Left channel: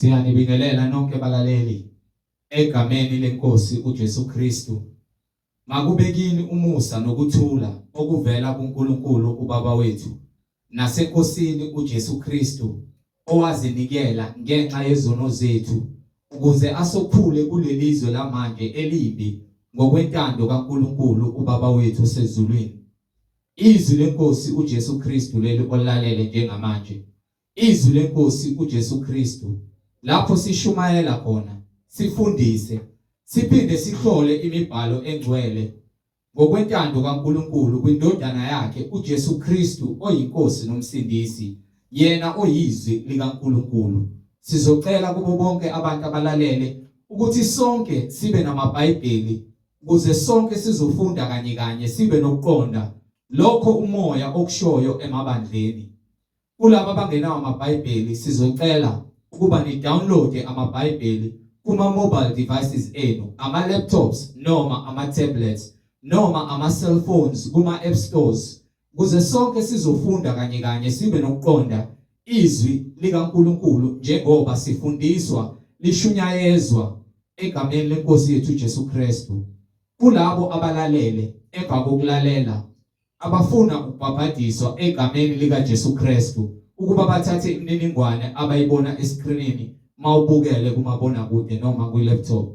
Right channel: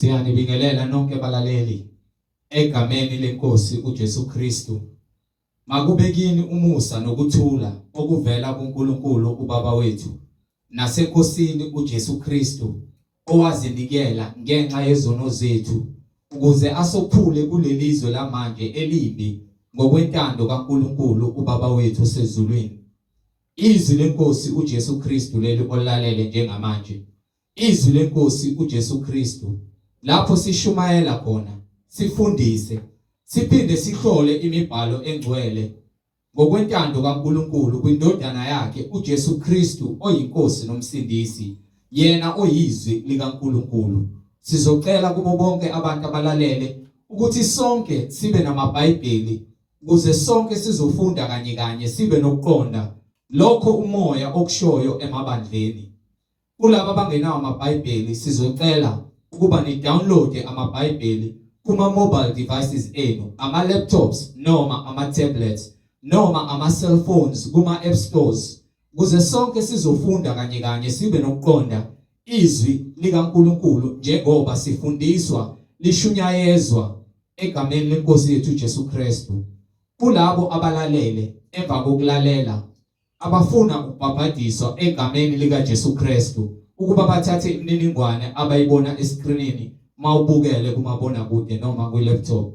Siyanibingelela nonke balaleli egameni lenkosi uJesu Kristu. Makube kini umusa nokuthula okuvela kuNkulunkulu uBaba wethu nasenkosini uJesu Kristu owazinikela ngenxa yezono zethu ukuze asophule kulelizwe lamanje elimbi ngokwentando kaNkulunkulu uBaba wethu osezulwini. Izwi lenkosi uJesu Kristu leli olalele njengamanje. Izwi lenkosi uJesu Kristu lapho sishumayela khona, sifundise, siphinde sihlole imibhalo engcwele ngokwentando kaNkulunkulu kwindodana yakhe uJesu Kristu oyinkosi nomsindisi, yena oyizwi likaNkulunkulu. Sizocela kubo bonke abantu abalalele ukuthi sonke sibe namaBhayibheli ukuze sonke sizofunda kanye kanye sibe nokuqonda lokho umoya okushoyo emabandleni. Kulabo abangenawo amaBhayibheli sizocela ukuba ni download amaBhayibheli kuma mobile devices enu, ama laptops noma ama tablets noma ama cellphones kuma app stores ukuze sonke sizofunda kanye kanye sibe nokuqonda izwi likaNkulunkulu njengoba sifundiswa lishunyayezwa egameni lenkosi yethu Jesu Kristu. Kulabo abalalele emva kokulalela abafuna ukubhabhadiswa egameni lika Jesu Kristu ukuba bathathe imininingwane abayibona escreenini mawubukele kumabona kude noma ku laptop.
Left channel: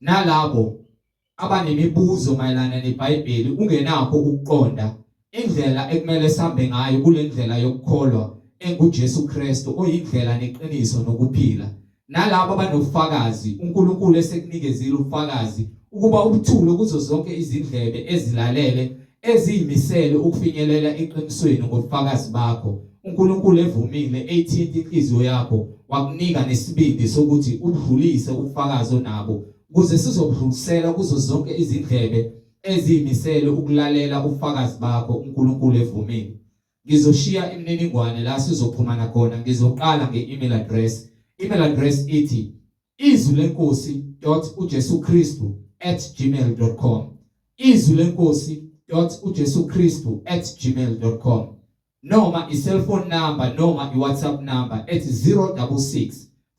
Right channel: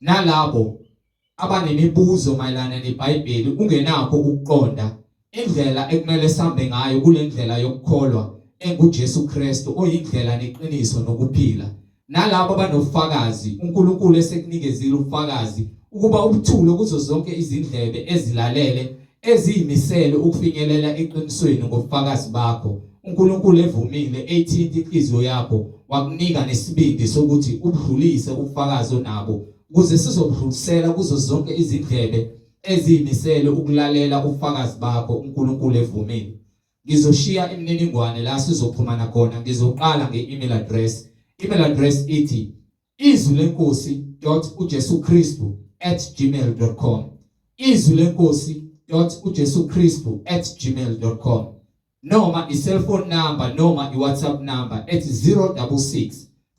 Nalabo abanemibuzo mayelana neBhayibheli ungenakho ukuqonda indlela ekumele sambe ngayo kule ndlela yokukholwa enguJesu Kristu oyindlela neqiniso nokuphila. Nalabo abanofakazi uNkulunkulu esekunikezile ufakazi ukuba ubuthulo kuzo zonke izindlebe ezilalele eziyimisele ukufinyelela eqinisweni ngobufakazi bakho. uNkulunkulu evumile ethinta inhliziyo yakho wakunika nesibindi sokuthi ubudlulise ubufakazi onabo ukuze sizobudlulisela kuzo zonke izindlebe eziyimisele ukulalela ubufakazi bakho. uNkulunkulu evumile. Ngizoshiya imininingwane la sizoxhumana khona. Ngizoqala nge-email address. Email address ithi izwilenkosii.ujesukristu@gmail.com. izwilenkosii.ujesukristu@gmail.com. noma i-cellphone number noma i-WhatsApp number ethi 066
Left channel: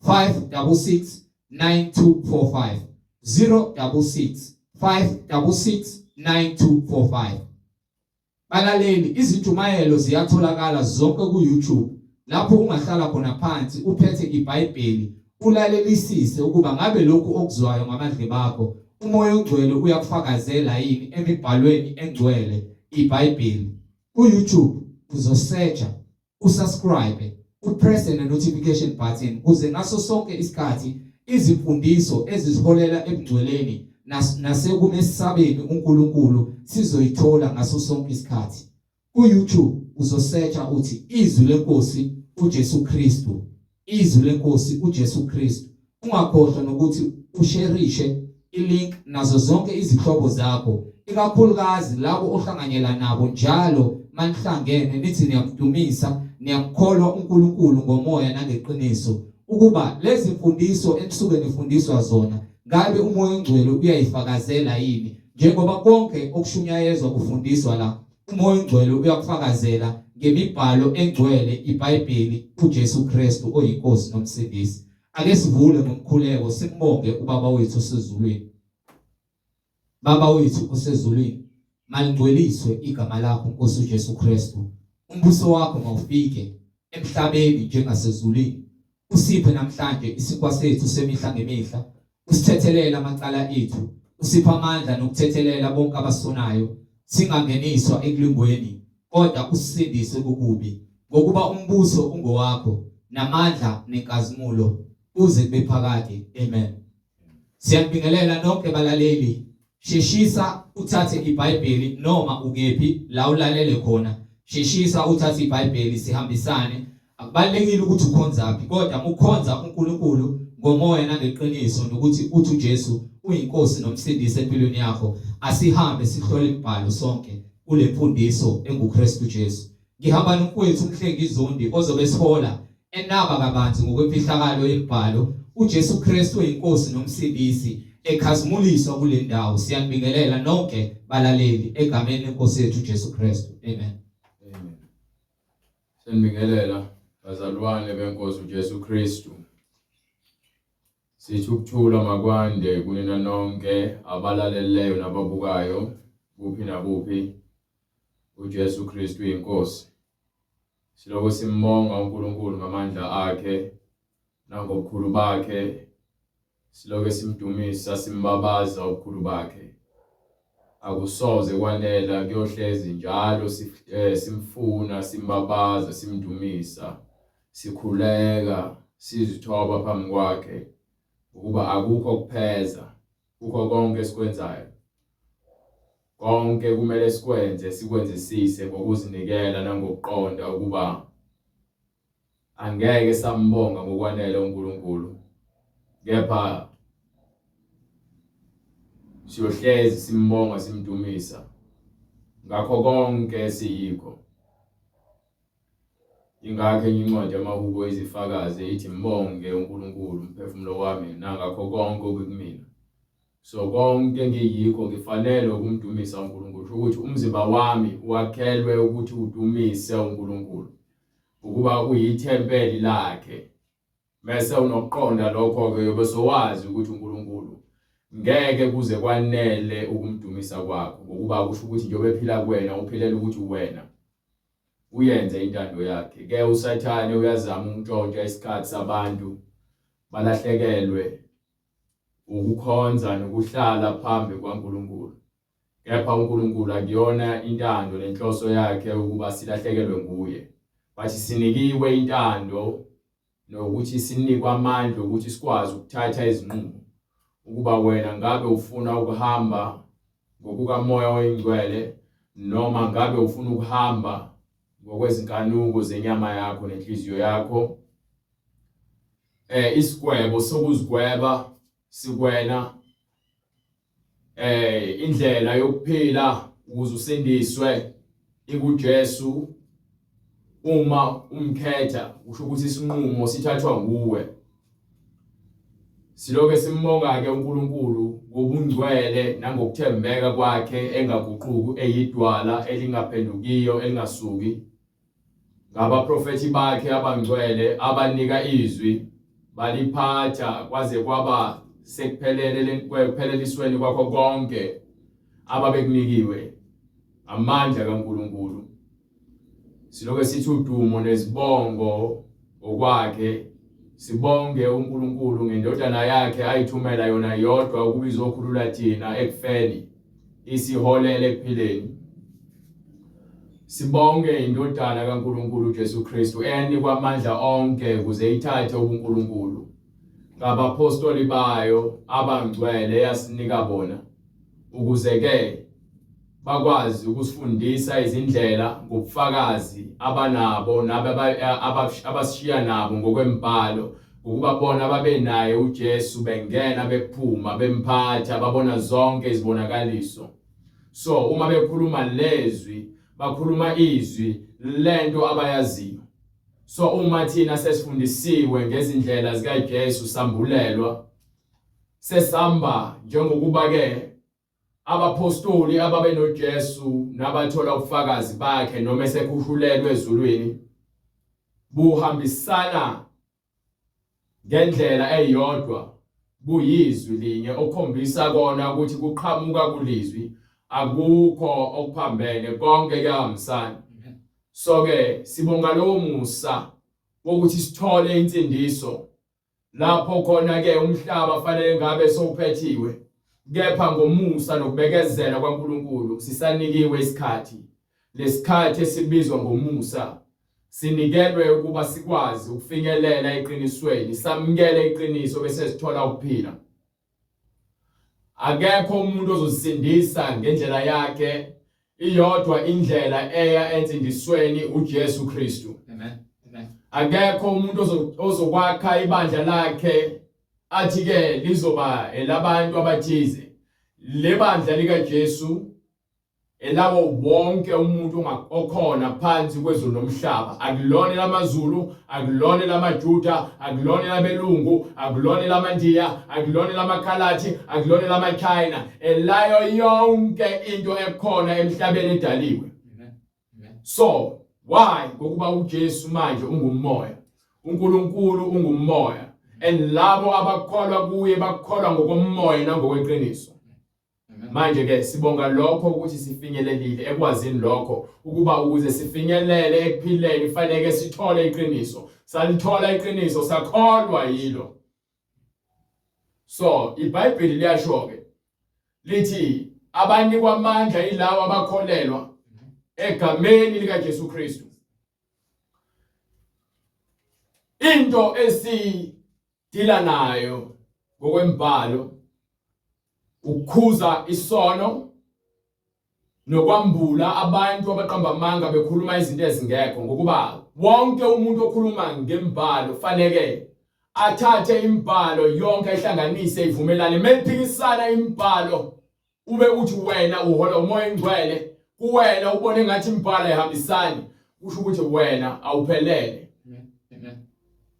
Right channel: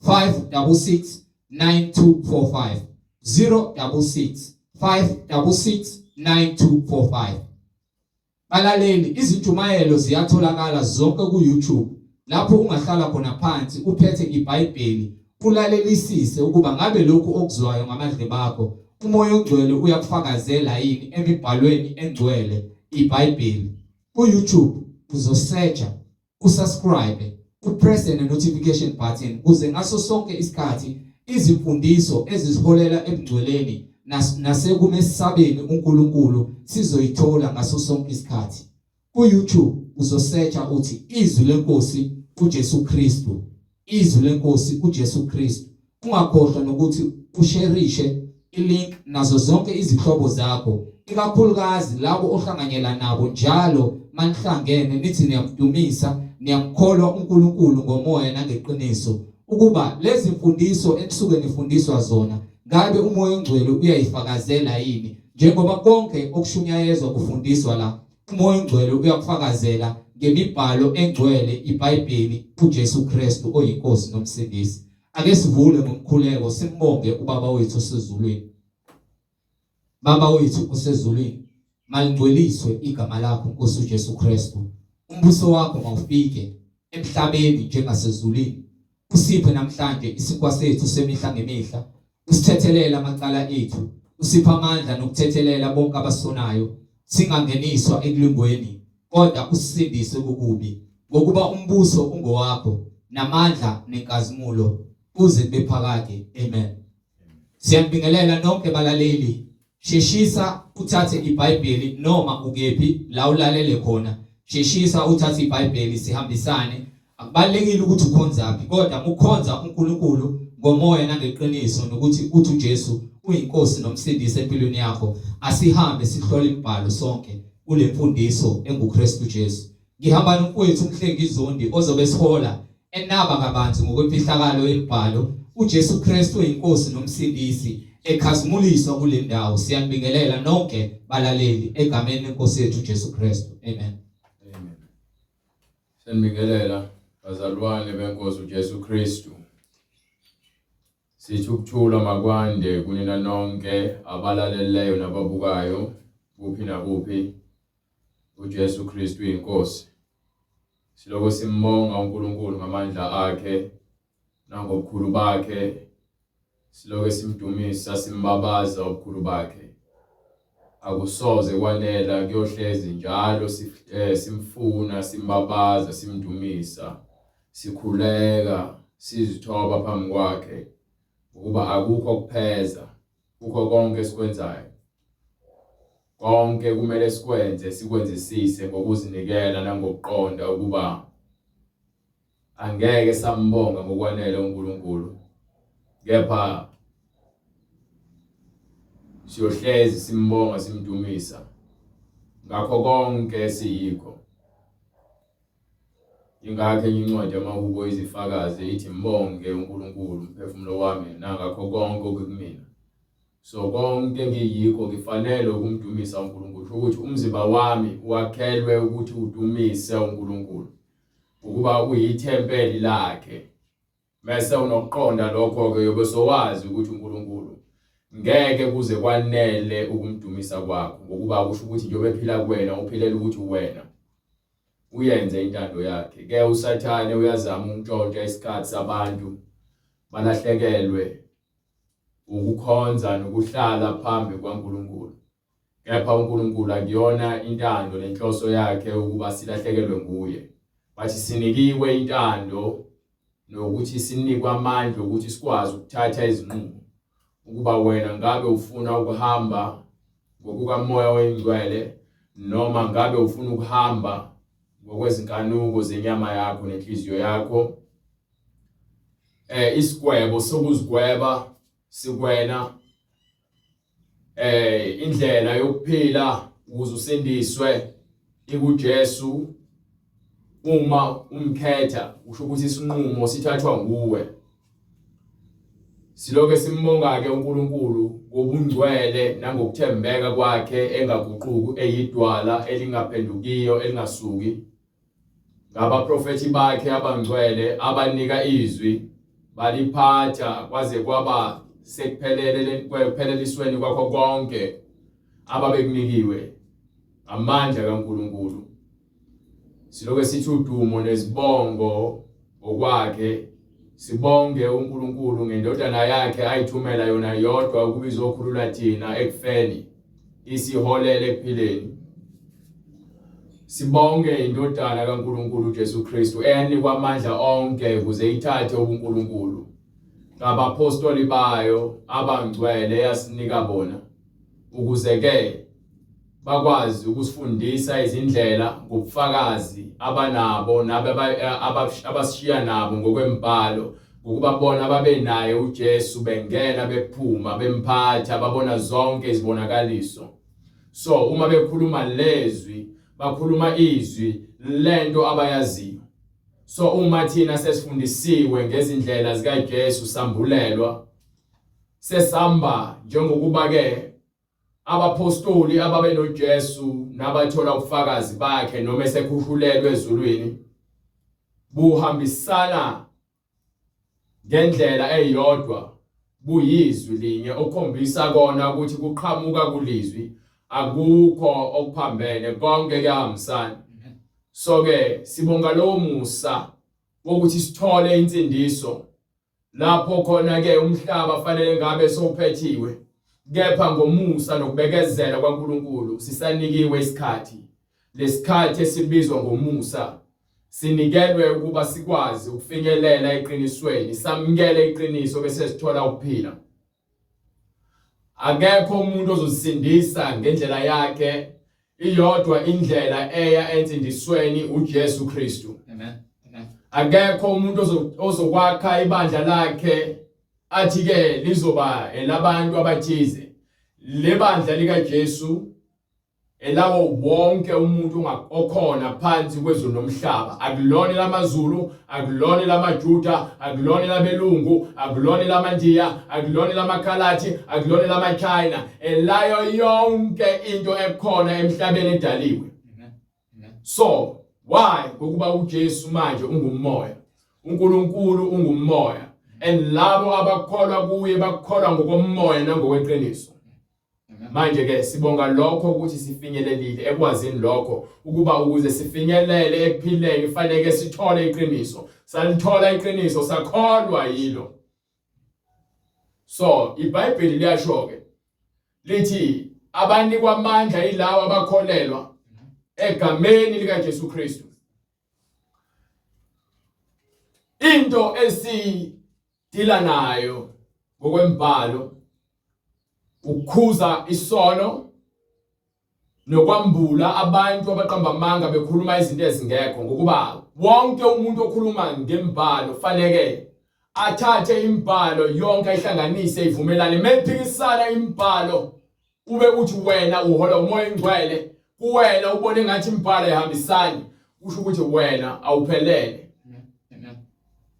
566 9245 066 566 9245. Balaleli, izinjumayelo ziyatholakala zonke ku-YouTube lapho ungahlala khona phansi uphethe iBhayibheli ulalelisise ukuba ngabe lokhu okuzwayo ngamadlebe akho umoya ongcwele uyakufakazela yini emibhalweni engcwele iBhayibheli. Ku-YouTube uzosearcha, usubscribe, upress the notification button ukuze ngaso sonke isikhathi izimfundiso eziholela ebungcweleni nasekumesabeni uNkulunkulu sizoyithola ngaso sonke isikhathi. Ku-YouTube uzosearcha uthi izwi lenkosi uJesu Kristu, izwi lenkosi uJesu Kristu. Ungakhohlwa nokuthi usharishe ilink nazo zonke izihlobo zakho, ikakhulukazi labo ohlanganyela nabo njalo manihlangene nithi niyamdumisa, niyamkholwa uNkulunkulu ngomoya nangeqiniso ukuba lezi mfundiso enisuke nifundiswa zona ngabe umoya ongcwele uyayifakazela yini. Njengoba konke okushunyayezwa kufundiswa la, umoya ongcwele uyakufakazela ngemibhalo engcwele iBhayibheli uJesu Kristu oyinkosi nomsindisi. Ake sivule ngomkhuleko simbonge uBaba wethu osezulwini. Baba wethu osezulwini, malingcweliswe igama lakho Nkosi uJesu Kristu. Umbuso wakho mawufike emhlabeni njengasezulwini. Usiphe namhlanje isinkwa sethu semihla ngemihla. Usithethelele amacala ethu, usiphe amandla nokuthethelela bonke abasonayo, singangeniswa ekulingweni kodwa usisindise kukubi, ngokuba umbuso ungowakho namandla nenkazimulo kuze kube phakade. Amen. Siyabingelela nonke balaleli. Sheshisa uthathe iBhayibheli noma ukephi la ulalele khona. Sheshisa uthathe iBhayibheli sihambisane. Akubalekile ukuthi ukhonzaphi kodwa ukukhonza uNkulunkulu ngomoya nangeqiniso nokuthi uthi uJesu uyinkosi nomsindisi empilweni yakho. Asihambe sihlole imibhalo sonke kule mfundiso enguKristu Jesu. Ngihamba nomfowethu uMhlengi Zondi ozobe sihola enaba kabanzi ngokwemfihlakalo yemibhalo uJesu Kristu oyinkosi nomsindisi ekhazimuliswa kule ndawo. Siyanibingelela nonke balaleli egameni lenkosi yethu Jesu Kristu. Amen. Amen. Siyanibingelela bazalwane benkosi uJesu Kristu. Sithi ukuthula makwande kunina nonke abalaleleyo nababukayo kuphi nakuphi. uJesu Kristu inkosi. Siloko simbonga uNkulunkulu ngamandla akhe nangobukhulu bakhe. Siloko simdumisa simbabaza ubukhulu bakhe. Akusoze kwanela kuyohlezi njalo simfuna simbabaza simdumisa sikhuleka sizithoba phambi kwakhe ukuba akukho kupheza kukho konke esikwenzayo. Konke kumele sikwenzisise ngokuzinikela nangokuqonda ukuba angeke sambonga ngokwanele uNkulunkulu, kepha siyohlezi simbonga simdumisa ngakho konke siyikho. Ingakho incwadi yamahubo izifakaze ithi mbonge uNkulunkulu umphefumulo wami nangakho konke okumina. So konke ngiyikho ngifanele ukumdumisa uNkulunkulu, ukuthi umzimba wami wakhelwe ukuthi udumise uNkulunkulu, ukuba uyithempeli lakhe. Mase unokuqonda lokho ke yobe sowazi ukuthi uNkulunkulu ngeke kuze kwanele ukumdumisa kwakho, ngokuba kusho ukuthi njengoba ephila kuwena uphilela ukuthi wena uyenze intando yakhe. Ke uSathane uyazama ukuntshontsha isikhathi sabantu balahlekelwe ukukhonza nokuhlala phambi kwaNkulunkulu, kepha uNkulunkulu akuyona intando lenhloso yakhe ukuba silahlekelwe nguye, bathi sinikiwe intando nokuthi sinikwe amandla ukuthi sikwazi ukuthatha izinqumo ukuba wena ngabe ufuna ukuhamba ngokukaMoya oyiNgcwele noma ngabe ufuna ukuhamba ngokwezinkanuko zenyama yakho nenhliziyo yakho. Isigwebo sokuzigweba sikwena, indlela yokuphila ukuze usindiswe ikuJesu. Uma umkhetha kusho ukuthi isinqumo sithathwa nguwe. Siloke simbonga ke uNkulunkulu ngobungcwele nangokuthembeka kwakhe engaguquki, eyidwala elingaphendukiyo elingasuki, ngabaprofeti bakhe abangcwele abanika izwi baliphatha kwaze kwaba sekuphelelisweni kwakho konke ababekunikiwe amandla kaNkulunkulu. Siloke sithi udumo nezibongo okwakhe. Sibonge uNkulunkulu ngendodana yakhe ayithumela yona yodwa ukuba izokhulula thina ekufeni isiholele ekuphileni. Sibonge indodana kaNkulunkulu uJesu Kristu eyanikwa amandla onke ukuze ithathe ubuNkulunkulu ngabapostoli bayo abangcwele yasinika bona, ukuze ke bakwazi ukusifundisa izindlela ngobufakazi abanabo abashiya nabo ngokwembhalo, ukuba bona babe naye uJesu bengena bephuma bemphatha babona zonke izibonakaliso. So uma bekhuluma lezwi bakhuluma izwi lento abayaziyo. So uma thina sesifundisiwe ngezindlela zikaJesu sambulelwa, sesamba njengokuba ke abapostoli ababe noJesu nabathola ubufakazi bakhe noma esekhushulelwe ezulwini buhambisana ngendlela eyodwa, buyizwi linye okhombisa kona ukuthi kuqhamuka kulizwi, akukho okuphambene, konke kuyahambisana. So ke sibonga lo musa ukuthi sithole insindiso lapho khona ke umhlaba fanele ngabe sowuphethiwe, kepha ngomusa nokubekezela kwaNkulunkulu sisanikiwe isikhathi. Lesikhathi esibizwa ngomusa sinikelwe ukuba sikwazi ukufinyelela eqinisweni, samukele iqiniso bese sithola ukuphila. Akekho umuntu ozosindisa ngendlela yakhe, iyodwa indlela eya ensindisweni uJesu Kristu. Amen. Akekho umuntu ozokwakha ibandla lakhe athi ke lizoba elabantu abathize. Le bandla likaJesu elawo wonke umuntu okhona phansi kwezulu nomhlaba. Akulona lamaZulu, akulona lamaJuda, akulona labelungu, akulona lamaNdiya, akulona lamaKhalathi, akulona lamaChina. Elayo yonke into ekhona emhlabeni edaliwe. So why? Ngokuba uJesu manje ungumoya, uNkulunkulu ungumoya. and labo abakholwa kuye bakholwa ngokomoya nangokweqiniso. Manje ke sibonga lokho ukuthi sifinyelelile ekwazini lokho ukuba ukuze sifinyelele ekuphileni kufanele sithole iqiniso. Salithola iqiniso sakholwa yilo. So iBhayibheli liyasho ke lithi abanikwa amandla yilawo abakholelwa egameni likaJesu Kristu. Into esidila nayo ngokwembalo ukukhuza isono nokwambula abantu abaqamba amanga bekhuluma izinto ezingekho, ngokuba wonke umuntu okhuluma ngembalo fanele athathe imbalo yonke ihlanganise ivumelane. Mephikisana imbalo ube uthi wena uhola umoya engcwele, kuwena ubone ngathi imbalo ayihambisani, usho ukuthi wena awuphelele.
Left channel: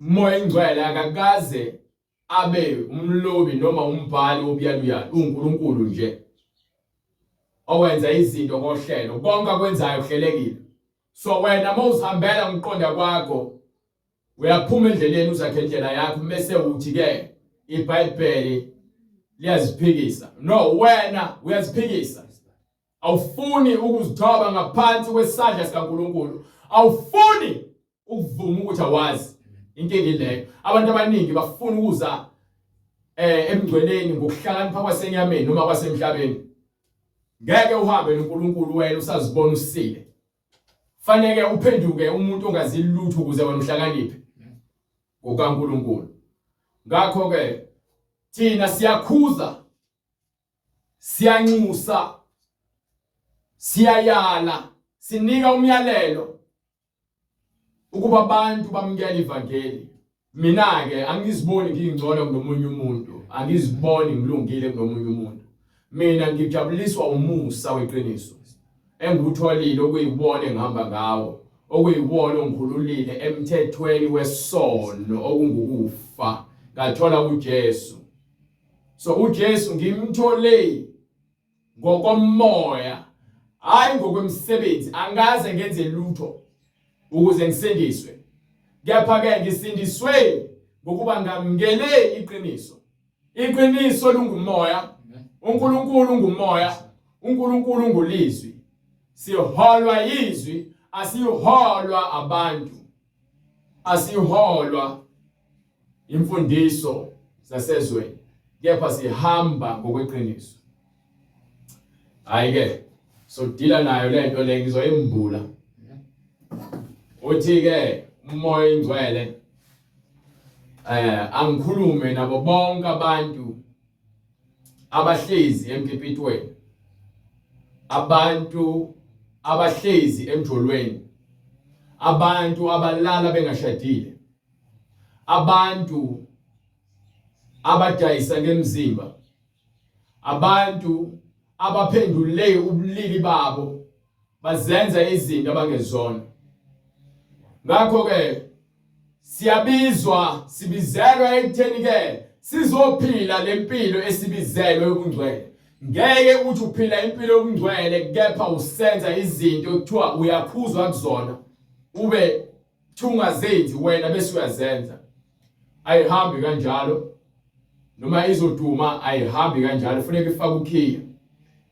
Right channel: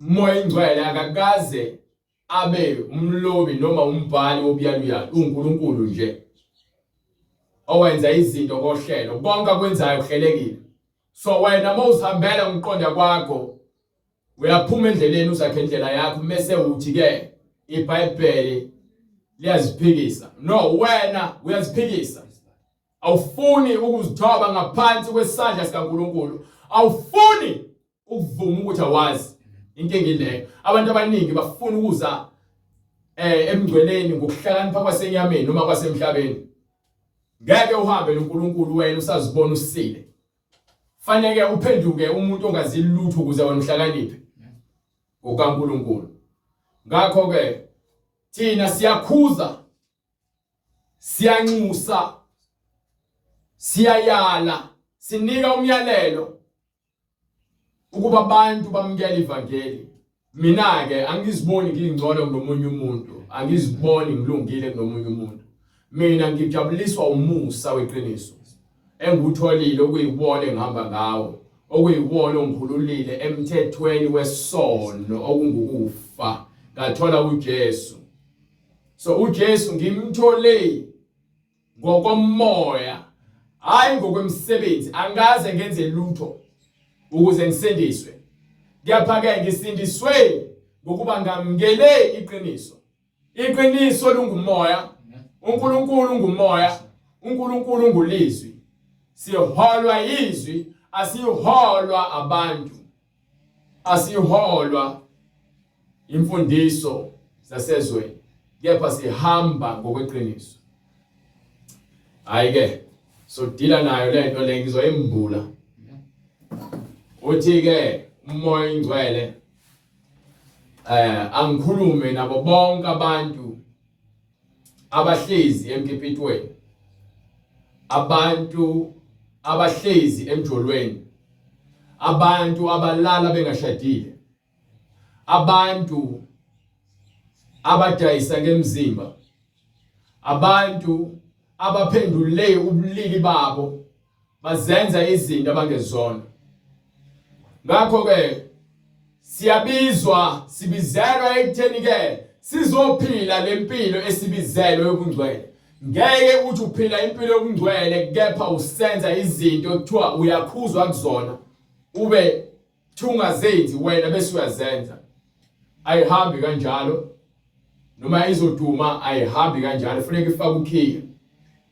Umoya engcwele akakaze abe umlobi noma umbhali wobuyaluyalu, uNkulunkulu nje owenza izinto ngohlelo, konke akwenzayo kuhlelekile. So wena mawuzihambela ngoqonda kwakho uyaphuma endleleni uzakhe indlela yakho, bese uthi ke iBhayibheli liyaziphikisa. No, wena uyaziphikisa. Awufuni ukuzithoba ngaphansi kwesandla sikaNkulunkulu, awufuni ukuvuma ukuthi awazi. Inkinga ileyo, abantu abaningi bafuna ukuza emgcweleni ngokuhlakanipha kwasenyameni noma kwasemhlabeni. Ngeke uhambe noNkulunkulu wena usazibona usile. Fanele uphenduke umuntu ongazi lutho ukuze wena uhlakaniphe ngokaNkulunkulu. Ngakho ke thina siyakhuza, siyanxusa, siyayala, sinika umyalelo ukuba abantu bamukela ivangeli. Mina ke angiziboni ngingcono kunomunye umuntu, angiziboni ngilungile kunomunye umuntu. Mina ngijabuliswa umusa weqiniso engutholile okuyiwona engihamba ngawo, okuyiwona ongikhululile emthethweni wesono okungukufa, ngathola uJesu. So uJesu ngimthole ngokomoya, hayi ngokwemsebenzi. Angaze ngenze lutho ukuze ngisindiswe, kepha ke ngisindiswe ngokuba ngamukele iqiniso. Iqiniso lungumoya, uNkulunkulu ungumoya, uNkulunkulu ungulizwi. Siholwa izwi, asiholwa abantu, asiholwa imfundiso zasezweni, kepha sihamba ngokweqiniso. Hayi ke so dila nayo lento le ngizoyimbula. Uthi ke umoya engcwele angikhulume nabo bonke abantu abahlezi emkipitweni, abantu abahlezi emjolweni, abantu abalala bengashadile, abantu abadayisa ngemzimba, abantu abaphendule ubulili babo bazenza izinto abangezona. Ngakho ke sibizelwa ekutheni ke sizophila lempilo esibizelwe yobungcwele. Ngeke uthi uphila impilo yobungcwele kepha usenza izinto ekuthiwa uyakhuzwa kuzona ube thungazenzi wena bese uyazenza. Ayihambi kanjalo, noma izoduma ayihambi kanjalo. Kufanele ifake ukhiya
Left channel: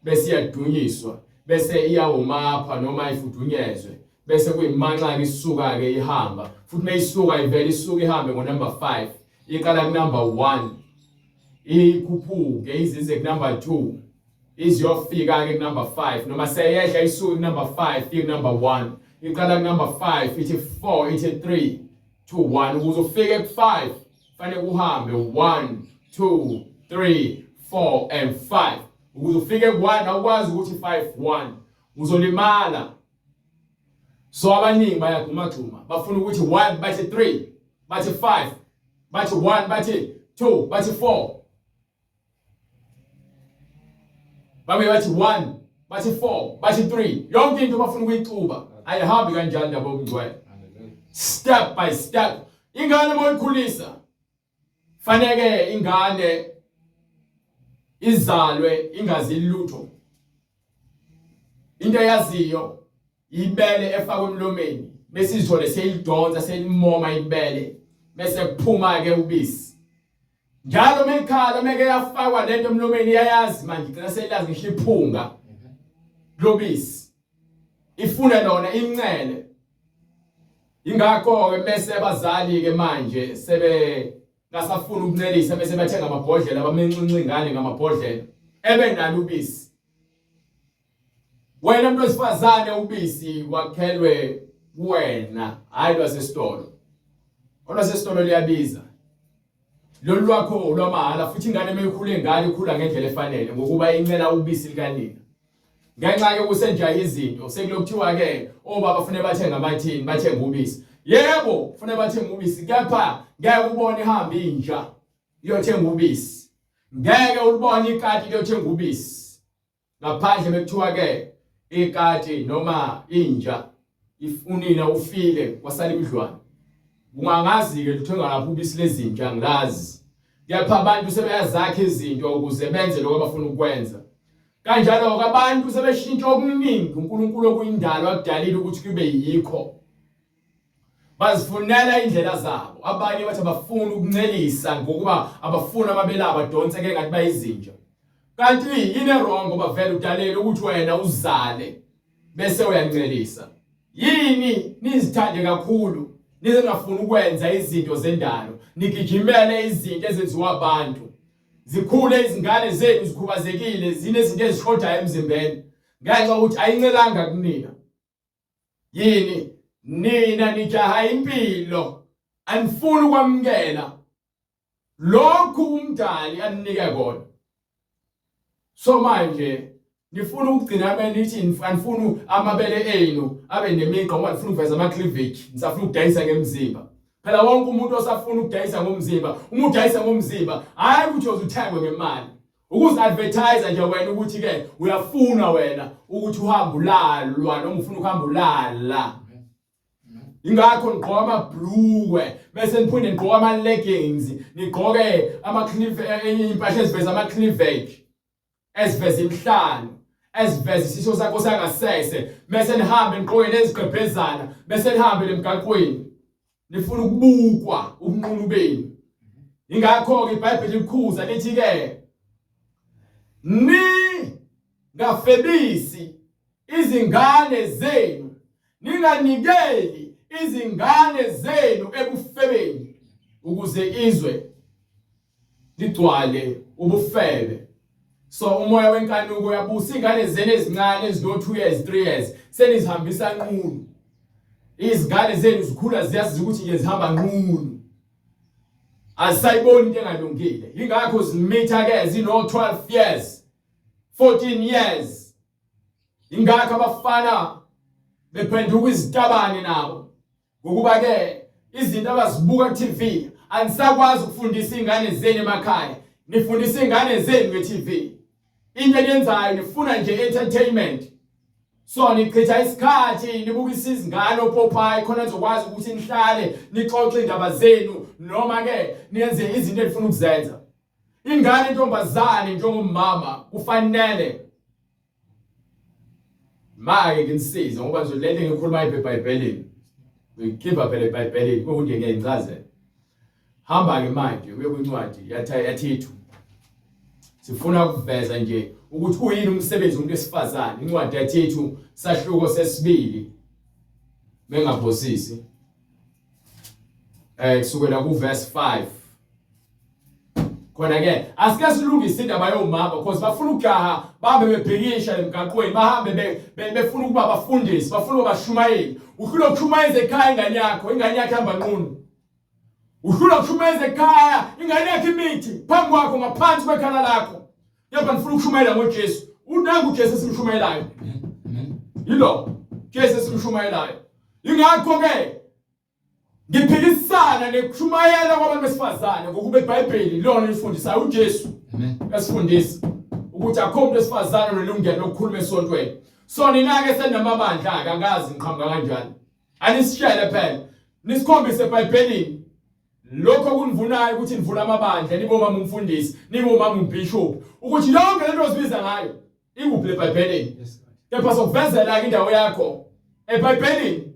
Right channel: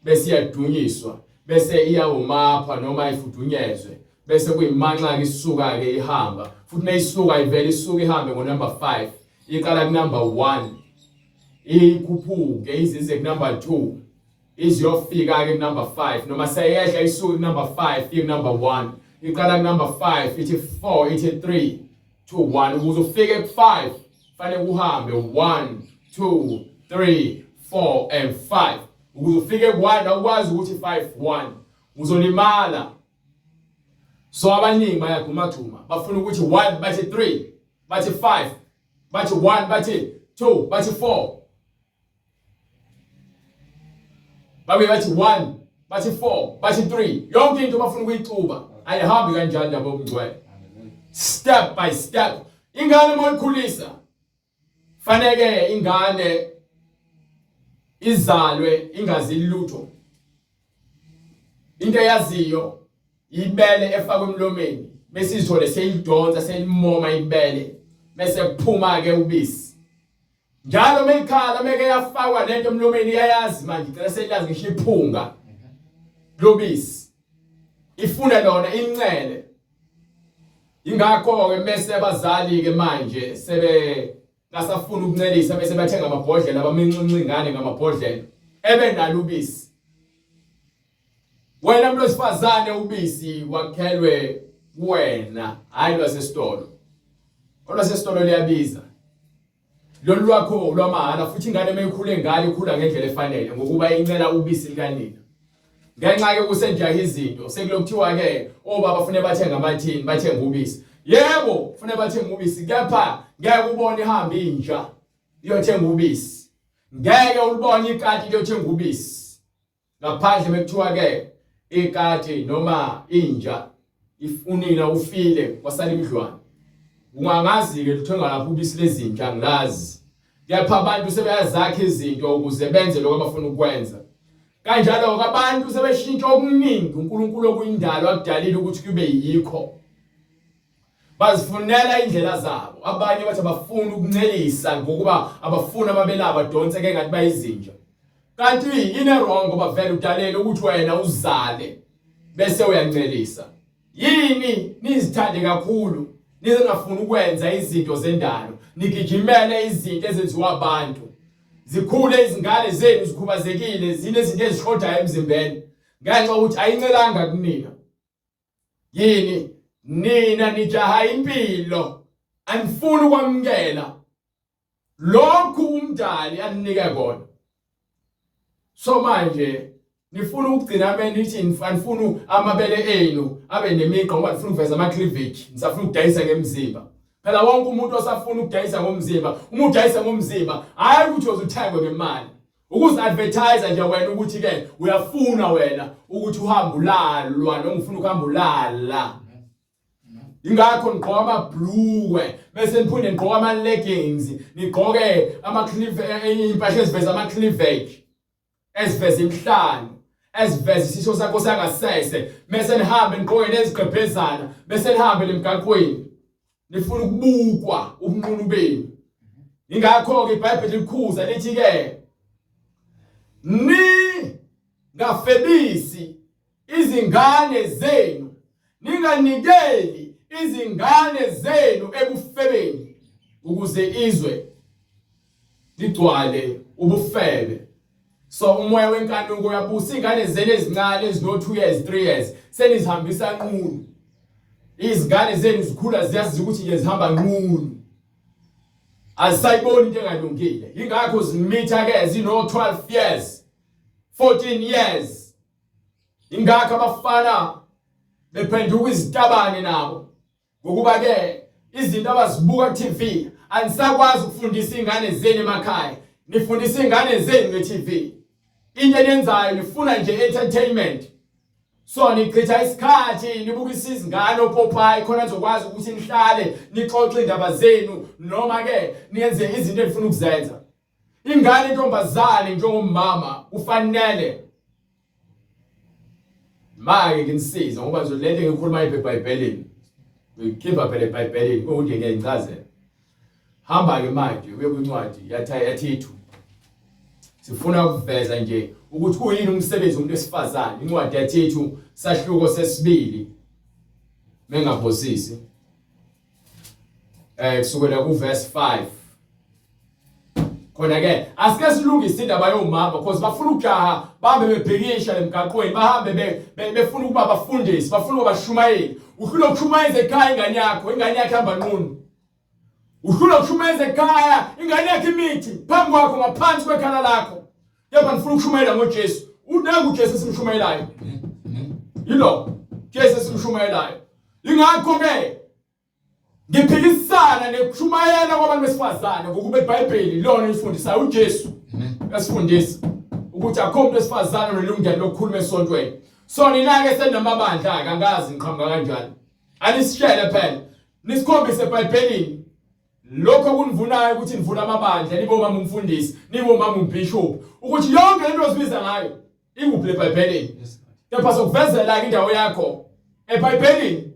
bese iyadunyiswa, bese iyawumapha noma ifudunyezwe, bese kuyimanxa isuka ke ihamba. Futhi mayisuka ivele isuka ihambe ngo-number 5, iqala ku-number 1, ikhuphuke izize ku-number 2, iziyofika ke ku-number 5, noma seyehla isuka ku-number 5 iye ku-number 1, iqala ku-number 5 ithi 4 ithi 3 2 1. Ukuze ufike ku-5 fanele uhambe 1 2 3 4 and 5. Ukuze ufike ku-1 awukwazi ukuthi 5 1 uzolimala. So abaningi bayagxumagxuma, bafuna ukuthi 1 bathi 3 bathi 5 bathi 1 bathi 2 bathi 4, babuye bathi 1 bathi 4 bathi 3. Yonke into bafuna ukuyixuba. Ayihambi kanjalo ndaba yobungcwele. Step by step. Ingane moyikhulisa fanele ingane izalwe ingazi lutho. Into yaziyo ibele efakwe emlomeni, bese izithole seyidonsa seyimoma ibele, bese kuphuma ke ubisi. njalo mekhala meke yafakwa lento emlomeni yayazi manje ngicela selazi ngisho iphunga lobisi ifuna lona incele ingakho ke bese abazali ke manje sebe ngasafuna ukuncelisa bese bathenga amabhodlela abamincinci ingane ngamabhodlela ebenalo ubisi. Wena umuntu wesifazane ubisi wakhelwe wena hayi lwasesitolo. Olwasesitolo liyabiza. Lolu lwakho lwamahala futhi ingane meyikhule ngalo ikhula ngendlela efanele ngokuba incela ubisi likanina. Ngenxa ke kusenjaha izinto sekulokuthiwa ke obaba bafune bathenga amathini bathenga ubisi. Yebo ufune bathenga ubisi kepha ngeke ubone ihamba inja iyothenga ubisi. Ngeke ulibone ikati liyothenga ubisi. Ngaphandle bekuthiwa ke ikati noma inja ifunina ufile kwasala imidlwane. Ungangazi ke luthenga lapho ubisi lezinja ngilazi. Kepha abantu sebeyazakha izinto ukuze benze lokho abafuna ukwenza. Kanjalo abantu sebeshintsha okuningi uNkulunkulu okuyindalo akudalile ukuthi kube yikho. Bazifunela indlela zabo. Abanye bathi abafuna ukuncelisa ngokuba abafuna amabela abadonse ke ngathi bayizinja. Kanti yini wrong ngoba vele udalele ukuthi wena uzale bese uyancelisa. Yini nizithande kakhulu nizingafuni ukwenza izinto zendalo nigijimele izinto ezenziwa abantu. Zikhule izingane zenu zikhubazekile zinezinto ezishodayo emzimbeni ngenxa ukuthi ayincelanga kunina. Yini nina nijaha impilo anifuni ukwamkela lokhu umdali aninike kona. So manje nifuna ukugcina benithi anifuna amabele enu abe nemiqa ngoba nifuna ukuveza ama cleavage nisafuna ukudayisa ngemzimba. Phela wonke umuntu osafuna ukudayisa ngomzimba, umuntu udayisa ngomzimba, hayi ukuthi uzothengwe ngemali. Ukuze advertise nje wena ukuthi ke uyafuna wena ukuthi uhambe ulalwa noma ufuna ukuhamba ulala. Ingakho ngigqoka amabhluwe bese niphinde ngigqoka ama leggings, nigqoke ama cleavage impahla eziveza ama cleavage. Eziveza imhlanje, eziveza isisho sakho sangasese, bese nihambe nigqoke nezigqebhezana, bese nihambe lemgaqweni. Nifuna ukubukwa ubunqunu benu. Ingakho ke iBhayibheli likhuza lithi ke ngafebisi izingane zenu, ninganikeli izingane zenu ebufebeni ukuze izwe ligcwale ubufebe. So umoya wenkanuko uyabusa ingane zenu ezincane ezino 2 years 3 years senizihambisa nqunu. Izingane zenu zikhula ziyazi ukuthi zihamba nqunu. Azisayiboni into engalungile. Ingakho zimitha ke zino 12 years 14 years. Ingakho abafana bephenduka izitabane nabo. Ngokuba ke izinto abazibuka ku TV anisakwazi ukufundisa ingane zenu emakhaya. Nifundisa ingane zenu nge TV. Into enyenzayo nifuna nje entertainment. So nichitha isikhathi nibukisa izingane opopayi khona nizokwazi ukuthi nihlale nixoxe indaba zenu noma ke niyenze izinto enifuna ukuzenza. Ingane intombazane njengomama kufanele manje nginisiza ngoba nje lento engikhuluma eBhayibhelini. Ngikhipha phela eBhayibhelini ukuthi ngiyayichazela. Hamba ke manje uye kwincwadi yaThithu. Sifuna ukuveza nje ukuthi kuyini umsebenzi womuntu wesifazane. Incwadi yaThithu sahluko sesibili mengaphosisi kusukela ku verse 5. Khona ke asike silungise indaba yomama because bafuna ukujaha babe bebhekisha emgaqweni bahambe befuna ukuba bafundisi bafuna ubashumayeli. Ufuna ukushumayeza ekhaya ingane yakhe hamba nqunu. Ufuna ukushumayeza ekhaya ingane yakhe imithi phambi kwakho ngaphansi kwekhala lakho. Yebo ngifuna ukushumayela ngoJesu. Unangu uJesu simshumayelayo. Yilo Jesu simshumayelayo. Ingakho ke ngiphikisana nekushumayela kwabantu besifazane ngokuba iBhayibheli lona lifundisayo uJesu. Yasifundisa ukuthi akho umuntu wesifazane onelungelo lokukhuluma esontweni. So nina ke senamabandla akangazi ngiqhamuka kanjani. Anisishele phela. Nisikhombise eBhayibhelini lokho kunivunayo ukuthi nivula amabandla nibomama umfundisi, nibomama umbishop ukuthi yonke lento ozibiza ngayo ikuphi eBhayibhelini. Kepha sokuvezela ke indawo yakho eBhayibhelini.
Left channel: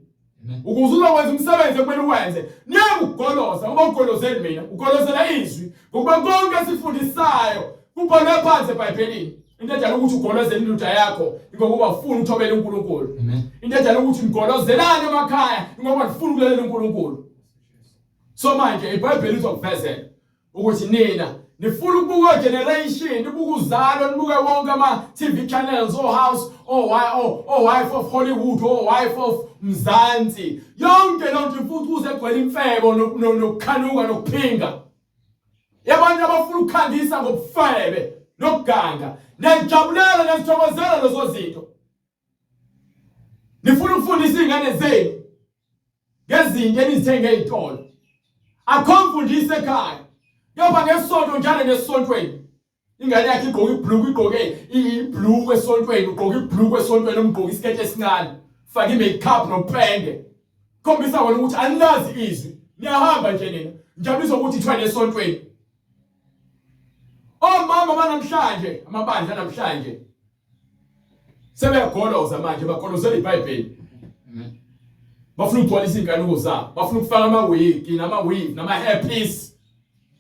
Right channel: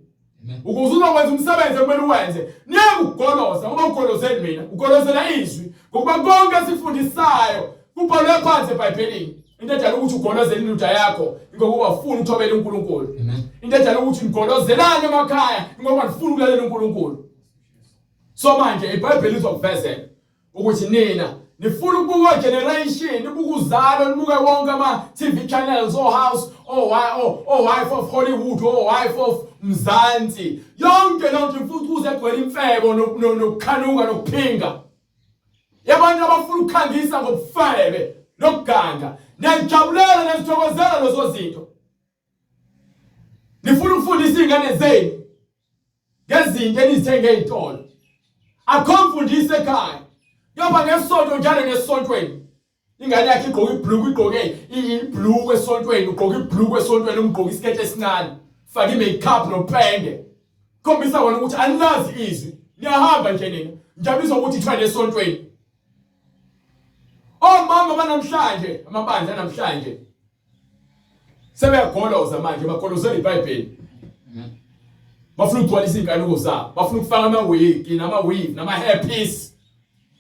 ukuze uzokwenza umsebenzi okumele uwenze niye ukugoloza ngoba ugolozeli mina ugolozela izwi ngoba konke esifundisayo kubhalwe phansi eBhayibhelini into ejala ukuthi ugolozele indoda yakho ngoba ufuna uthobela uNkulunkulu into ejala ukuthi ngigolozelane emakhaya ngoba ngifuna ukulalela uNkulunkulu so manje iBhayibheli izokuvezela ukuthi nina nifuna ukubuka generation nibuka uzalo nibuke wonke ama TV channels house wife of Hollywood wife of Mzansi yonke lonke futhi kuze egcwele imfebo nokukhanuka nokuphinga yabantu abafuna ukukhangisa ngobufebe nokuganga nejabulela nesithokozela lezo zinto nifuna ukufundisa ingane zenu ngezinto enizithenge ezitolo akhomfundise ekhaya yaba ngesonto njalo nesontweni ingane yakhe igqoka ibhlukwe igqoke ibhlukwe esontweni ugqoka ibhlukwe esontweni umgqoka isikete esincane faka imakeup nopende khombisa wona ukuthi anilazi izwi niyahamba nje nina njabisa ukuthi ithwele esontweni omama banamhlanje amabandla namhlanje sebeyagoloza manje bagolozela iBhayibheli bafuna ukugcwalisa inkanuko zabo bafuna ukufaka ama-wig nama-weave nama-hairpiece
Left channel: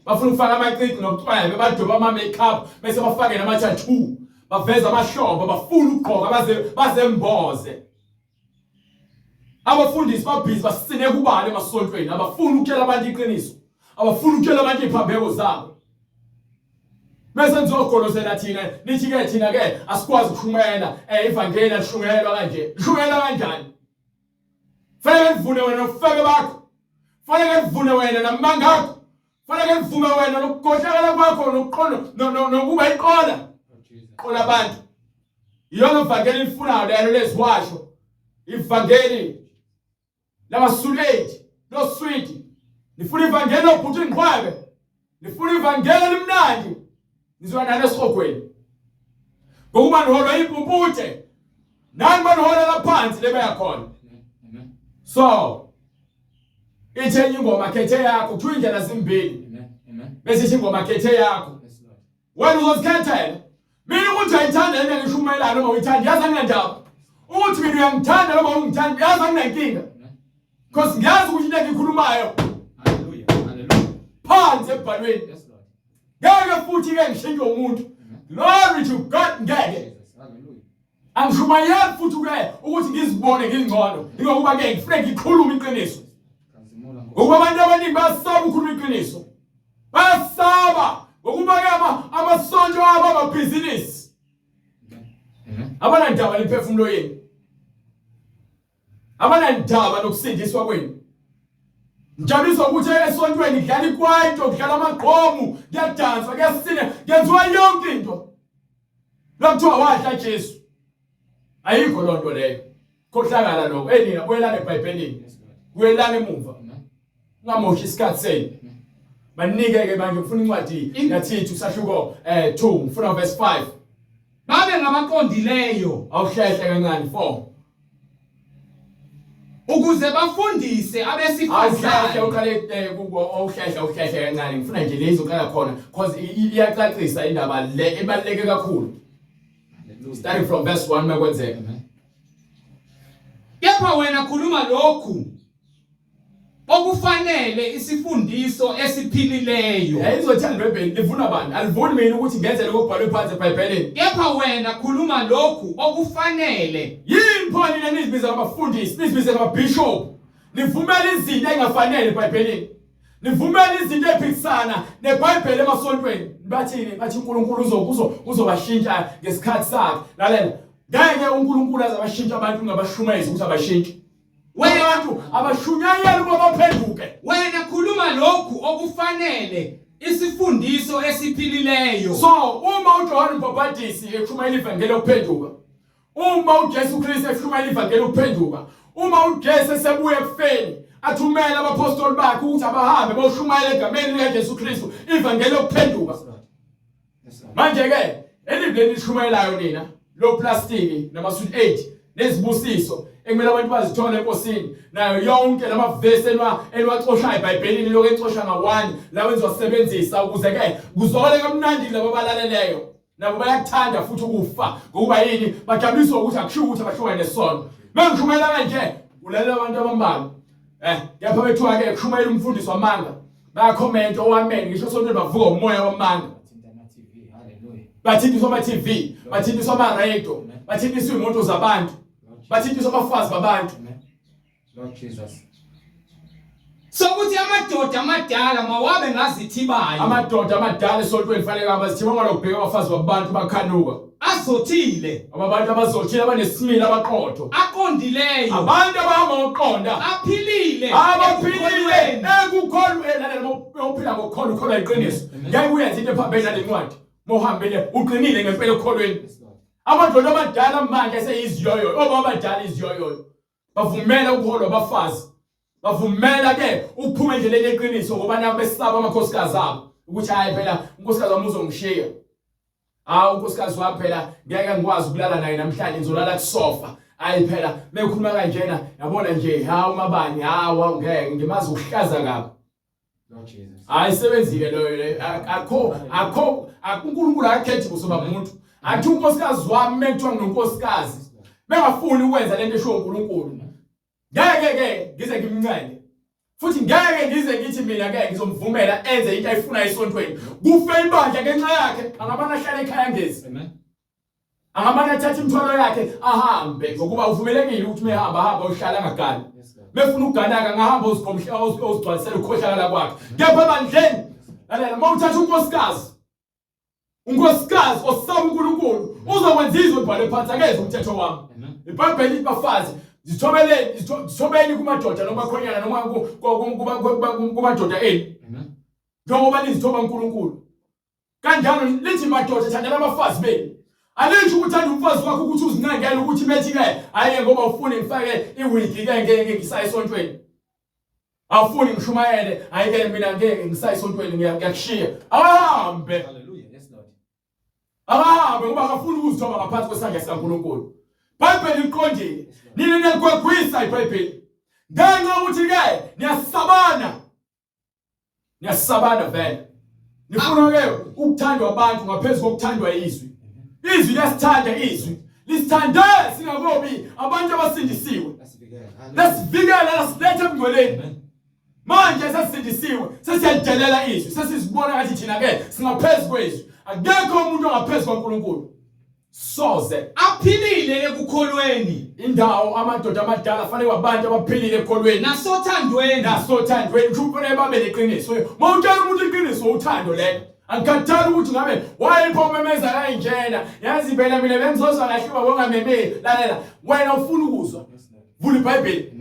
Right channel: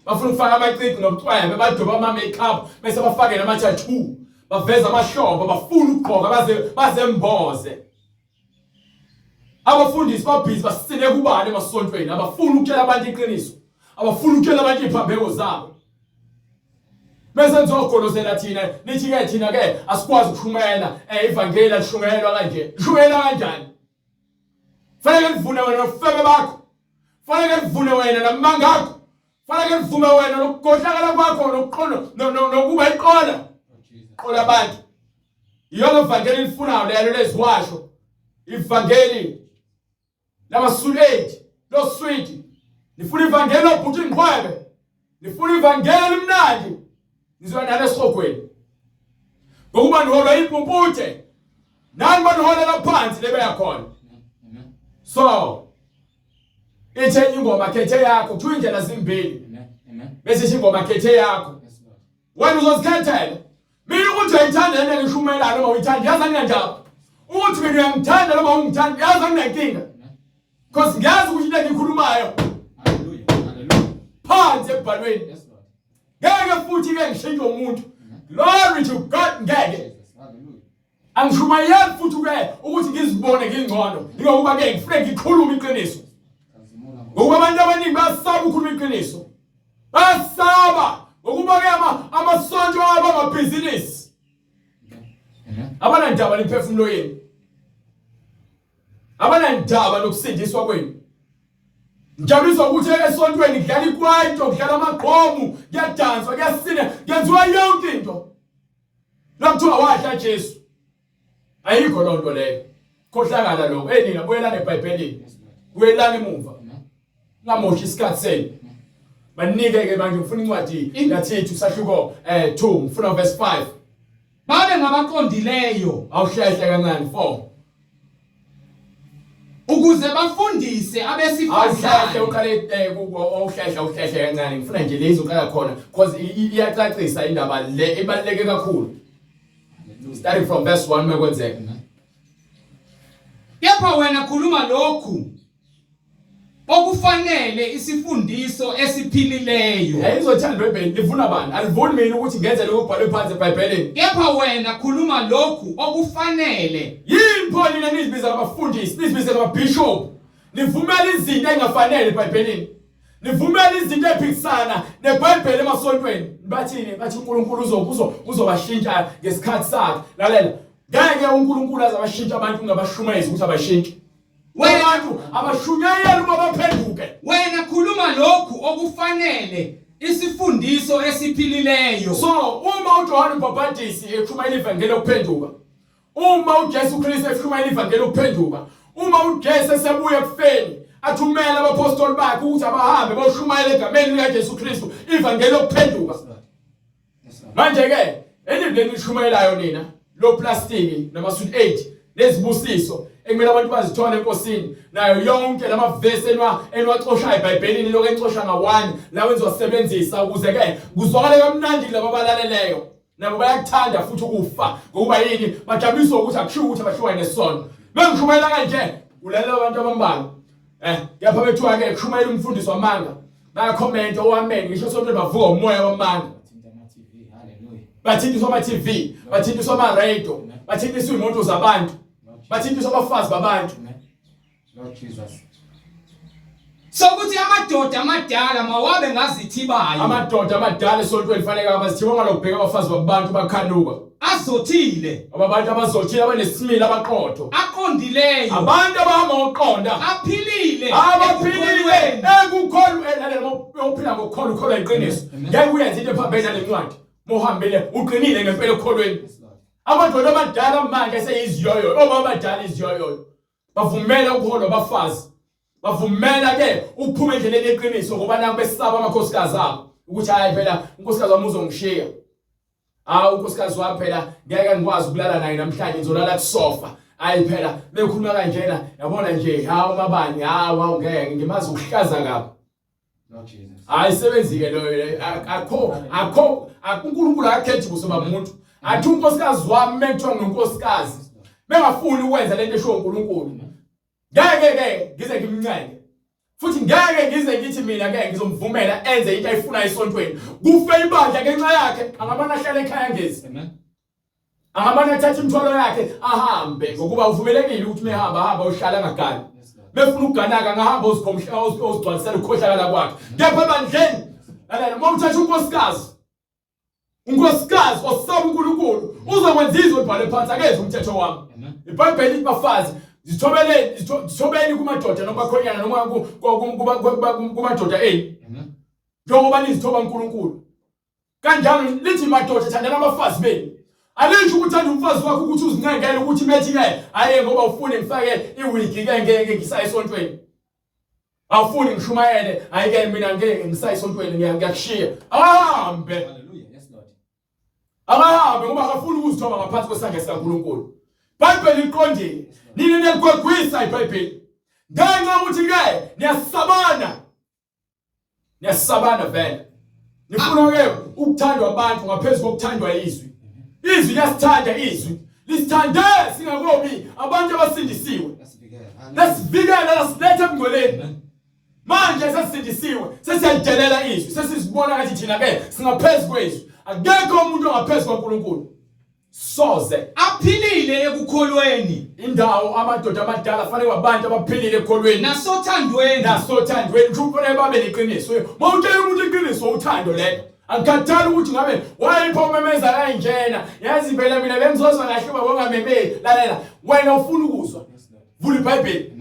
bafuna ukufaka amacici nobucwembe badoba ama-makeup bese bafake nama-tattoo baveza amahlombe bafuna ukugqoka bazemboze abafundisi babhizi basine kubani emasontweni abafuna ukutshela abantu iqiniso abafuna ukutshela abantu iphambeko zabo bese nizogolozela thina nithi-ke thina-ke asikwazi ukushumayela ivangeli alishumayelwa kanje lishumayelwa kanjani fanele nivune wena nobufebe bakho fanele nivune wena namanga akho fanele nivume wena nokugohlakala kwakho nokuba iqola qola abantu iyona ivangeli lifunayo lelo leziwasho ivangeli lamasuleti loswiti nifuna ivangeli lobhuti inqwebe nifuna ivangeli limnandi nizwa nalo esogweni ngokuba niholwa impumputhe nani baniholela phansi lebeya khona so ithenye ingoma khethe yakho kuthiwa indlela zimbili bese ingoma khethe yakho wena uzozikhethela mina ukuthi uyayithanda lento ngishumayela noma uyithanda yazi anginandaba ukuthi mina uyangithanda noma ungithanda yazi anginankinga because ngiyazi ukuthi into engikhulumayo haleluya phansi ebhalweni ngeke futhi-ke ngishintshe umuntu glory to God ngeke angishumayeli futhi-ke ukuthi ngizibone ngingcono ingokuba-ke ngifune ngikhulume iqiniso ngokuba abantu abaningi bayasaba ukukhuluma iqiniso bayasaba ngokuba-ke amasonto abo amabhizinisi abanandaba nemphefumulo yenu abanandaba nokusindiswa kwenu njabuliswa ukuthi esontweni kudlala ikwaito kudlala amagqomu kuyadanswa kuyasina kwenziwa yonke into lokuthiwa wadla Jesu ayikho loo nto leyo khohlakala lokho nina buyelana eBhayibhelini buyelana emuva ungamoshi isikhathi senu banike-ke manje ngifuna incwadi yathithu kusahluko 2 ngifuna verse 5 babe ngabaqondileyo awuhlehle kancane 4 ukuze bafundise abesifazane uqale awuhlehle kancane ngifuna nje lezi uqala khona because iyacacisa indaba le ebaluleke kakhulu starting from verse 1 makwenzeka kepha wena khuluma lokhu okufanele isifundiso esiphilileyo izothanda iBhayibheli livuna bani alivuni mina ukuthi ngenze lokho kubhalwe phansi eBhayibhelini kepha wena khuluma lokhu okufanele yini pho nina nizibiza abafundisi nizibiza ababishop nivumela izinto engafanele eBhayibhelini nivumela izinto ephikisana neBhayibheli emasontweni bathini bathi uNkulunkulu uzobashintsha ngesikhathi sakhe lalela ngeke uNkulunkulu azabashintsha abantu ngabashumezi ukuthi abashintshe abantu abashunyayeli babaphenduke wena khuluma lokhu okufanele isifundiso esiphilileyo so uma uJohane uMbhaphatisi eshumayela ivangeli lokuphenduka uma uJesu Kristu eshumayela ivangeli lokuphenduka uma uJesu esebuya ekufeni athumela abapostoli bakhe ukuthi abahambe boshumayela egameni likaJesu Kristu ivangeli lokuphenduka manje ke elibheni lishumayelayo nina lo plastic namasuit 8 nezibusiso ekumele abantu bazithola enkosini nayo yonke lamavesi enwaxosha eBhayibhelini lokho encosha nga1 la wenziwa sebenzisa ukuze ke kuzwakale kamnandi labo balaleleyo nabo bayakuthanda futhi ukufa ngokuba yini bajabuliswa ukuthi akusho ukuthi abashumayela nesono bengishumayela kanje ulalela abantu abambalwa yapha bethuka ke kushumayela umfundiso wamanga baya comment owameni ngisho sonke bavuka umoya wamanga bathindiswa ama TV bathindiswa ama radio bathindiswa imoto zabantu bathindiswa abafazi babantu Lord Jesus. Sokuthi amadoda amadala mawabe ngazithibayo. Amadoda amadala esontweni fanele abazithiba ngalokubheka abafazi babantu bakhanuka. Azothile. Ababantu abazothile abanesimilo abaqotho. Aqondileyo. Abantu abahamba ngokuqonda. Aphilile. Abaphilile. Ekukholweni uphila ngokukholwa ukholwa iqiniso. Ngeke uyenze into ephambene nalencwadi. Mohambele uqinile ngempela ekukholweni. Amadoda abadala manje seyiziyoyo. Obaba abadala iziyoyo. Bavumela ukukholwa abafazi. Bavumela ke ukuphuma endleleni yeqiniso ngoba nabo besaba amakhosikazi abo ukuthi hayi phela unkosikazi wami uzongishiya. Unkosikazi wami phela ngeke ngikwazi ukulala naye namhlanje ngizolala kusofa. Hayi phela bekhuluma kanjena yabona nje umabani ngeke ngimazi ukuhlaza kabi. Lord Jesus. Ayisebenzike loyo akho uNkulunkulu akakhethi kusoba umuntu. Athi unkosikazi wami mekuthiwa nginonkosikazi. Bengafuni ukwenza lento esho uNkulunkulu. Ngeke ngize ngimncane. Futhi ngeke ngize ngithi mina ngeke ngizomvumela enze into ayifuna esontweni. Kufe ibandla ngenxa yakhe, angabana ahlale ekhaya ngezi. Amen. Angabana athathe imithwalo yakhe ahambe ngokuba uvumelekile ukuthi mehamba uhlala ngagana. Befuna ukuganaka ngahamba uzikhomhla uzigcwalisela ukukhohlakala kwakhe. Kepha bandleni lalela mawuthatha unkosikazi osaba uNkulunkulu uzokwenza izwe ibhale phansi akenze umthetho wami. iBhayibheli lithi bafazi zithobeni kumadoda noma khonyana noma kumadoda eni. Njengoba nizithoba uNkulunkulu. Kanjalo lithi madoda thandana abafazi beni. Alisho ukuthanda umfazi wakho ukuthi uzincengele ukuthi bethi ke aye ngoba ufune ngifake iwigi ke ngeke ngisaya esontweni. Awufuni ngishumayele ayike mina ngeke ngisaya esontweni ngiyakushiya. Ahambe. Hallelujah. Yes, Lord. Ahambe ngoba akafuni ukuzithoba ngaphansi kwesandla sikaNkulunkulu. iBhayibheli liqondile. Nina niyagwegwisa iBhayibheli. Ngenxa ukuthi ke niyasabana vele. Nifuna ke ukuthandwa abantu ngaphezulu kokuthandwa izwi. Izwi liyasithanda izwi. Lisithande singakobi abantu abasindisiwe. Lesivikela lasilethe emngcweleni. Manje sesindisiwe, sesiyadelela izwi. Sesizibona ngathi thina ke singaphezulu kwezwi. Akekho umuntu ongaphezulu kwaNkulunkulu. Soze Aphilile ekukholweni. Indawo amadoda amadala fanele abantu abaphilile ekukholweni nasothandweni kufanele babe neqiniso. Mawutshela umuntu iqiniso uthando lelo. Angikhathali ukuthi ngabe wayipho umemeza kanjena. Yazi phela mina bengizozwa kahle uma bongamemeli. Lalela wena ufuna ukuzwa. Vula iBhayibheli.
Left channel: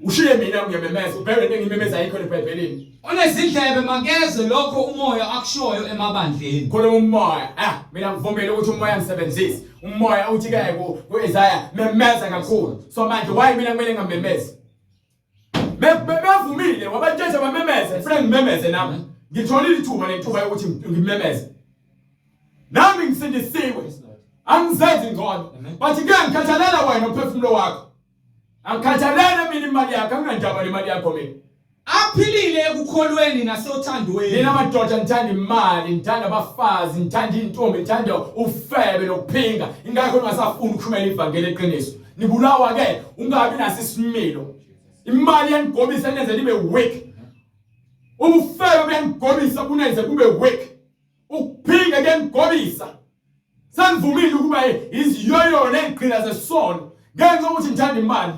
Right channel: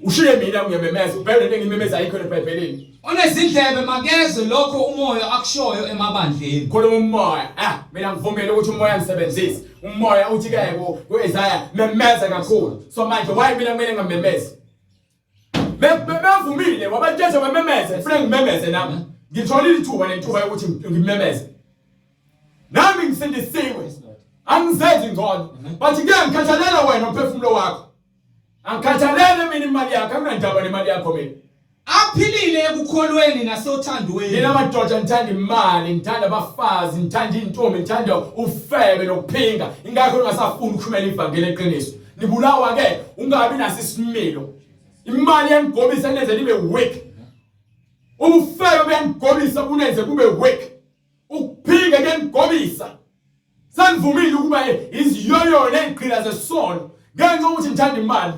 Ushiye mina ngiyamemeza ubheke ngimemeza ayikho eBhayibhelini. Onezindlebe makezwe lokho umoya akushoyo emabandleni. Khona umoya. Mina ngivumela ukuthi umoya ngisebenzise. Umoya uthi ke kuIsaya memeza kakhulu. So manje why mina kumele ngamemeze? Bevumile wabathethe bamemeze. Kufanele ngimemeze nami. Ngitholile ithuba nethuba ukuthi ngimemeze. Nami ngisindisiwe. Angizenzi ngcono. Bathi ke ngikhathalela wena umphefumulo wakho. Angikhathalela mina imali yakho, anginandaba nemali yakho mina. Aphilile ekukholweni nasothandweni. Nina madoda ngithanda imali, ngithanda abafazi, ngithanda intombi, ngithanda ufebe nokuphinga. Ingakho ungasafuni ukushumela ivangeli eqiniso. Nibulawa ke ungabi naso isimilo. Imali yangigobisa nenze libe weak. Ufebe bengigobisa kunenze kube weak. Ukuphinga kengigobisa. Sanivumile ukuba iziyoyo neziqhila zesono. Ngenxa ukuthi ngithanda imali,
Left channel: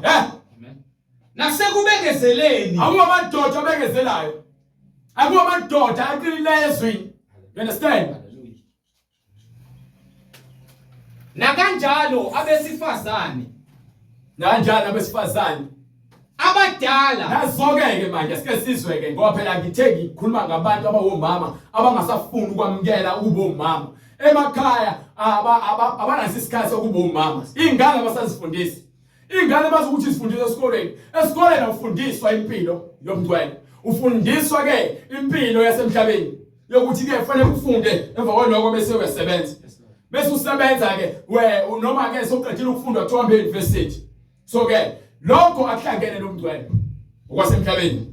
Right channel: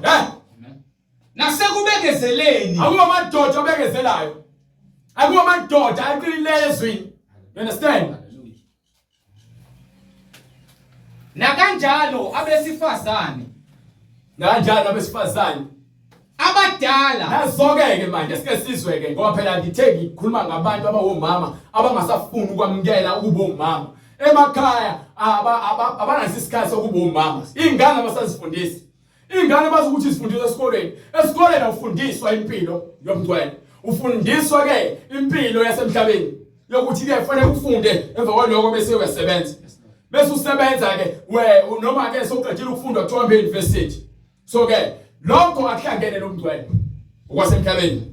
Nasekubekezeleni. Akuba amadoda abekezelayo. Akuba amadoda aqinileyo ezwini. You understand? Nakanjalo abesifazane. Abadala. Nazoke-ke manje sike sizwe-ke ngoba phela ngithe ngikhuluma ngabantu abawomama abangasafuni ukwamukela ukuba omama. Emakhaya abanaso isikhathi sokuba omama. Ingane abasazifundisi. Ingane bazokuthi sifundiswa esikoleni. Esikoleni ufundiswa impilo yomntwana. Ufundiswa ke impilo yasemhlabeni. Yokuthi ke kufanele ufunde emva kwalokho bese uyasebenza. Bese usebenza ke noma ke sokuqedile ukufunda kuthiwa e-university. So ke lokho akuhlangene nomntwana okwasemhlabeni.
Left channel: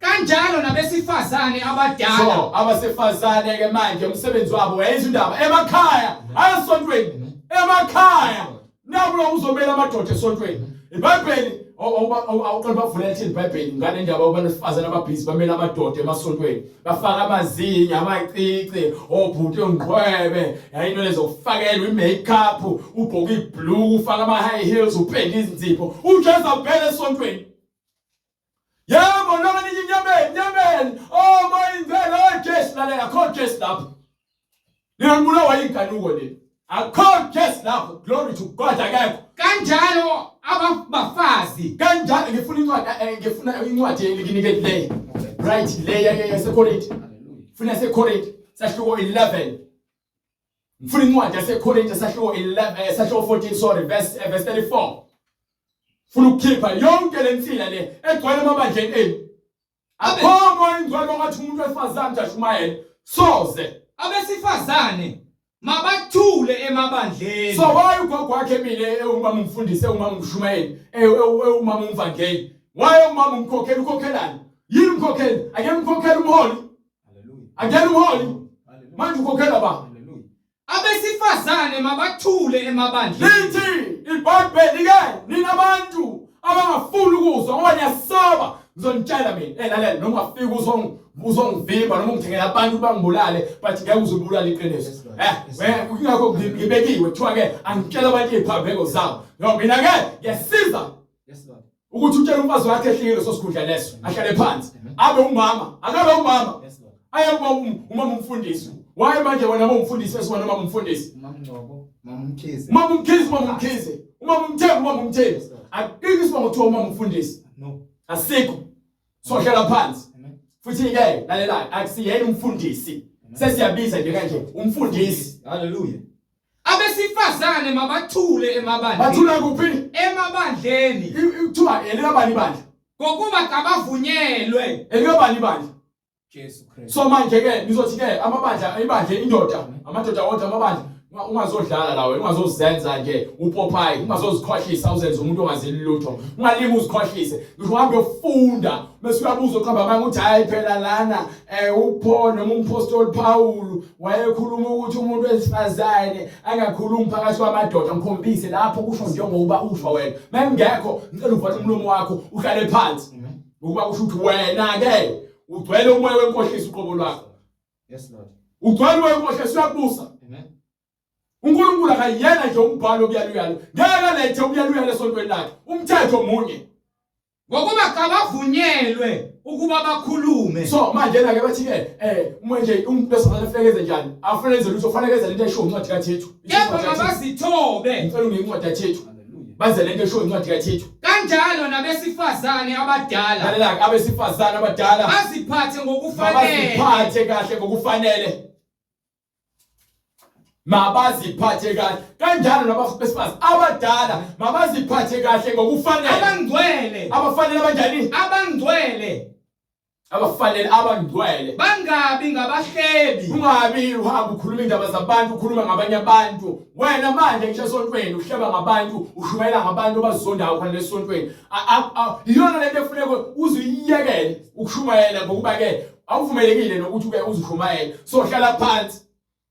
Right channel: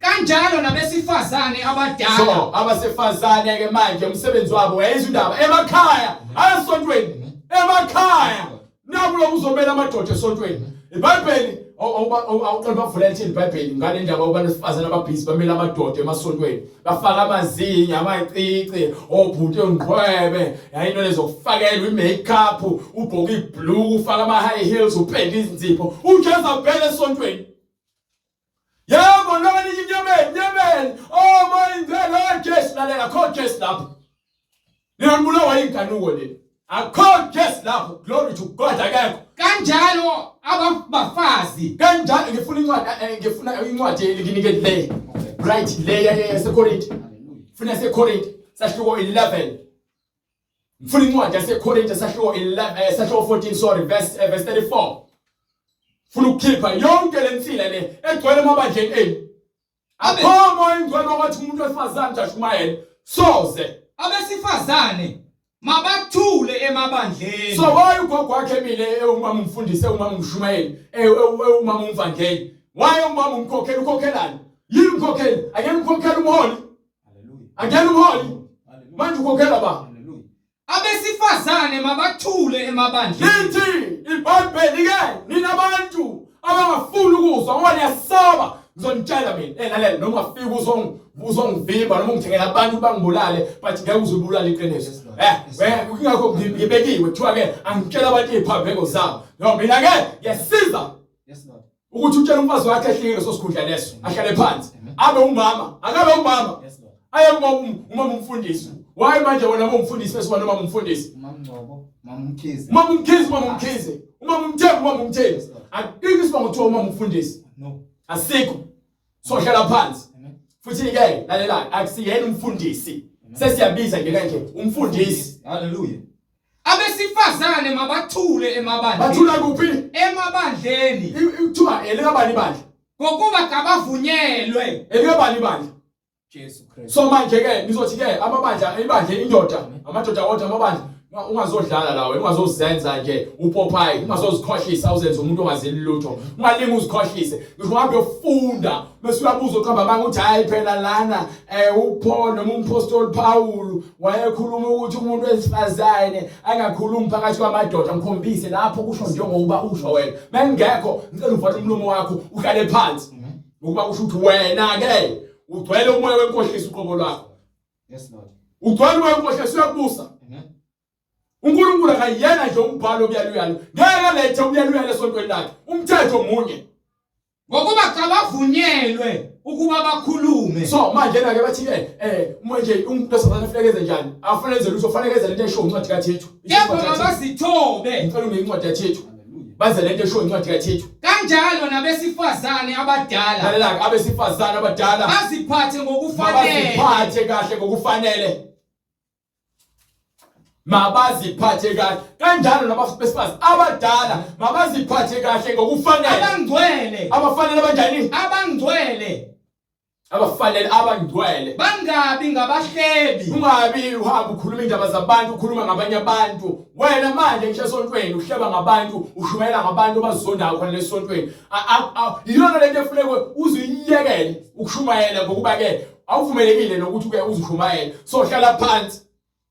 Kanjalo nabesifazane abadala. So abasifazane ke manje umsebenzi wabo uyayizwa indaba emakhaya asontweni emakhaya. Nakulo uzomela amadoda esontweni. iBhayibheli awuqala bavula ethi iBhayibheli ngale ndaba abantu besifazana ababhizi bamela amadoda emasontweni bafaka amazinyo amacici obhuti ongqwebe yayinto lezokufakelwa imakeup ubhoka ibhlue ufaka ama high heels upenda izinzipho uJesu abhele esontweni yebo noma nithi inyameni oh my God Jesu lalela akho Jesu lapho niyambulawa inkanuko le akho Jesu lapho glory to God akekho kanjalo abafazi kanjalo ngifuna incwadi elikinike le right le yaseKorinthi funa seKorinthi sahluko 11 ngifuna incwadi yaseKorinthi sahluko 11 sahluko 14 sorry verse 34 funa ukukhipha yonke lensila le egcwele amabandleni enu akho ingcwele ngathi umuntu wesifazane jashumayele soze abesifazane mabathule emabandleni so why ugogo wakhe mile umama umfundise umama umshumayeli umama umvangeli why umama umkhokhela ukhokhelani yini umkhokhela ake umkhokhela umholi haleluya ake umholi manje ukhokhela ba haleluya abesifazane mabathule emabandleni lithi iBhayibheli ke ninabantu abangafuni ukuzwa ngoba niyasaba ngizonitshela mina lalela noma ungafika uzongivimba noma ungithengela abantu bangibulale but ngeke uzubulala iqiniso kungakho ngibekiwe kuthiwa ke angitshela abantu iziphambeko zabo no mina ke ngiyasiza ukuthi utshele umfazi wakhe ehlike leso sikhundla leso ahlale phansi abe umama akabe umama aye umama umfundisi why manje wena umfundisi bese wena umama umfundisi umama umkhize umama umthembu akiki sibonga ukuthi umama umfundisi no asikho so hlala phansi futhi ke lalela akusiyena umfundisi sesiyabiza nje kanje umfundisi haleluya abesifazane mabathule emabandleni bathula kuphi emabandleni kuthiwa elikabani bandla ngokuba kabavunyelwe elikabani bandla Jesu Kristu so manje ke nizothi ke amabandla ibandla indoda amadoda wonke amabandla ungazodlala lawe ungazozenza nje upopayi ungazozikhohlisa uzenze umuntu ongazeli lutho ungalinga uzikhohlise ngisho uhambe ufunda bese uyabuza uqamba manje uthi hayi phela lana uPaul noma umpostoli Paul wayekhuluma ukuthi umuntu wesifazane angakhulumi phakathi kwamadoda ngikhombise lapho kusho njengoba usho wena mengekho ngicela uvale umlomo wakho uhlale phansi ukuba kusho ukuthi wena ke ugcwele umoya wenkohlisa uqobo lwakho yes lord ugcwele umoya wenkohlisa uyakubusa uNkulunkulu akayena nje umbhalo obuyaluyalo ngeke lethe ubuyaluyalo esontweni lakhe umthetho munye ngokuba kabavunyelwe ukuba bakhulume so manje ke bathi manje umuntu osafana ufekeze njani afanele enze lutho ufanele enze lento esho incwadi kaThixo yebo bazithobe ngicela unge incwadi kaThixo baze lento esho incwadi kaThixo kanjalo nabesifazane abadala lalela abesifazane abadala baziphathe ngokufanele baziphathe kahle ngokufanele mabaziphathe kahle kanjalo nabesifazane abadala mabaziphathe kahle ngokufanele abangcwele abafanele banjani abangcwele bangabi ngabahlebi ungabi uhamba ukhuluma indaba zabantu ukhuluma ngabanye abantu wena manje ngisho esontweni uhleba ngabantu ushumela ngabantu abazondayo khona lesontweni iyona lento efuneka uzuyiyekele ukushumayela ngokuba ke awuvumelekile nokuthi ke uzushumayela so hlala phansi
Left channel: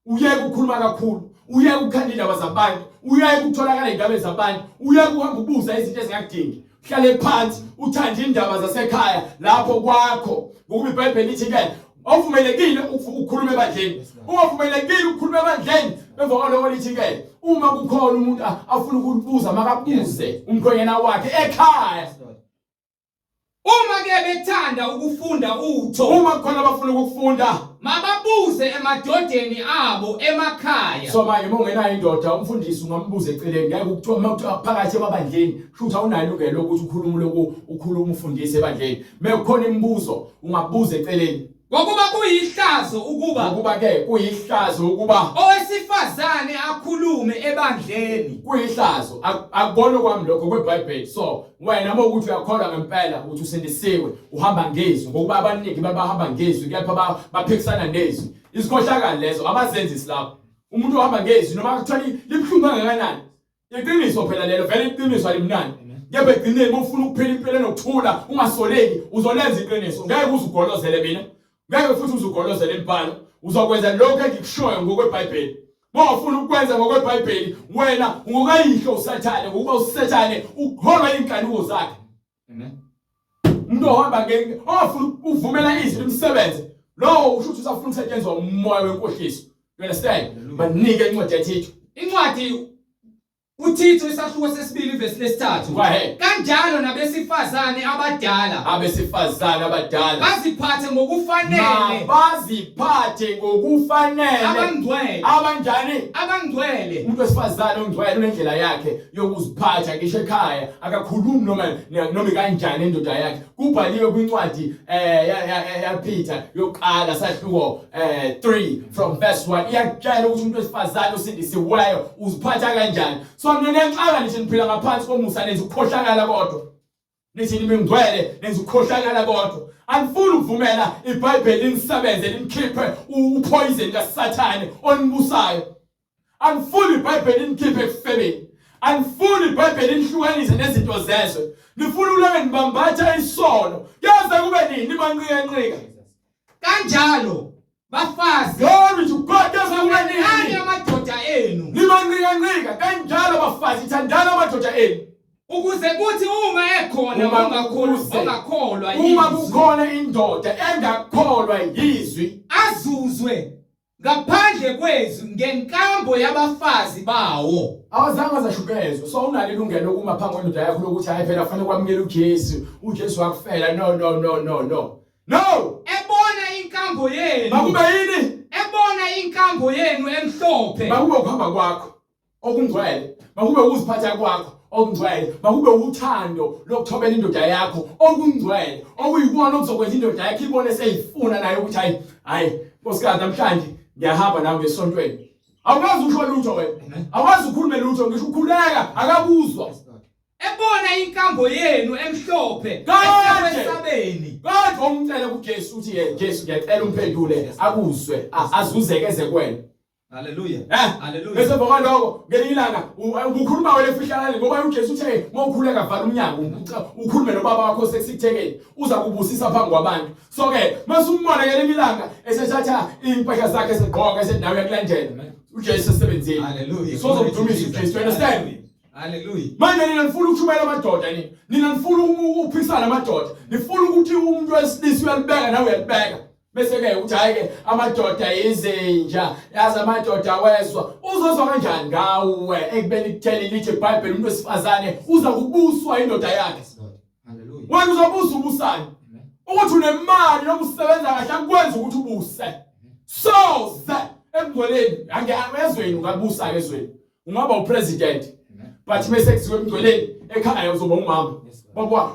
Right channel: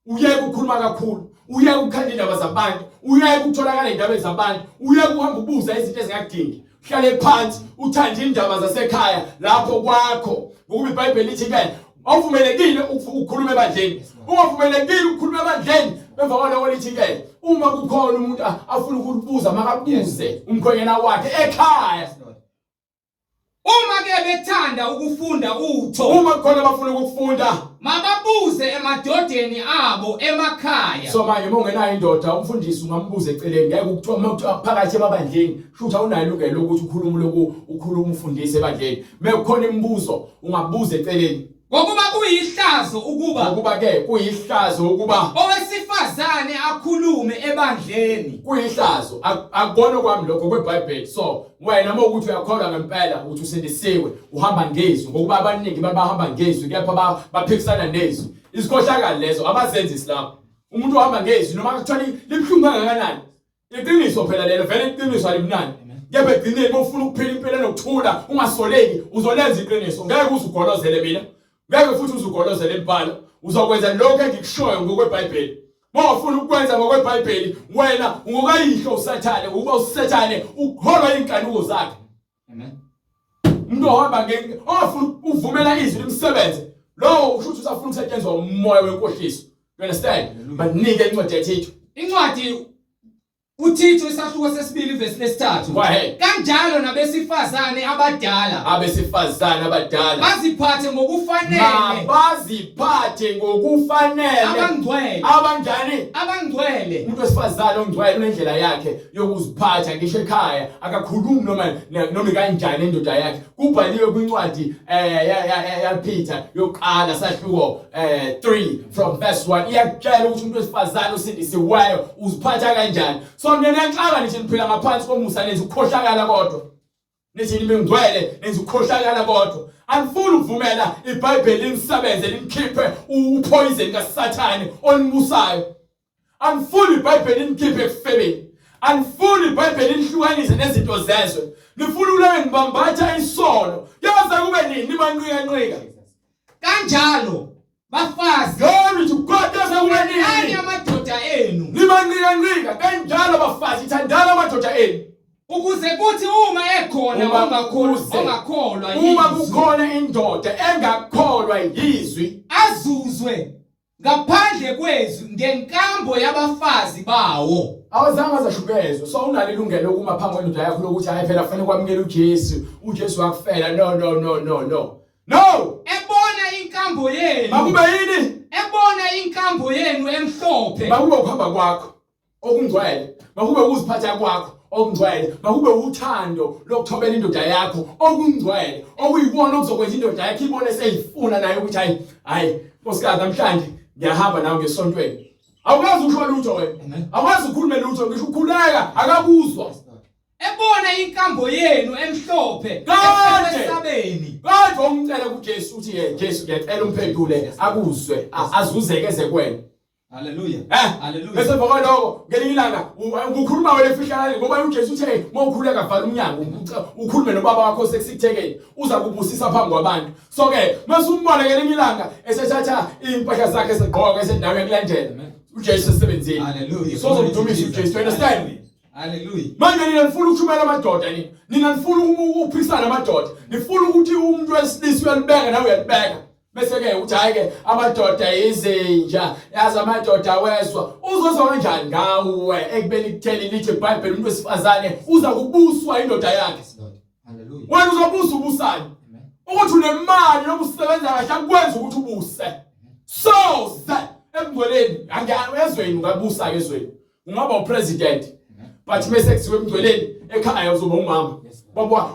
uyeke ukukhuluma kakhulu uyeke ukukhanda indaba zabantu uyeke ukutholakala indaba zabantu uyeke uhamba ubuza izinto ezingakudingi hlale phansi uthande indaba zasekhaya lapho kwakho ngoba iBhayibheli lithi ke awuvumelekile ukukhuluma ebandleni ungavumelekile ukukhuluma ebandleni emva kwalokho lithi ke uma kukhona umuntu afuna ukubuza makabuze umkhwenyana wakhe ekhaya uma ke bethanda ukufunda utho uma kukhona abafuna ukufunda mababuze emadodeni abo emakhaya so manje uma ungenayo indoda umfundisi ungambuza eceleni ngeke ukuthiwa uma phakathi ebandleni shutha unalo ilungelo lokuthi ukhuluma ufundise ebandleni mekukhona imibuzo ungabuza eceleni ngokuba kuyihlazo ukuba ke kuyihlazo ukuba owesifazane akhulume ebandleni kuyihlazo akubona kwami lokho kweBhayibheli so wena uma ukuthi uyakholwa ngempela ukuthi usindisiwe uhamba ngezwi ngokuba abaningi babahamba ngezwi kepha baphikisana nezwi isikhohlakala lezo abazenzisi lapho umuntu ohamba ngezwi noma kuthiwa libhlungu kangakanani iqiniso phela lelo vele iqiniso alimnandi kepha egcineni ufuna ukuphila impilo enokuthula ungasoleki uzolenza iqiniso ngeke uzugolozele mina ngeke futhi uzugolozele impalo uzokwenza lokho engikushoyo ngokweBhayibheli Mawufuna ukwenza ngokweBhayibheli wena ungokayihlo usathane ukuba usathane uholwa inkanuko zakhe Amen. Umuntu ohamba ofuna uvumela izwi limsebenze lo ushuthi usafuna ukusetshenzwa umoya wenkohliso. You understand? Banike incwadi yaThithu. Incwadi uThithu isahluko sesibili verse lesithathu. Kanjalo nabesifazane abadala baziphathe ngokufanele. Baziphathe ngokufanele. Abangcwele. Abanjani? Abangcwele. Umuntu wesifazane ongcwele unendlela yakhe yokuziphatha ngisho ekhaya akakhulumi noma kanjani indoda yakhe. Kubhaliwe kwincwadi ya Peter yokuqala sahluko 3 from verse 1 iyakutshela ukuthi umuntu wesifazane osindisiweyo uziphatha kanjani. So nenenxaka nithi niphila ngaphansi komusa nenza ukukhohlakala kodwa. Nithi nimengcwele nenza ukukhohlakala kodwa. Anifuni ukuvumela iBhayibheli lisebenze limkhiphe upoison kaSathane onimbusayo. Anifuni iBhayibheli limkhiphe ekufebeni. Anifuni iBhayibheli lihlukanise nezinto zezwe. Nifuna ukulale nibambatha isono. Yaza kube nini nibanqika. Kanjalo bafazi glory to God yaza kube nini amadoda enu. Nibanqika kanjalo bafazi thandana amadoda enu. Ukuze kuthi uma ekhona ongakholwa uma kukhona indoda engakholwa yizwi azuzwe ngaphandle kwezwi ngenkambo yabafazi bawo. Awazange zashukezwe so unalo ilungelo lokuma phambi kwendoda yakho lokuthi hayi phela kufanele kwamukela uJesu wakufela no. Ebona inkambo yenu. Makube yini? Ebona inkambo yenu emhlophe. Makube ukuhamba kwakho okungcwele. Makube ukuziphatha kwakho okungcwele. Makube uthando lokuthobela indoda yakho okungcwele. Okuyikona okuzokwenza indoda yakho ibone seyifuna nayo ukuthi hayi nkosikazi namhlanje ngiyahamba nawe ngesontweni. Awukazi ukhona lutho wena. Awazi ukukhuluma lutho ngisho ukukhuleka akabuzwa. Ebona inkambo yenu emhlophe esabeni. Kodwa umcela kuJesu uthi Jesu ngiyacela umphendule akuzwe azuzekeze kwena. Hallelujah. Hallelujah. Bese ngokwaloko ngelilanga ukukhuluma wena efihlakala ngoba uJesu uthe mawukhuleka vala umnyango ukhulume nobaba wakho sekusithekeni uza kubusisa phambi kwabantu. So ke masumbone ngelilanga esethatha impahla zakhe segqoka esendaweni yokulandela. uJesu esebenzile. Hallelujah. So uzomdumisa uJesu. Understand? Hallelujah. Manje nina nifuna ukuthumela amadoda nini? Nina nifuna ukuphisana amadoda. Nifuna ukuthi umuntu wesilisa uyalibeka nawe uyalibeka. Bese ke uthi hayi ke amadoda izinja, yazi amadoda wezwa. Uzozwa kanjani ngawe ekubeni kutheni lithi iBhayibheli umuntu wesifazane uza kubuswa indoda yakhe. Hallelujah. Wena uzobusa ubusani? Ukuthi unemali nokusebenza kahle akwenza ukuthi ubuse. So that emgcweleni angiyezweni ungabusa ke ezweni. Ungaba upresident. But bese kuziwe emgcweleni ekhaya uzoba umama.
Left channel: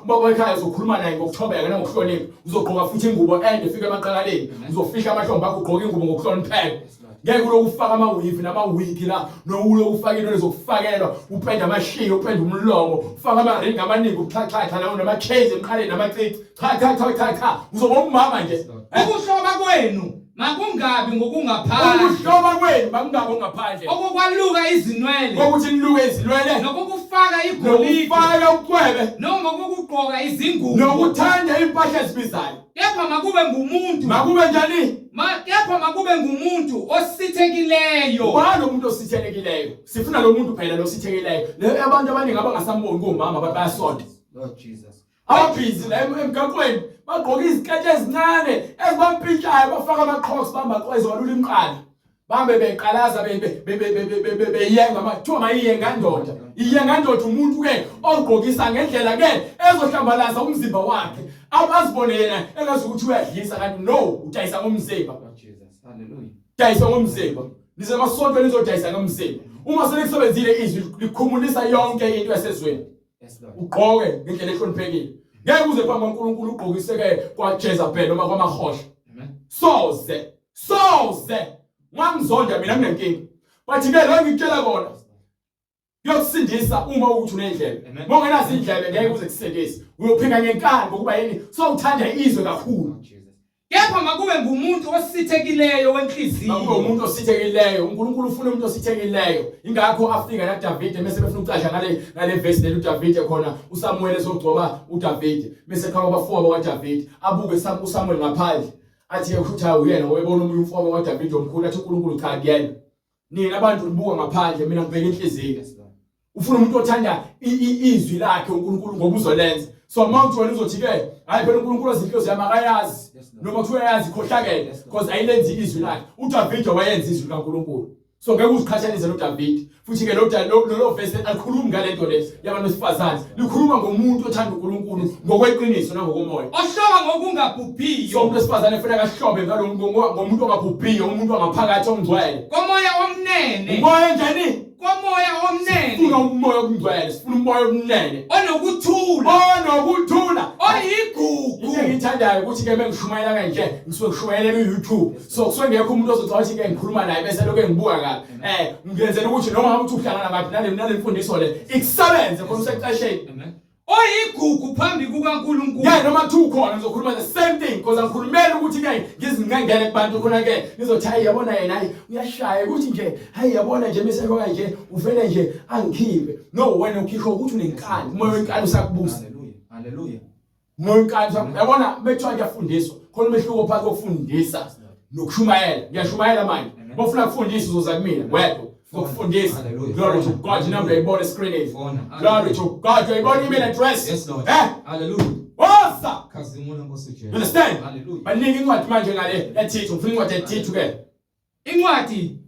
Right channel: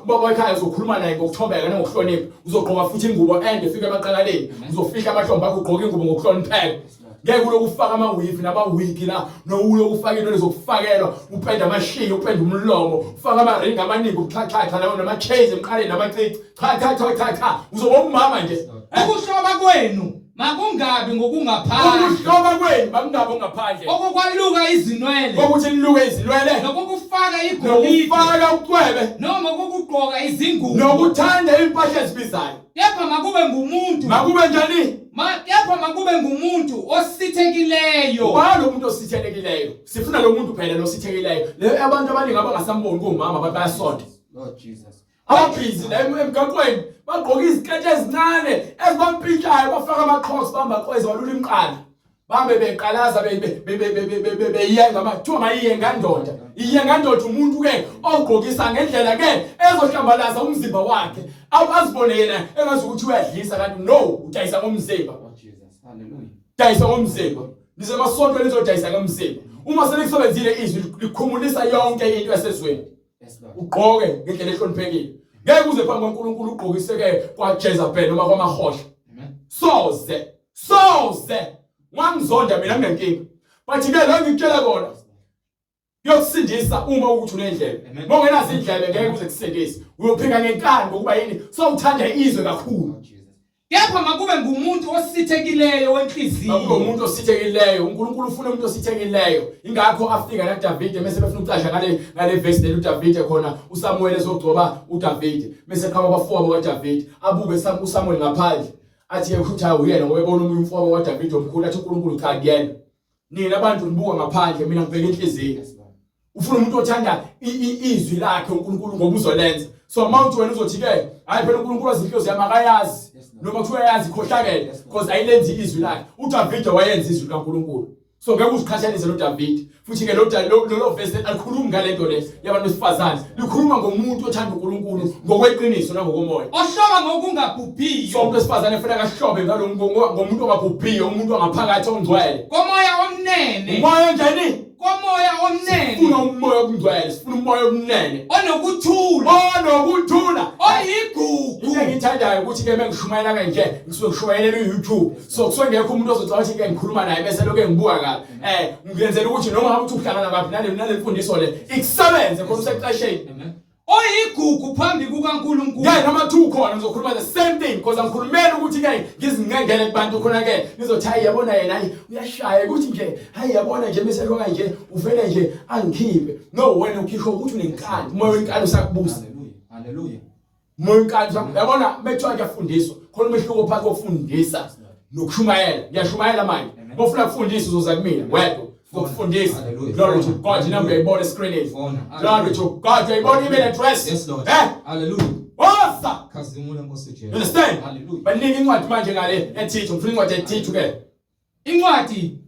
Baba ekhaya uzokhuluma naye ngokuthobeka nangokuhlonipha. Uzogqoka futhi ingubo ende efika emaqakaleni. Uzofihla amahlombe akho ugqoka ingubo ngokuhlonipheka. Ngeke ulokufaka amawigi namawigi la nowulokufaka into lezokufakelwa upenda amashiya upenda umlomo ufaka amaringi amaningi uxhaxhaxa lawo namachains emqaleni namacici cha uzoba umama nje. Ukuhloba kwenu makungabi ngokungaphandle. Ukuhloba kwenu makungabi ngaphandle. Okukwaluka izinwele. Ukuthi niluke izinwele. Nokufaka igolide. Nokufaka ucwebe. Noma ukugqoka izingubo. Nokuthanda impahla ezibizayo. Kepha makube ngumuntu. Makube njani? Kepha makube ngumuntu osithekileyo. Ubani umuntu osithekileyo? Sifuna lo muntu phela lo sithekileyo. Abantu abaningi abangasamboni ngomama bayasonda. Lord Jesus. Abhizi la emgaqweni bagqoka izikete ezincane ezibampintshayo bafaka amaqhosi bambaqweza walula imqala. Bambe beqalaza beyenga amathuba mayiyenga ndoda. Iyenga ndoda umuntu ke ogqokisa ngendlela ke ezohlambalaza umzimba wakhe. Awazibone yena engazi ukuthi uyadlisa kanti no udayisa ngomzimba. Hallelujah. Dayisa ngomzimba. Nize masonto nizodayisa ngomzimba. Uma selekusebenzile izwi likhumulisa yonke into yasezweni. Ugqoke ngendlela ehloniphekile. Ngeke uze phambi kaNkulunkulu ugqokiseke kwaJezebel noma kwamahosha. Soze ngangizonda mina nginenkinga. But ke la ngikutshela kona kuyokusindisa uma ukuthi unendlebe. Mongenazi indlebe ngeke uze kusindise. Uyophika ngenkani ngokuba yini? So uthanda izwe kakhulu. Kepha makube ngumuntu osithekileyo wenhliziyo. Makube umuntu osithekileyo. uNkulunkulu ufuna umuntu osithekileyo. Ingakho afika la David bese befuna ukucasha ngale verse le uDavid khona uSamuel ezogcoba uDavid. Bese khaba abafowabo kaDavid abuke uSamuel ngaphandle. Athi ekhutha uyena ngoyibona umuntu umfowabo kaDavid omkhulu athi uNkulunkulu cha kuyena. Nina abantu nibuka ngaphandle mina ngibheka inhliziyo. Ufuna umuntu othanda izwi lakhe uNkulunkulu ngoba uzolenza. So mawuthi wena uzothi ke hayi phela uNkulunkulu ozinhlozo yamakayazi noma kuthiwa yazi khohlakele because ayilenzi izwi lakhe. uDavid wayenza izwi likaNkulunkulu. So ngeke uziqhathanise noDavid. Futhi ke lo verse alikhulumi ngalento le yabantu besifazane. Likhuluma ngomuntu othanda uNkulunkulu ngokweqiniso nangokomoya. Ohloba ngokungabhubhiyo. So umuntu wesifazane ufuna kahlobe ngomuntu ongabhubhiyo, umuntu ongaphakathi ongcwele. Komoya omnene. Umoya njani? Komoya omnene. Sifuna umoya ongcwele, sifuna umoya omnene. Onokuthula. Oyigugu. Into engithandayo ukuthi ke mengishumayela kanje ngisuke ngishumayela ku-YouTube. So kusuke ngekho umuntu ozothi ke ngikhuluma naye bese lokho ngibuka kabi. Ngiyenzela ukuthi noma ngabe uhlangana ngaphi nale mfundiso le ikusebenze khona usexesheni. Oyigugu phambi kukaNkulunkulu. Yeah, noma two khona ngizokhuluma the same thing because angikhulumela ukuthi ke ngizingengele kubantu khona ke nizothi hayi yabona yena hayi uyashaya ukuthi nje hayi yabona nje bese lokho nje uvele nje angikhiphe. No, wena ukhisho ukuthi unenkani, umoya wenkani usakubusa. Hallelujah. Umoya wenkani yabona methwa kuyafundiswa khona umehluko phakathi kokufundisa nokushumayela. Ngiyashumayela manje. Bofuna ukufundisa uzoza kumina wedwa. Ukufundisa. Glory to God. Number uyayibona screen. Glory to God. Uyayibona email address. Yes Lord. Hallelujah. What's KwaZulu-Natal Jesu. Understand? Hallelujah. Baningi incwadi manje ngale eThithu, ngifuna incwadi eThithu ke. Incwadi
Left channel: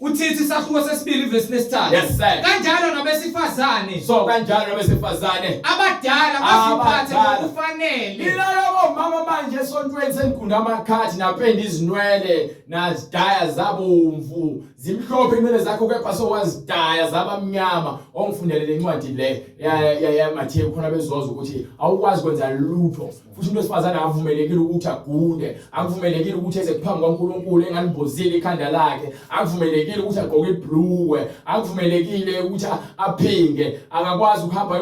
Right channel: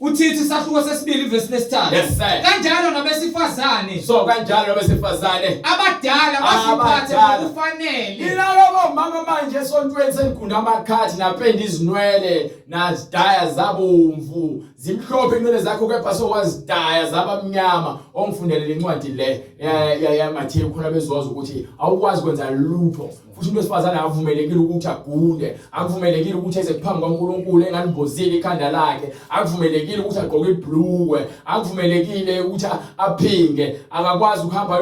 uThithu isahluko sesibili verse lesithathu. Yes sir. Kanjalo nabesifazane. So kanjalo nabesifazane Abadala basiphathe ngokufanele. Ilalobo mama manje esontweni senkunda amakhathi napenda izinwele nazidaya zabomvu zimhlophe inwele zakho kepha sowazidaya zabamnyama. Ongifundele lencwadi le ya Matthew khona bezwaza ukuthi awukwazi kwenza lutho futhi umuntu wesifazane akavumelekile ukuthi agunde, akuvumelekile ukuthi eze kuphambi kwaNkulunkulu engalibhozile ikhanda lakhe, akuvumelekile ukuthi agqoke ibhlukwe, akuvumelekile ukuthi aphinge, akakwazi ukuhamba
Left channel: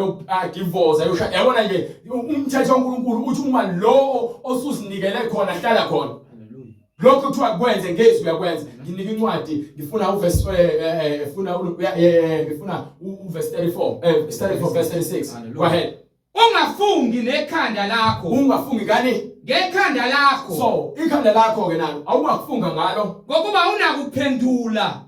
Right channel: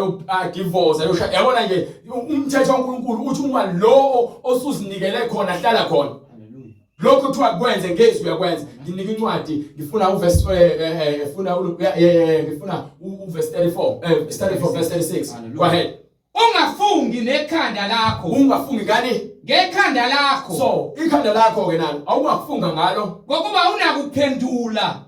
divorce ayoshaya. Yabona nje umthetho waNkulunkulu uthi uma lo osuzinikele khona hlala khona. Lokho kuthiwa kwenze ngezwi uyakwenza. Nginika incwadi ngifuna uverse ngifuna uverse 34 verse 36. Go ahead. Ungafungi nekhanda lakho. Ungafungi ngani? Ngekhanda lakho. So ikhanda lakho ke nalo awungafunga ngalo ngokuba unakuphendula.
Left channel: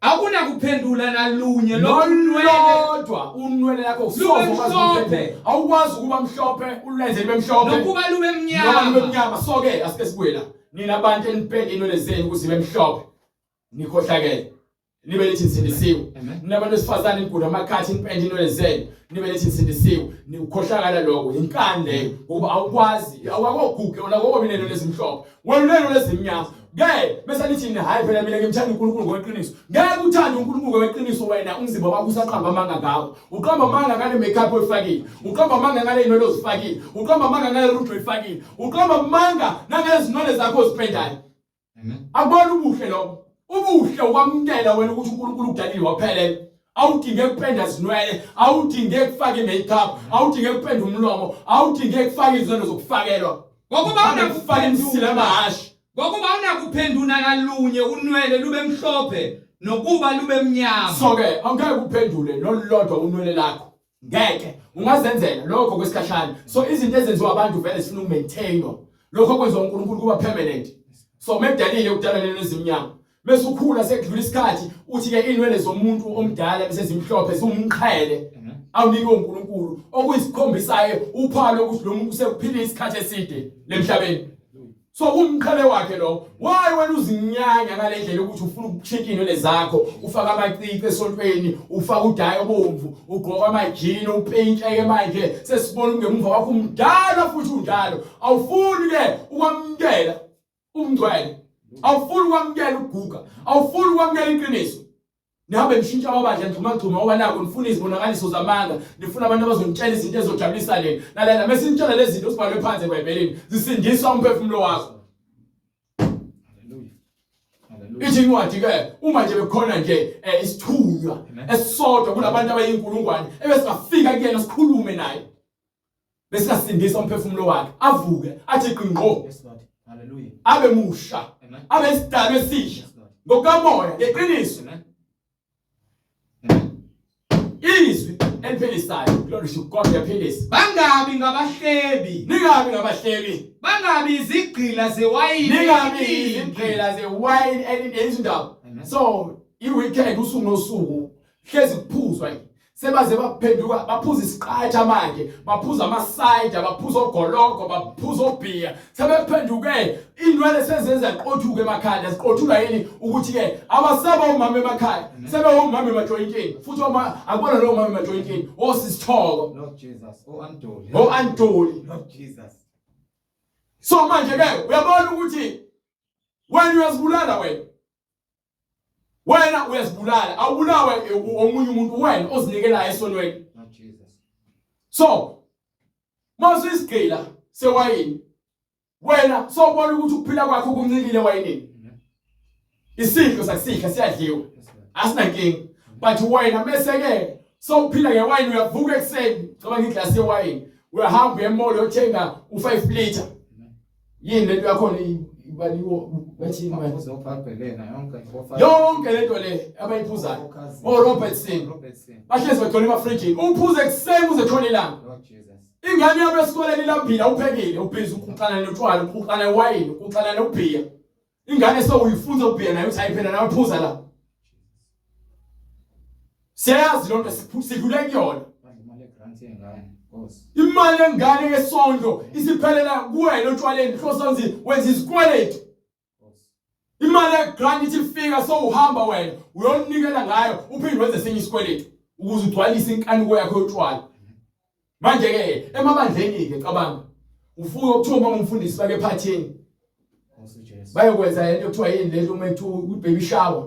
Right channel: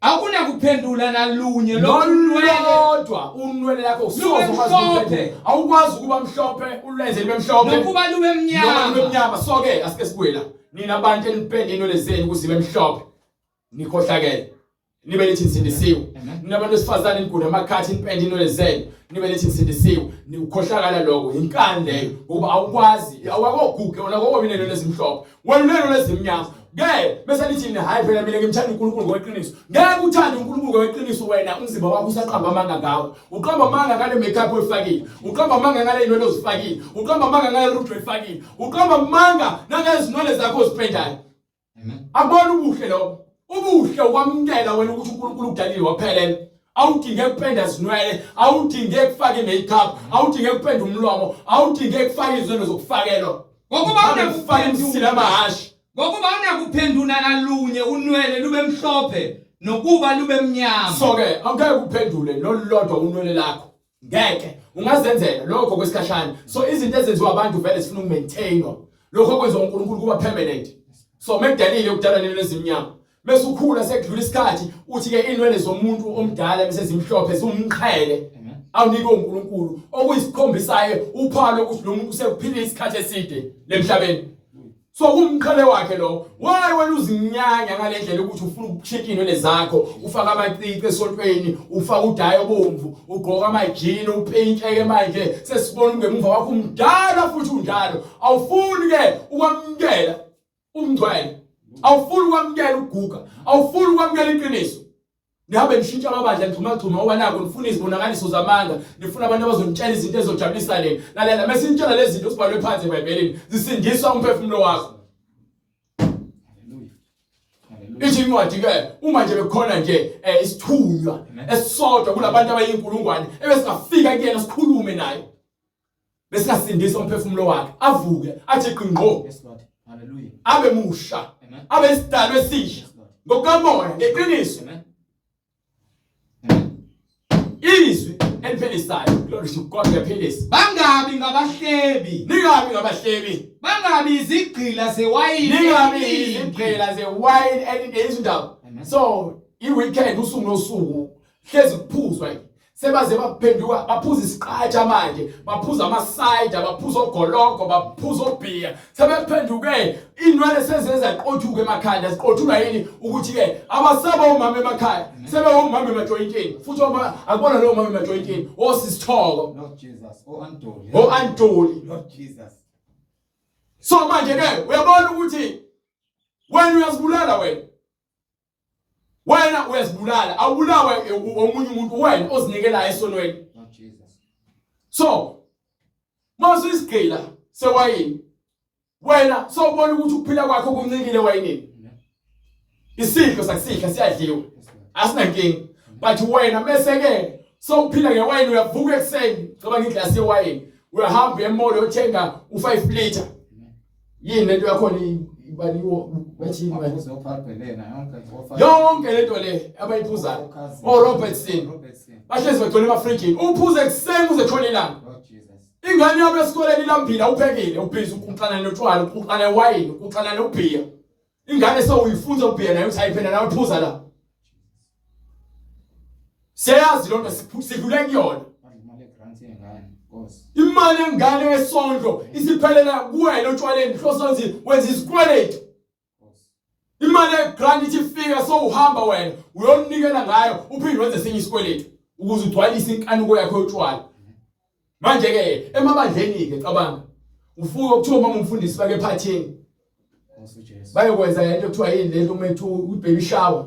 Akuna nalunye lodwa unwele lakho usozokwazi awukwazi ukuba mhlophe ulenze libe mhlophe nokuba lube mnyama. So ke asike sibuye la nina abantu enipende inwele zenu ukuthi zibe mhlophe nikhohlakele nibe lithi nisindisiwe. Nina abantu besifazane niguda amakhathi nipende inwele zenu nibe lithi nisindisiwe. Nikhohlakala lokho inkande ngoba awukwazi awakoguge olako obinelo lezimhlophe welulelo lezimnyama. Ngeke bese lithi mina hayi phela mina ngimthanda uNkulunkulu ngokweqiniso. Ngeke uthande uNkulunkulu ngokweqiniso wena umzimba wakho usaqamba amanga ngawo. Uqamba amanga ngale makeup oyifakile, uqamba amanga ngale inwele ozifakile, uqamba amanga ngale roof oyifakile, uqamba amanga nangezinwele zakho ozipendayo. Akubona ubuhle lokho. Ubuhle ukwamkela wena ukuthi uNkulunkulu udalile waphelela. Awudinge kupenda izinwele, awudinge ukufaka imakeup, awudinge kupenda umlomo, awudinge ukufaka izinto zokufakelwa. Ngokuba unakufaka imsila amahashi. Ngokuba unakuphendula nalunye unwele lube mhlophe nokuba lube mnyama. So ke angeke uphendule lolodwa unwele lakho. Ngeke ungazenzela lokho kwesikhashana. So izinto ezenziwa abantu vele sifuna ukumaintainwa. Lokho kwenziwa uNkulunkulu kuba permanent. So mekudalile ukudala lezimnyama. Bese ukhula sekudlula isikhathi uthi ke inwele zomuntu omdala bese zimhlophe zimqhele. Awunike uNkulunkulu okuyisikhombisa uphalo ukuthi lo muntu sekuphila isikhathi eside lemhlabeni. So kumqhele wakhe lo why wena uzinyanya ngale ndlela ukuthi ufuna ukuchika inwele zakho ufaka amacici esontweni ufaka udayo bomvu ugqoka amajini upentsheke manje sesibona ngemuva wakho umdala futhi unjalo awufuni ke ukwamkela umngcwele awufuni ukwamkela uguga awufuni ukwamkela iqiniso. Nihambe nishintsha amabandla ngixhuma oba nako nifuna izibonakaliso zamanga nifuna abantu abazonitshela izinto ezojabulisa lena lalela mase nitshela lezi zinto sibhalwe phansi eBhayibhelini zisindiswa umphefumulo wakho. Ithi incwadi ke uma nje bekhona nje isithunywa esisodwa kulabantu abayinkulungwane ebesingafika kuyena sikhulume naye besingasindisa umphefumulo wakhe avuke athi qingqo. Hallelujah. Abe musha abe isidalwa esisha ngokamoya ngeqiniso. Izwi eliphilisayo. Glory to God uyaphilisa. Bangabi ngabahlebi. Ningabi ngabahlebi. Bangabi izigqila zewayini. Ningabi izigqila zewayini elindezindaba. So iweekend usuku nosuku hlezi kuphuzwa sebaze baphenduka baphuza isiqatha manje baphuza amaside baphuza ogoloko baphuza obhiya sebephenduke indwele sezenza iqothuke emakhanda siqothula yini ukuthi ke abasaba umama emakhaya sebe umama emajointini futhi akubona lo umama emajointini osisithoko Lord Jesus. Antoli Lord Jesus. so manje ke uyabona ukuthi wena uyazibulala wena uyazibulala awubulawa omunye umuntu wena ozinikela esonweni Lord Jesus. so mase isigqila sewayini wena sobona ukuthi ukuphila kwakho kumncikile wayinini isidlo sakusidla siyadliwa asinankinga but wena bese ke sowuphila ngewayini uyavuka ekseni ngoba ngiglasi yewayini uyahamba emall uyothenga u5 liter yini lento yakho ibaliwo bathi yonke lento le abayiphuzayo Robertson bahlezi begcwele emafrijini uphuze ekseni uze khona ilanga ingane yabo esikoleni lambila uphekile ubhizi ukuxana notshwala ukuxana wine ukuxana nobhiya ingane sowuyifunza ubhiya nayo usayiphela nayo uphuza la siyazi lonto sidlule kuyona imali engane yesondlo isiphelela kuwena otshwaleni hlosonzi wenza isikweletu imali yegrant ifika so uhamba wena uyonikela ngayo uphinde wenze esinye isikweletu ukuze ugcwalise inkanuko yakho yotshwala manje ke emabandleni ke cabanga ufuke ukuthoma umfundisi bake phathini bayokwenza into ekuthiwa yini lento umethu baby shower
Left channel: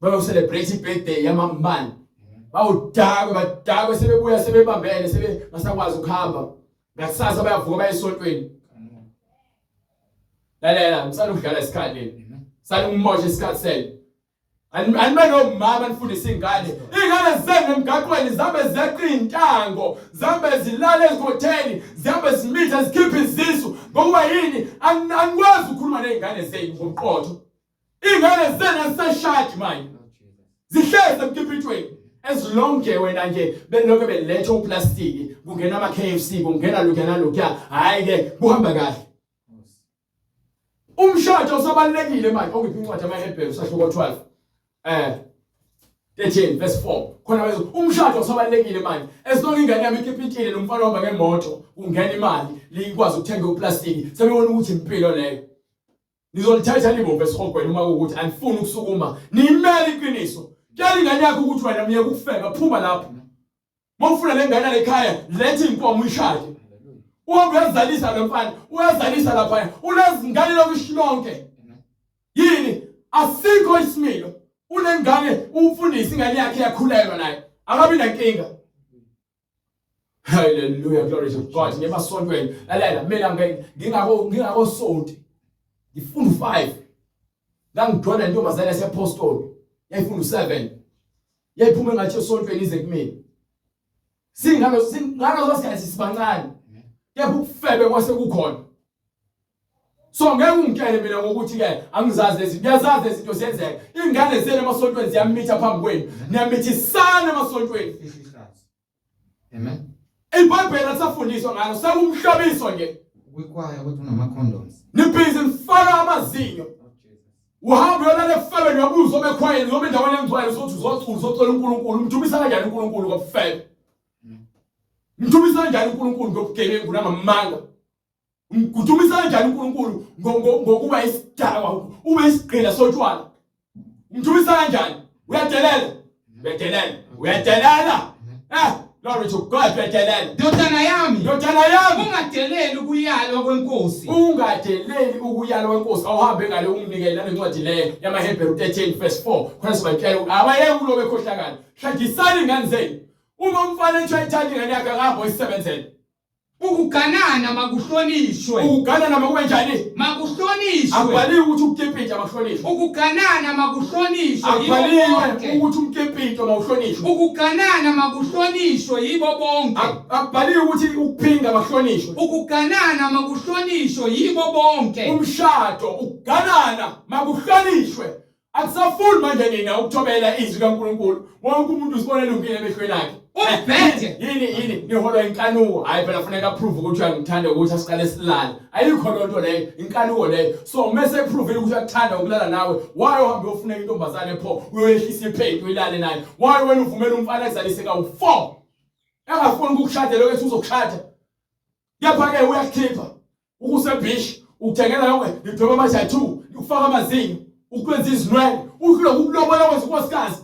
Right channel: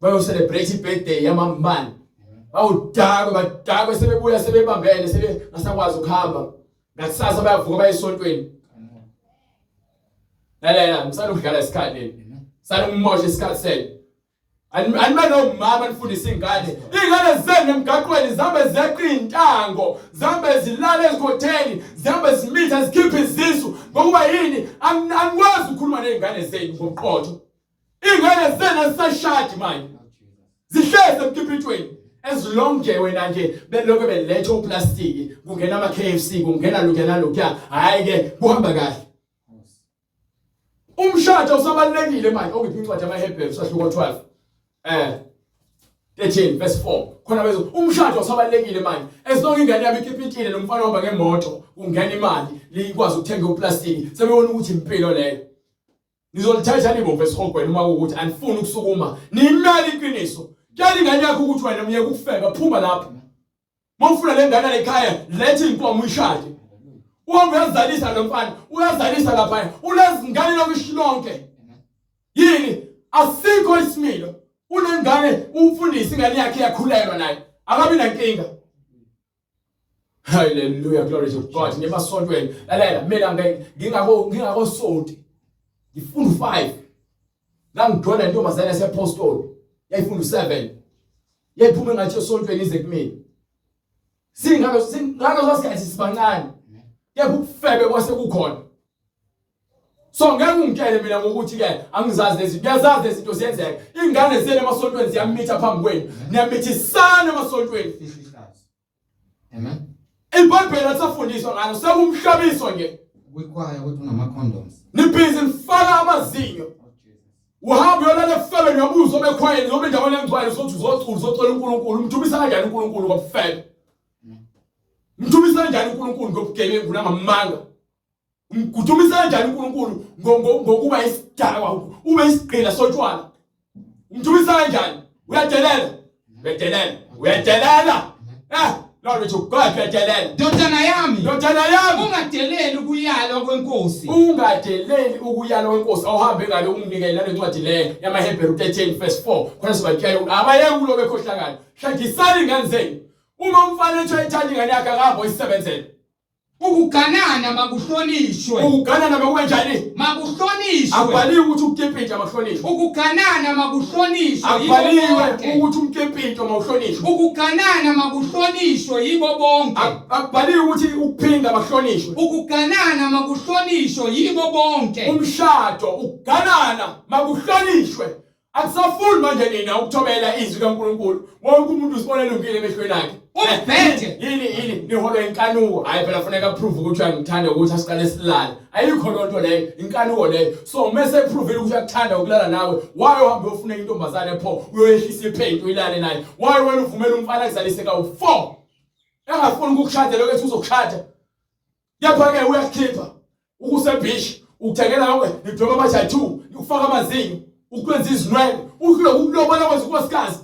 bayo celebrate birthday yamambani badakwe sebebuya sebebambene sebe ngasakwazi ukuhamba ngakusasa bayavuka bayesontweni lalela ngisala ukudlala isikhathi sala umoshe isikhathi sel animelo mama nifundisa ingane zenu emgaqweni zambe zeqa intango zambe zilale ezikhotheni zambe zimitha zikhipha izisu ngokuba yini anikwazi ukukhuluma nezingane zenu ngobuqotho ingane zenu azisashadi manje zihleze emkhiphithweni ezilonke wena nje belokho beletha uplastiki kungena ama KFC kungena lokya hayi ke kuhamba kahle umshado usabalekile manje okuphi incwadi amaHebrew sahluko 13 verse 4 khona bese umshado usabalekile manje esonke ingane yami ikhiphithile nomfana ohamba ngemoto kungena imali likwazi ukuthenga uplastiki sebebona ukuthi impilo leyo nizolithatha libo verse 4 kwena uma ukuthi anifuni ukusukuma nimele iqiniso Kali ingane yakho ukuthi wena uye ukufeka phuma lapha. Mawufuna lengane la ekhaya lethe inkomo uyishade. Uhambe uyazalisa lo mfana, uyazalisa lapha. Unezingane lokushilonke. Yini? Asikho isimilo. Unengane umfundisi ingane yakhe yakhulelwa naye. Akabi nankinga. Hallelujah, glory to God. Ngebasontweni. Lalela mina ngingako sonti. Ngifunda 5. Ngangidona intombazane yaseapostoli. Yayifunda 7. Yayiphuma ngathi esontweni ize kumina. Singalo sasikhathi sibancane. Yebo ukufebe kwase kukhona. So ngeke ungitshele mina ngokuthi ke angizazi lezi ngiyazazi izinto ziyenzeka. Ingane zele emasontweni ziyamitha phambi kwenu. Niyamithisana emasontweni. Amen. IBhayibheli atsafundiswa ngalo sekumhlabiso nje. Kuyikwaya ukuthi unama condoms. Nibhizi mfaka amazinyo. Uhambe yolale febe ngiyabuza obekhwayeni noma endaweni engcwele sokuthi uzocela uNkulunkulu umthumisa kanjani uNkulunkulu ngokufebe. Umthumisa kanjani uNkulunkulu ngokugebengu namamanga. Umthumisa kanjani uNkulunkulu ngokuba isidakwa ube isigqila sotshwala. Umthumisa kanjani? Uyadelela. Glory to God, uyadelela. Ndodana yami Ungadeleli ukuyalwa kwenkosi. Ungadeleli ukuyalwa kwenkosi. Awuhambe ngale umnikele nale ncwadi le yamaHebrew 13 verse 4. Khona sibatshela abayeke kulo bekhohlakala. Hlangisani ingane zenu. Uma umfana etshayithanda ingane yakhe akahamba oyisebenzele. Ukuganana makuhlonishwe. Ukuganana makube njani? Makuhlonishwe. Akubaliwe ukuthi ukukephinta makuhlonishwe. Ukuganana makuhlonishwe. Akubaliwe ukuthi ukukephinta makuhlonishwe. Ukuganana makuhlonishwe yibo bonke. Akubaliwe ukuthi ukuphinga makuhlonishwe. Ukuganana makuhlonishwe yibo bonke. Umshado ukuganana makuhlonishwe. Akusafuni manje nina ukuthobela izwi likaNkulunkulu. Wonke umuntu usibona elungile emehlweni akhe. Umphethe Yini niholwa inkanuko. Hayi phela kufanele approve ukuthi uyangithanda ukuthi asiqale silale. Ayikho lonto leyo, inkanuko leyo. So mase prove ukuthi uyakuthanda ukulala nawe. Why uhambe ufuna intombazane pho uyoyehlisa ipaint uyilale naye? Why wena uvumela umfana ekuzalise ka4? Engafuni ukukushada lokho ethi uzokushada. Kepha ke uyakhipha. Ukusebish, ukuthengela konke, nidweba ama-tattoo, ukufaka amazinyo, ukwenza izinwele, ukulobona kwenza unkosikazi.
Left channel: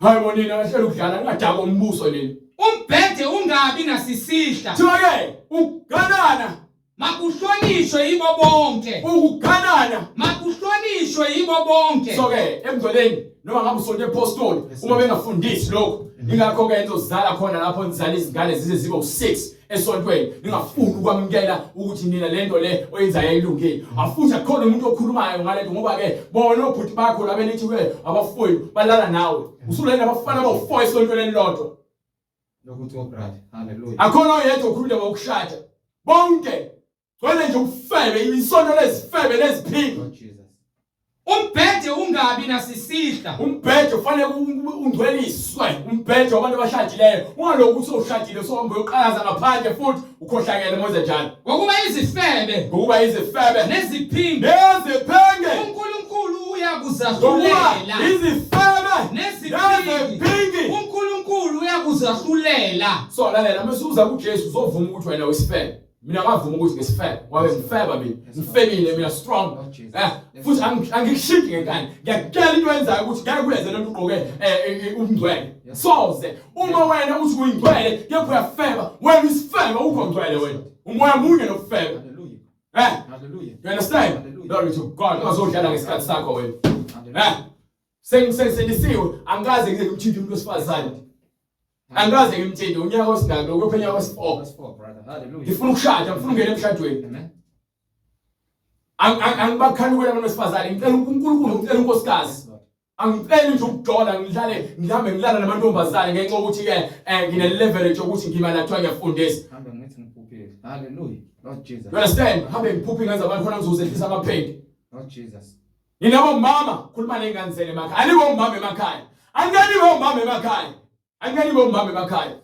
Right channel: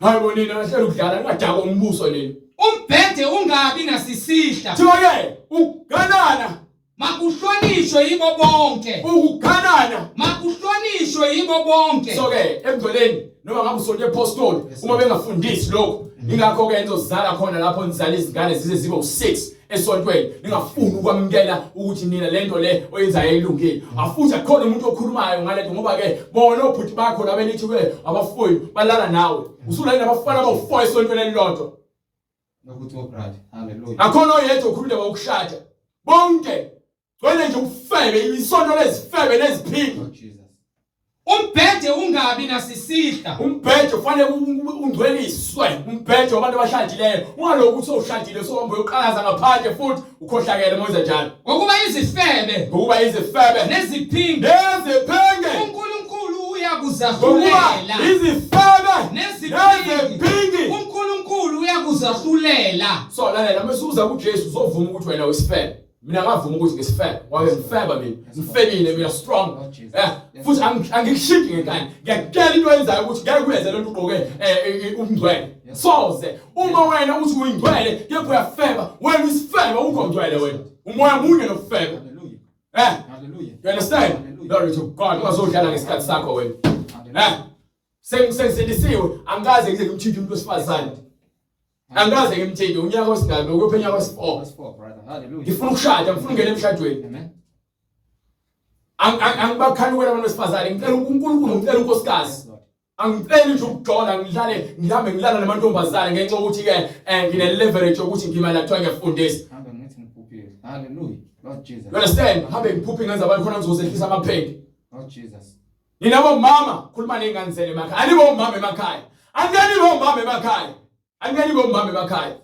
Hayi bonina lahlala ukudlala ngadaka umbuso nini. umphethe ungabi nasisihla Thiwa-ke ukuganana, makuhlonishwe yibo bonke ukuganana. makuhlonishwe yibo bonke So-ke emgcweleni noma ngabe usonye apostoli uma bengafundisi lokho, ingakho ke nizozala khona lapho nizala izingane zize zibe u6 esontweni. Ningafuni ukwamukela ukuthi nina lento le oyenzayo ayilungile. Afuthi akhona umuntu okhulumayo ngalento ngoba ke bona obhuti bakho labenithi we abafuyi balala nawe. Usulala nabafana abo4 esontweni elilodwa. Lokuthi brother. Hallelujah. Akhona oyedwa okhuluma ngokushada. Bonke gcwele nje ukufebe isonto lezifebe leziphingi. Lord Jesus. umphethe ungabi nasisihla Umphethe ufanele ungcweliswe. Umphethe wabantu abashadileyo. Ungaloku uthi ushadile sohambe uyoqalaza ngaphandle futhi ukhohlakele moze njalo. ngokuba izifebe Ngokuba izifebe neziphingi neziphenge. uNkulunkulu Ngokuba uyakuzahlulela izifebe neziphingi neziphingi. uNkulunkulu uyakuzahlulela So lalela masuza kuJesu uzovuma ukuthi wena uyisifebe. Mina ngavuma ukuthi ngisifebe. Wabe ngifeba mina. Ngifebile mina strong. Futhi angikushiki ngekani. Ngiyakutshela into eyenzayo ukuthi ngeke kuyenze lento ugqoke umngcwele. Soze uma wena uthi uyingcwele kepha uyafeba, wena uyisifebe ukongcwele wena. Umoya munye nokufeba. Hallelujah. Hallelujah. You understand? Hallelujah. Glory to God. Bazodlala ngesikhathi sakho wena. Hallelujah. Sengidisiwe angaze ngize ngimthinta umuntu wesifazane. Angaze ngimthinta unyaka wesingaki ukuphenya wes4. Verse 4, brother. Hallelujah. Ngifuna ukushada, ngifuna ungena emshadweni. Amen. Angibakhanukela abantu besifazane, ngicela uNkulunkulu, ngicela unkosikazi. Yes, Lord. Angicela nje ukujola ngihambe ngilala namantombazane ngenxa ukuthi ke ngine leverage ukuthi ngimala kuthiwa ngiyafundisa. Hambe ngithi ngikuphi. Hallelujah. Lord Jesus. You understand? Hambe ngiphuphe ngenza abantu khona ngizozehlisa amaphende. Lord Jesus. Ninabo mama khuluma nengane zenu emakhaya. Anibo mama emakhaya. Angenibo mama emakhaya. Angenibo mama emakhaya.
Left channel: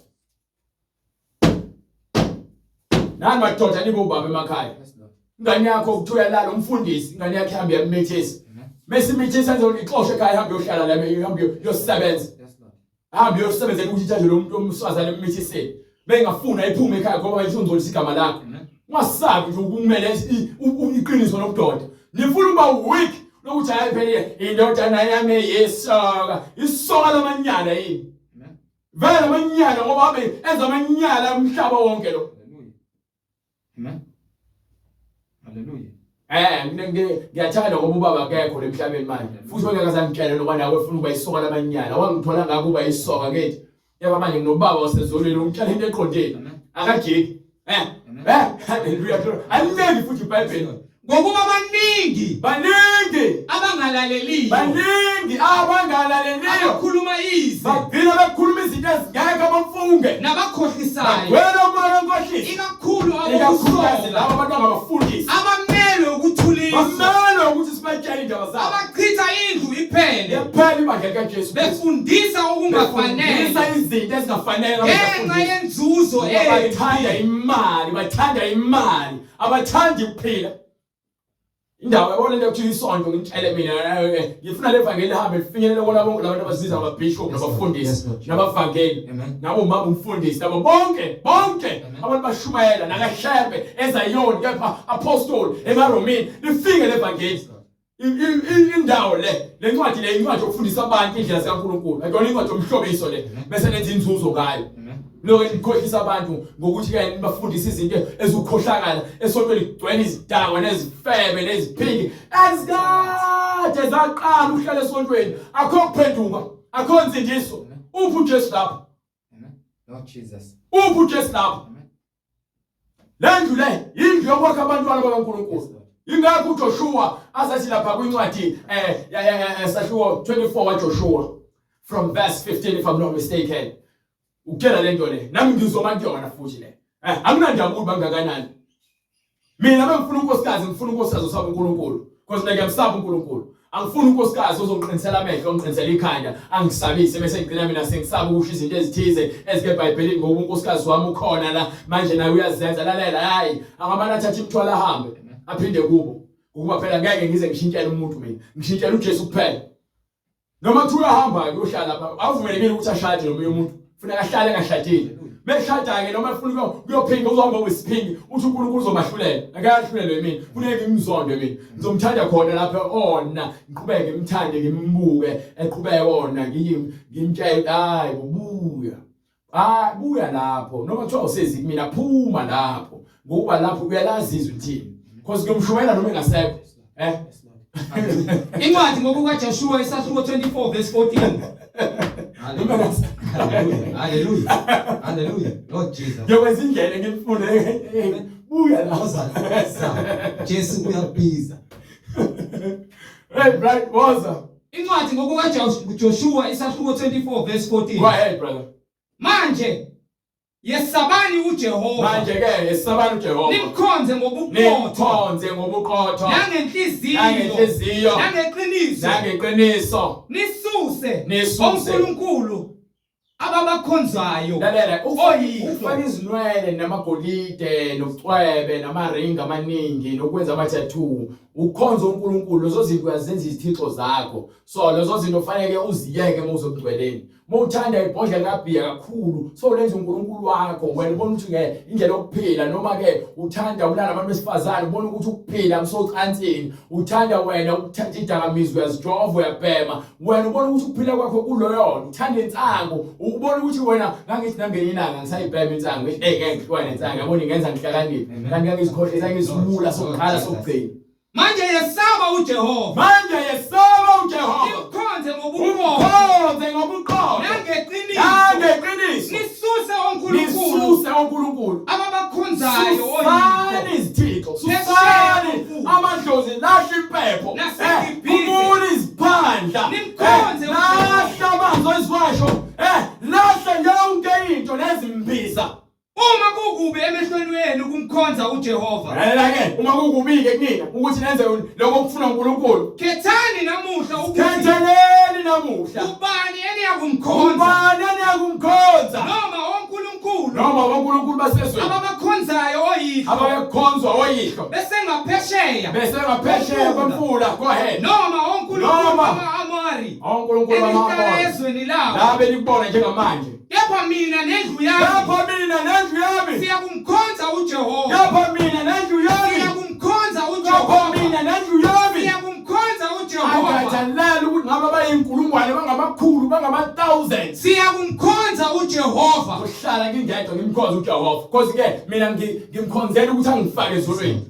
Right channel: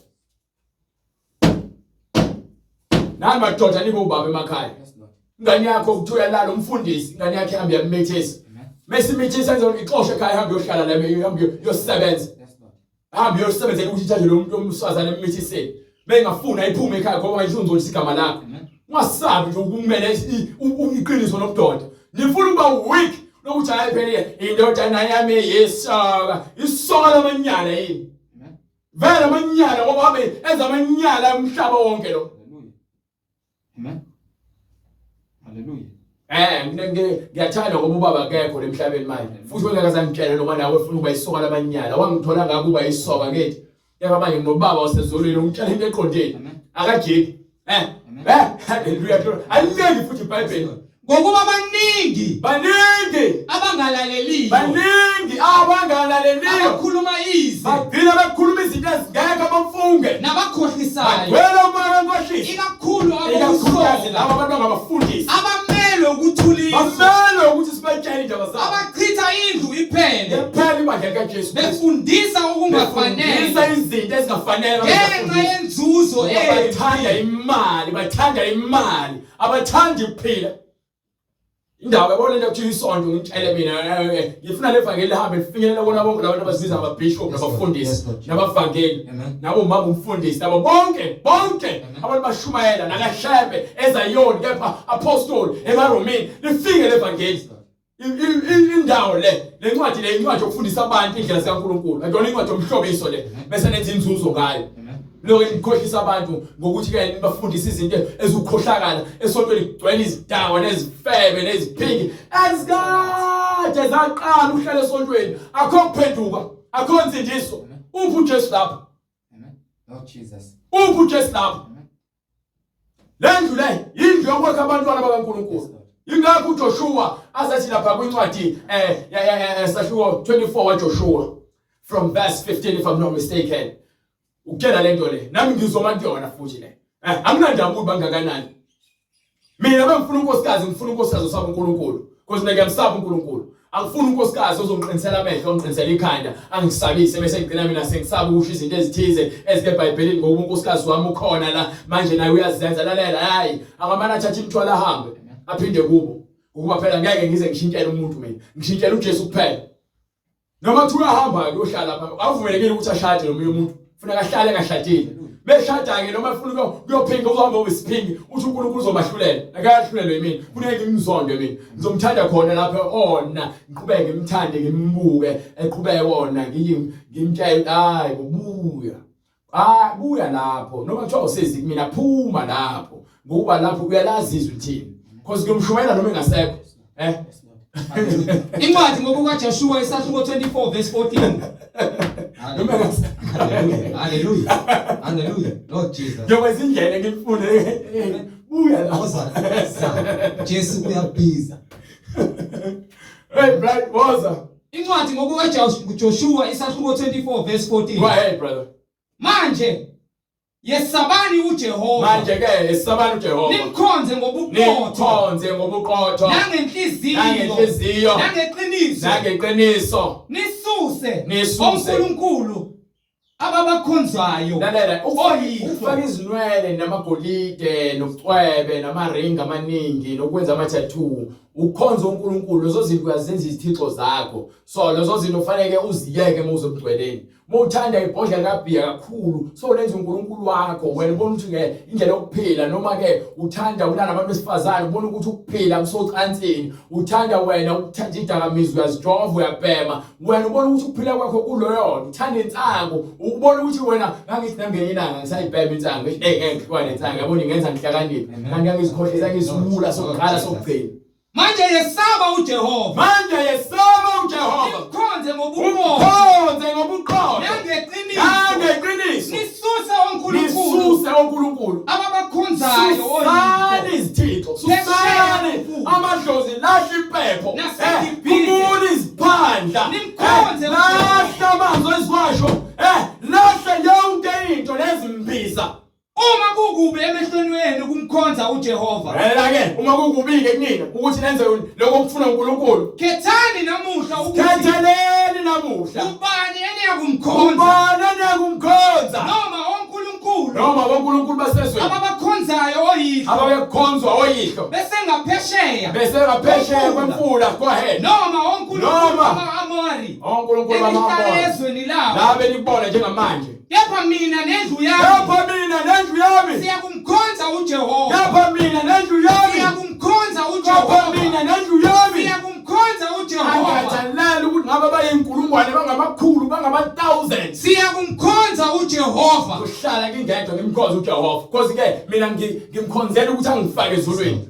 Nani madoda nibo baba emakhaya. Yes, Lord. Ingane yakho ukuthiwa uyalala umfundisi, ingane yakhe ihambe yamithisa. Amen. Mesimithisa enze ixoshe ekhaya ihambe yohlala la ihambe yosebenza. Yes, Lord. Ahambe yosebenzela ukuthi itshaje lo muntu omswazana emithiseni. Bengafuna iphume ekhaya ngoba ngisho ngizolisa igama lakho. Amen. Ungasabi nje ukumele iqiniso lobudoda. Nifuna ukuba weak lokuthi ayiphelele indodana yami yesoka. Isoka lamanyala yini? Amen. Vele amanyala ngoba habe enza amanyala umhlaba wonke lo. Amen. Hallelujah. Ngiyathanda ngoba ubaba akekho emhlabeni manje. Futhi wengakazangitshela noba nawe ufuna ukuba isoka lamanyala. Wangithola ngako kuba isoka ngethi. Yaba manje nginobaba osezolweni ungitshela into eqondile. Amen. Akajiki. Hallelujah. Ayiningi futhi iBhayibheli. ngokuba baningi Baningi abangalaleliyo abangalaleliyo. abakhuluma izwi Bagcina bakhuluma izinto ezingekho abafunge. nabakhohlisayo Wena umoya wenkohlisi. ikakhulu Ikakhulukazi abokusoka laba abantu abafundisi. abamelwe ukuthuliswa Bamele ukuthi sibatshele indaba zabo. abachitha indlu iphele Yaphela ibandla likaJesu. befundisa Befundisa okungafanele izinto ezingafanele ngenxa yenzuzo bathanda imali, abathandi ukuphila. Indaba yabona into ekuthiwa isonto ngitshele mina ngifuna levangeli lihambe lifinyelele kona bonke labantu abazibiza amabishop nabafundisi nabavangeli nabo mama umfundisi nabo bonke abantu bashumayela nakaHlebe eZayoni kepha apostoli emaromini lifike levangeli. Indawo le ncwadi le incwadi yokufundisa abantu indlela zikaNkulunkulu. Ayona incwadi yomhlobiso le bese nenza inzuzo ngayo. Lokho ikhohlisa abantu ngokuthi ke bafundisa izinto ezikhohlakala esontweni ligcwele izidawo nezifebe neziphingi ezikade zaqala uhlale esontweni akho kuphenduka akho insindiso. Uphi uJesu lapha? Amen. Lord Jesus. Uphi uJesu lapha? Amen. Lendlu le indlu yokwakha abantwana bakaNkulunkulu. Ingakho uJoshua asathi lapha kwincwadi sahluko 24 waJoshua from verse 15 if I'm not mistaken. Ukutshela lento le nami ngizoma kuyona futhi le. Anginandaba ukuthi bangakanani. Mina bengifuna unkosikazi ngifuna unkosikazi osaba uNkulunkulu. because ngeke ngisaba uNkulunkulu. Angifuni unkosikazi ozongiqinisela amehlo, ongiqinisela ikhanda, angisabise bese ngigcina mina sengisaba ukusho izinto ezithize ezike eBhayibhelini ngoba unkosikazi wami ukhona la manje naye uyazenza lalela hayi angamana athathe imthwala ahambe aphinde kubo ukuba phela ngeke ngize ngishintshele umuntu mina ngishintshele uJesu kuphela. Noma kuthiwa hamba ke uhlala lapha awuvumelekile ukuthi ashade nomunye umuntu kufanele ahlale ngashadile. Beshada ke noma ufuna ukuyophinga uzohamba wesiphingi uthi uNkulunkulu uzomahlulela akayahlulelwe yimi kuneke ngimzonde mina ngizomthanda khona lapha ona ngiqhubeke ngimthande ngimbuke eqhubeke ona ngimtshela hayi ubuya buya lapho noma kuthiwa usezi mina phuma lapho ngoba lapho uyalazizwa uthini because ngiyomshumayela noma engasekho Incwadi ngokuka Joshua isahluko 24 verse 14. Hallelujah. Hallelujah. Lord Jesus. Njengoba indlela ngimfune buya lapho. Jesu uyabhiza. Hey brother, woza. Incwadi ngokuka Joshua isahluko 24 verse 14. Go ahead brother. Manje yesabani uJehova. Manje ke yesabani uJehova. Nimkhonze ngobuqotho. Nangenhliziyo. Nangeqiniso. Nisuse uNkulunkulu ababakhonzayo. Lalela ufaka izinwele namagolide nobucwebe namaringi amaningi nokwenza ama-tattoo. Ukhonza uNkulunkulu lezo zinto uyazenza izithixo zakho. So lezo zinto ufanele uziyeke muze emgcweleni. Mawuthanda ibhodlela kabhiya kakhulu so lenza uNkulunkulu wakho wena ubona ukuthi ke indlela yokuphila noma ke uthanda ulana abantu besifazane ubona ukuthi ukuphila msocansini uthanda wena ukuthanda idakamizwa uyazijova uyabhema wena ubona ukuthi ukuphila kwakho kuloyo uthanda insango ubona ukuthi wena ngangithi nangeni inanga ngisayibhema insango ngeke ngihlwane insango yabona ngenza ngihlakaniphe kanti ngangizikhohlisa ngizibula sokuqala sokugcina. Manje yesaba uJehova. Nimkhonze ngobuqotho. Nangeqiniso. Nisuse uNkulunkulu ababakhonzayo Susani izithixo. Susani amadlozi lahla impepho. Ubuni iziphandla. Nimkhonze lahla amanzi esiwasho. Lahla yonke into lezimbisa. Uma kukubi emehlweni wenu kumkhonza uJehova. Ke uma kukubi ke kunina ukuthi nenze lokho okufuna uNkulunkulu. Khethani namuhla ukuthi Khetheleni namuhla. ubani eniyakumkhonza. Noma onkulunkulu basezweni. Ababakhonzayo oyihlo. Abayakhonzwa oyihlo. Bese ngaphesheya kwemfula go ahead. Noma onkulunkulu ama-Amori. Onkulunkulu ama-Amori. Ezweni lawo. Labe libona njengamanje. Kepha mina nendlu yami. Siyakumkhonza uJehova. Siyakumkhonza uJehova. Angathandali ukuthi ngabe bayinkulungwane bangamakhulu bangama-thousands. Siyakumkhonza uJehova. Uhlala ngingedwa ngimkhonza uJehova. Because ke mina ngimkhonzela ukuthi angifake ezulwini.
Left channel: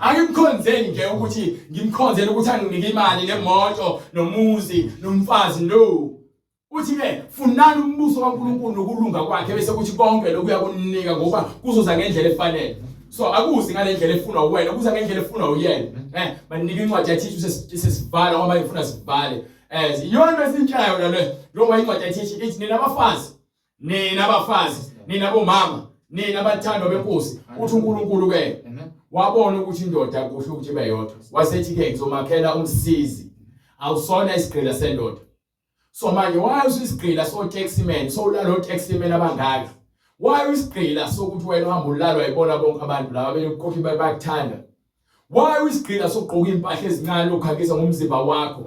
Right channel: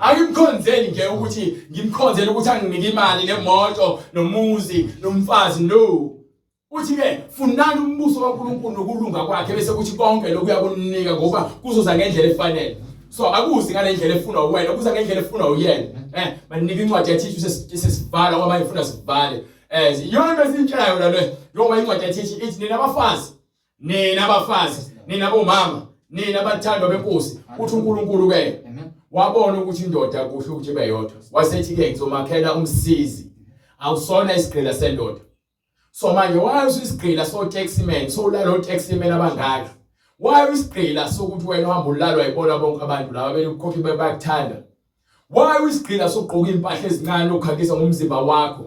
Angimkhonzeli nje ukuthi ngimkhonzela ukuthi anginike imali nemoto nomuzi nomfazi no. Uthi ke funani umbuso kaNkulunkulu nokulunga kwakhe bese kuthi konke lokhu uyakunika ngoba kuzoza ngendlela efanele. So akuzi ngalendlela efuna wena kuza ngendlela efuna uyena. Banika incwadi yathi sesivala ngoba ngifuna sivale. Yona besintshaya yona le ngoba incwadi yathi ithi nina abafazi nina bomama nina abathandwa benkosi uthi uNkulunkulu ke wabona ukuthi indoda kusho ukuthi beyodwa wasethi ke ngizomakhela umsizi awusona isigqila sendoda. So manje why usigqila so taximan so lalo taximan abangaka why usigqila sokuthi wena uhamba ulalwa yibona bonke abantu laba belokhophi bayakuthanda why usigqila soqoka impahla ezincane lokhakisa ngomzimba wakho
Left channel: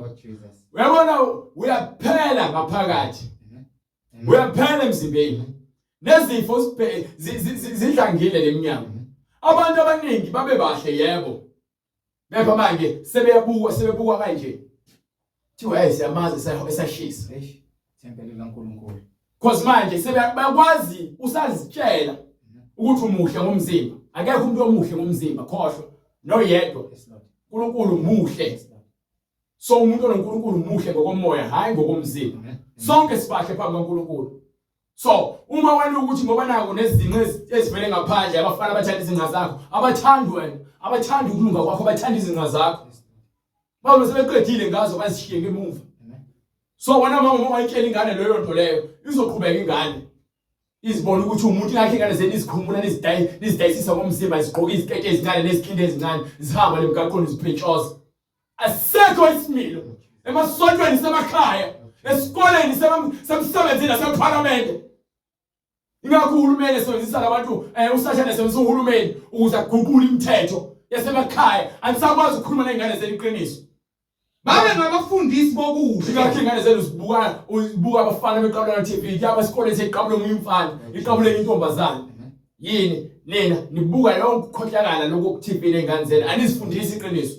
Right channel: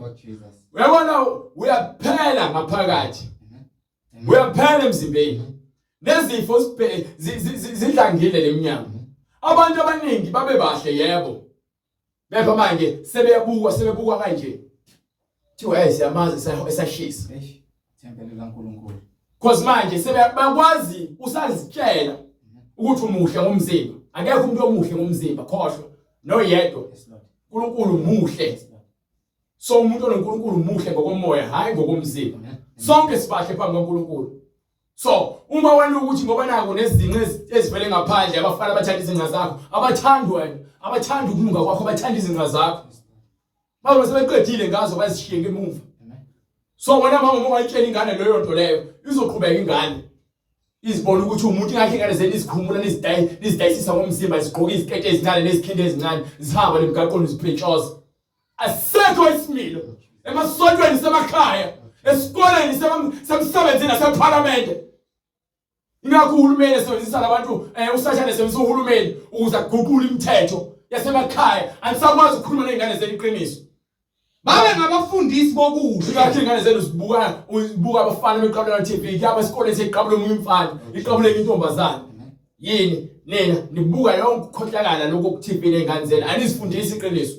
uyabona uyaphela ngaphakathi uyaphela emzimbeni nezifo zidlangile leminyama abantu abaningi babe bahle yebo bepha manje sebebukwa kanje thiwa siyamazi esashisa tempele likaNkulunkulu. Because manje sebeyakwazi usazitshela ukuthi umuhle ngomzimba akekho umuntu omuhle ngomzimba khohlwa noyedwa uNkulunkulu muhle. So umuntu oNkulunkulu muhle ngokomoya hayi ngokomzimba. Sonke sibahle phambi kaNkulunkulu. So uma wena ukuthi ngoba nako nezinqe ezivele ngaphandle abafana abathanda izinqa zakho abathanda ukulunga kwakho abathanda izinqa zakho babe sebeqedile ngazo bazishiye ngemuva. So wena mama wayitshela ingane leyo nto leyo izoqhubeka ingane izibona ukuthi umuntu ingakhe ingane zeni izikhumula nizidayisisa ngomzimba izigqoka izikete ezincane nezikhindi ezincane zihamba lemgaqweni ziphritshoza asekho isimilo emasontweni semakhaya esikoleni semsebenzini naseparlamente. Ingakho uhulumeni esebenzisa labantu usashane esebenzisa uhulumeni ukuze aguqule imithetho yasemakhaya. Anisakwazi ukukhuluma nezingane zenu iqiniso. Babe ngabafundisi bokuhle. Ingakho ingane zenu uzibuka abafana beqabula TV, yaba esikoleni seqabula umfana, iqabule intombazana. Yini nina nibuka yonke ukhohlakala lokho ku TV nezingane zenu. Anizifundisi iqiniso.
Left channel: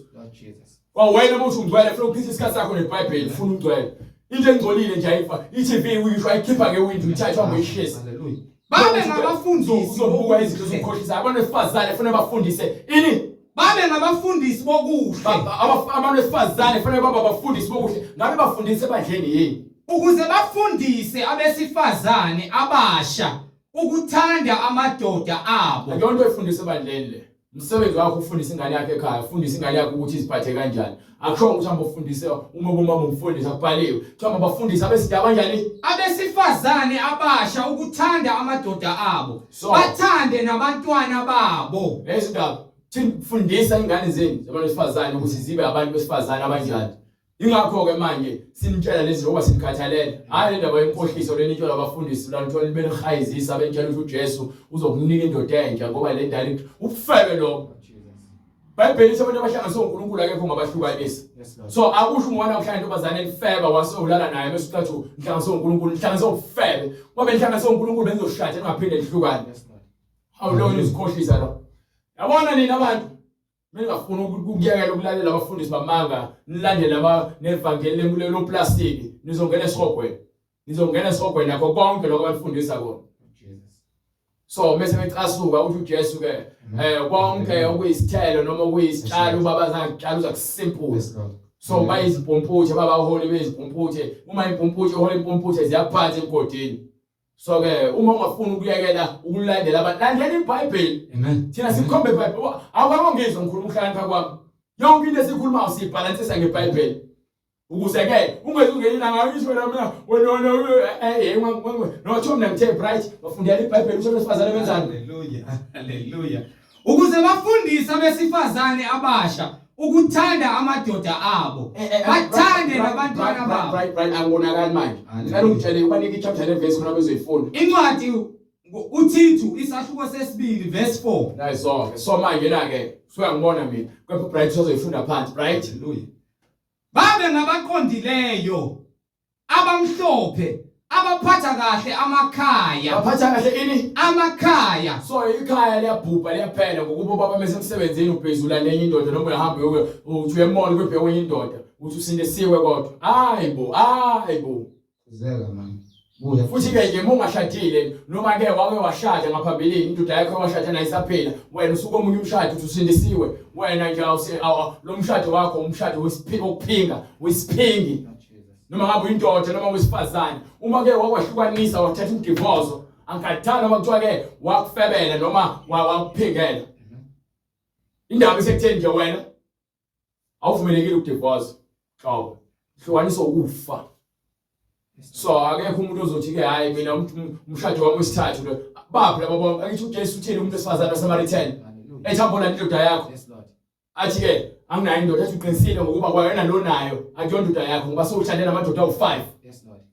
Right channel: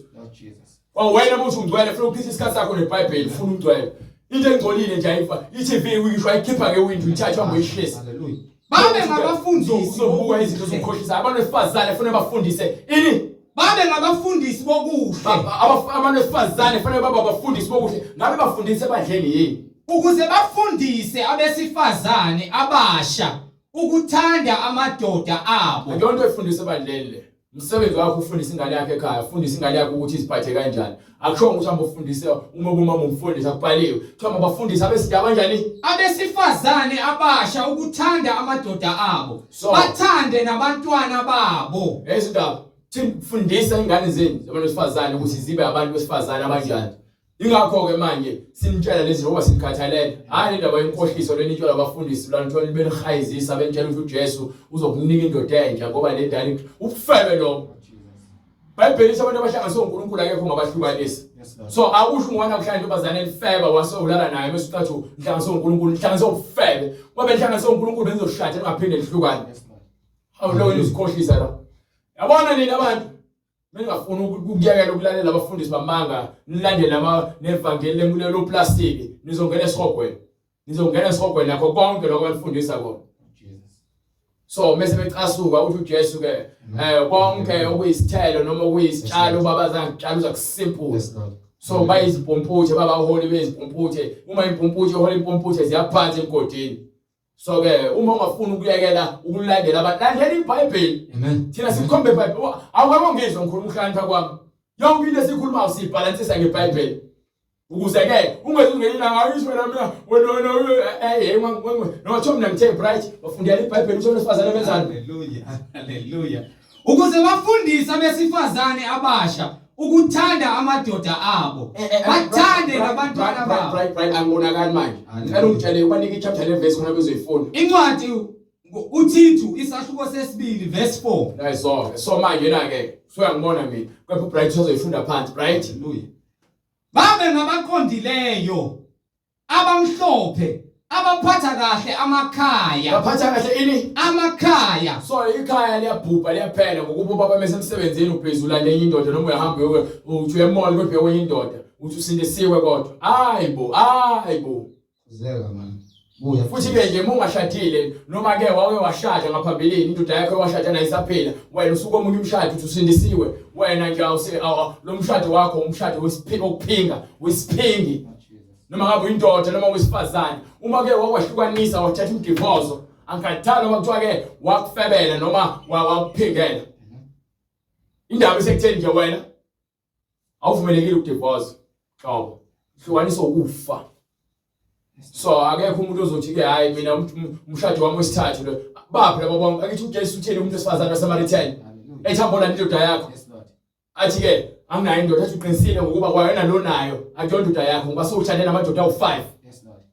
Wena manje ungcwele ufuna ukuphisa isikhathi sakho neBhayibheli ufuna ungcwele. Into engcolile nje ayifa. iTV uyisho ayikhipha ngewindow ithathwa ngoyishisa. Hallelujah. Babe ngabafundisi uzobuka izinto zokukhohlisa. Abantu besifazane ufuna bafundise ini? Babe ngabafundisi bokuhle. Abantu besifazane ufuna baba abafundisi bokuhle. Ngabe bafundise ebandleni yini? Ukuze bafundise abesifazane abasha ukuthanda amadoda abo. Akuyonto efundisa ebandleni le. Umsebenzi wakho ufundisa ingane yakhe ekhaya, ufundisa ingane yakho ukuthi iziphathe kanjani. Akusho ukuthi hamba ufundise umama umfundisa kubhaliwe. Kuthiwa bafundisa abesidaba kanjani? Abesifazane abasha ukuthanda amadoda abo. Bathande nabantwana babo. Ezindaba fundisa ingane zenu zabantu besifazane ukuthi zibe abantu besifazane abanjani. Ingakho ke manje sinitshela lezi ngoba sinikhathalele. Hayi indaba yenkohliso lenitshela abafundisi lanithola benihayizisa bentshela ukuthi uJesu uzokunika indoda entsha ngoba le ndala ukufebe lo. Bhayibheli abantu abahlanganiswe uNkulunkulu akekho ngabahlukanisi. So akusho ungana kuhlala intobazane elifeba wase ulala naye bese uthathu nhlanganiswe uNkulunkulu, nhlanganiswe ufebe. Ngoba nhlanganiswe uNkulunkulu benizoshatha ningaphinde nihlukane. Hawu lo izikhohlisa la. Yabona nina abantu Mengafuna ukuyekela ukulalela abafundisi bamanga, nilandele nevangeli lemulelo plastic, nizongena esihogweni. Nizongena esihogweni yakho konke lokho abafundisa kona. So mase becasuka uthi uJesu ke konke okuyisithelo noma okuyisitshalo babazange kutshala uza kusimple. So bayizimpumputhe baba uholi bezimpumputhe, uma impumputhe uholi impumputhe ziyaphansi enkodini. So ke uma ungafuna ukuyekela ukulandela abalandela iBhayibheli. Amen. Thina sikhombe iBhayibheli. Awukangizwa ngikhuluma ukuhlakanipha kwami. Yonke into esikhuluma usibhalansisa ngeBhayibheli. Ukuze ke ungezungena ngayisho mina wena no mina ngithe bright bafundela iBhayibheli ukuthi besifazane benzani. Hallelujah. Hallelujah. Ukuze bafundise abesifazane abasha ukuthanda amadoda abo. Bathande nabantwana babo. Right angibonakala manje. Ngicela ungitshele ubanike ichapter leverse khona bezoyifunda. Incwadi uThithu isahluko sesibili verse 4. Nice. So manje na ke suyangibona mina. Kepha bright uzoyifunda phansi, bright. Hallelujah. Babe ngabaqondileyo abamhlophe abaphatha kahle amakhaya. Baphatha kahle ini? Amakhaya. So ikhaya liyabhubha liyaphela ngokuba baba mesemsebenzini uphezula lenye indoda noma uyahambe uthi uyemall kwebhe kwenye indoda uthi usindisiwe kodwa. Hayibo. Kuzeka man. Buya Futhi ke nje ungashadile noma ke wake washada ngaphambilini indoda yakho washada nayo isaphila wena usuke omunye umshado uthi usindisiwe wena nje lo mshado wakho umshado wesiphingi noma ngabe indoda noma wesifazane uma ke wakwahlukanisa wathatha udivorce angikhathana noma kuthiwa ke wakufebela noma wakuphingela indaba esekutheni nje wena awuvumelekile ukudivorce hlobo hlukanisa ukufa. So akekho umuntu ozothi ke hayi mina umshado wami wesithathu lo baphi laba bonke akithi uJesu uthini umuntu wesifazane waseMarithani ethambona indoda yakho athi ke anginayo indoda ethi uqinisile ngokuba kwayena lo nayo akuyona indoda yakho ngoba sewuthande namadoda awu5.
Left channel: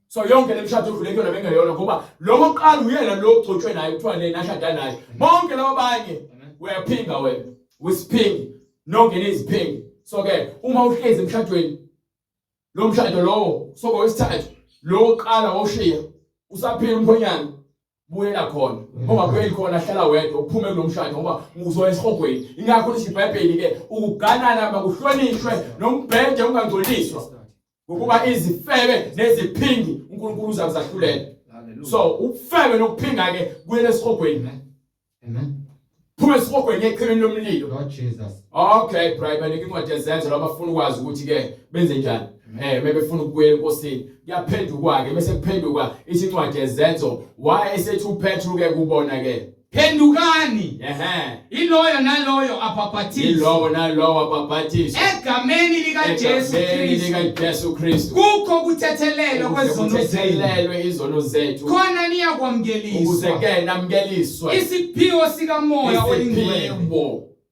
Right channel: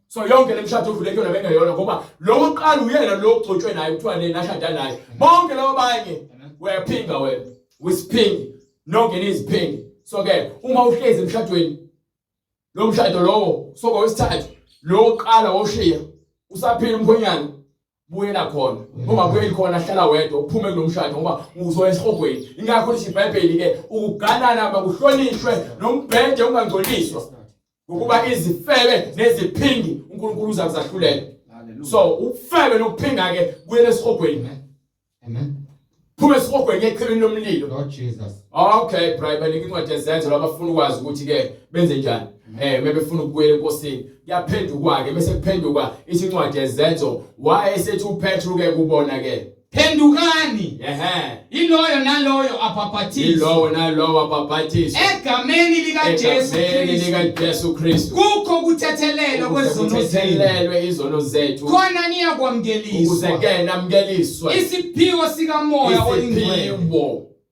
So yonke lemshado odlule kuyona bengeyona ngoba lo oqala uyena lo ogcotshwe naye kuthiwa nashada naye bonke labo abanye uyaphinga wena wisiphingi nongena iziphingi. So ke uma uhlezi emshadweni lo mshado lowo soko wesithathu lo oqala woshiya usaphila umkhonyana buyela khona ungabuyeli khona hlala wedwa uphume kulomshado ngoba uzoya esihogweni. Ingakho lithi iBhayibheli ke ukuganana abakuhlonishwe nombhede ungangcoliswa ngokuba izifebe neziphingi uNkulunkulu uzakuzahlulela. So ukufebe nokuphinga ke buyela esihogweni. Amen. Phume esihogweni eqhibini lomlilo. Lord Jesus. Okay, Bible incwadi yezenzo labafuna ukwazi ukuthi ke benze njani. Mebefuna ukubuyela enkosini yaphenduka ke bese kuphenduka isincwadi yezenzo wayesethi uPetru ke kubona ke Phendukani. Iloyo naloyo abhabhathiswe. Egameni likaJesu Kristu. Kukho kuthethelelwa izono zethu. Khona niyakwamukeliswa. Ukuze ke namukeliswe. Isiphiwo sikamoya oyingcwele.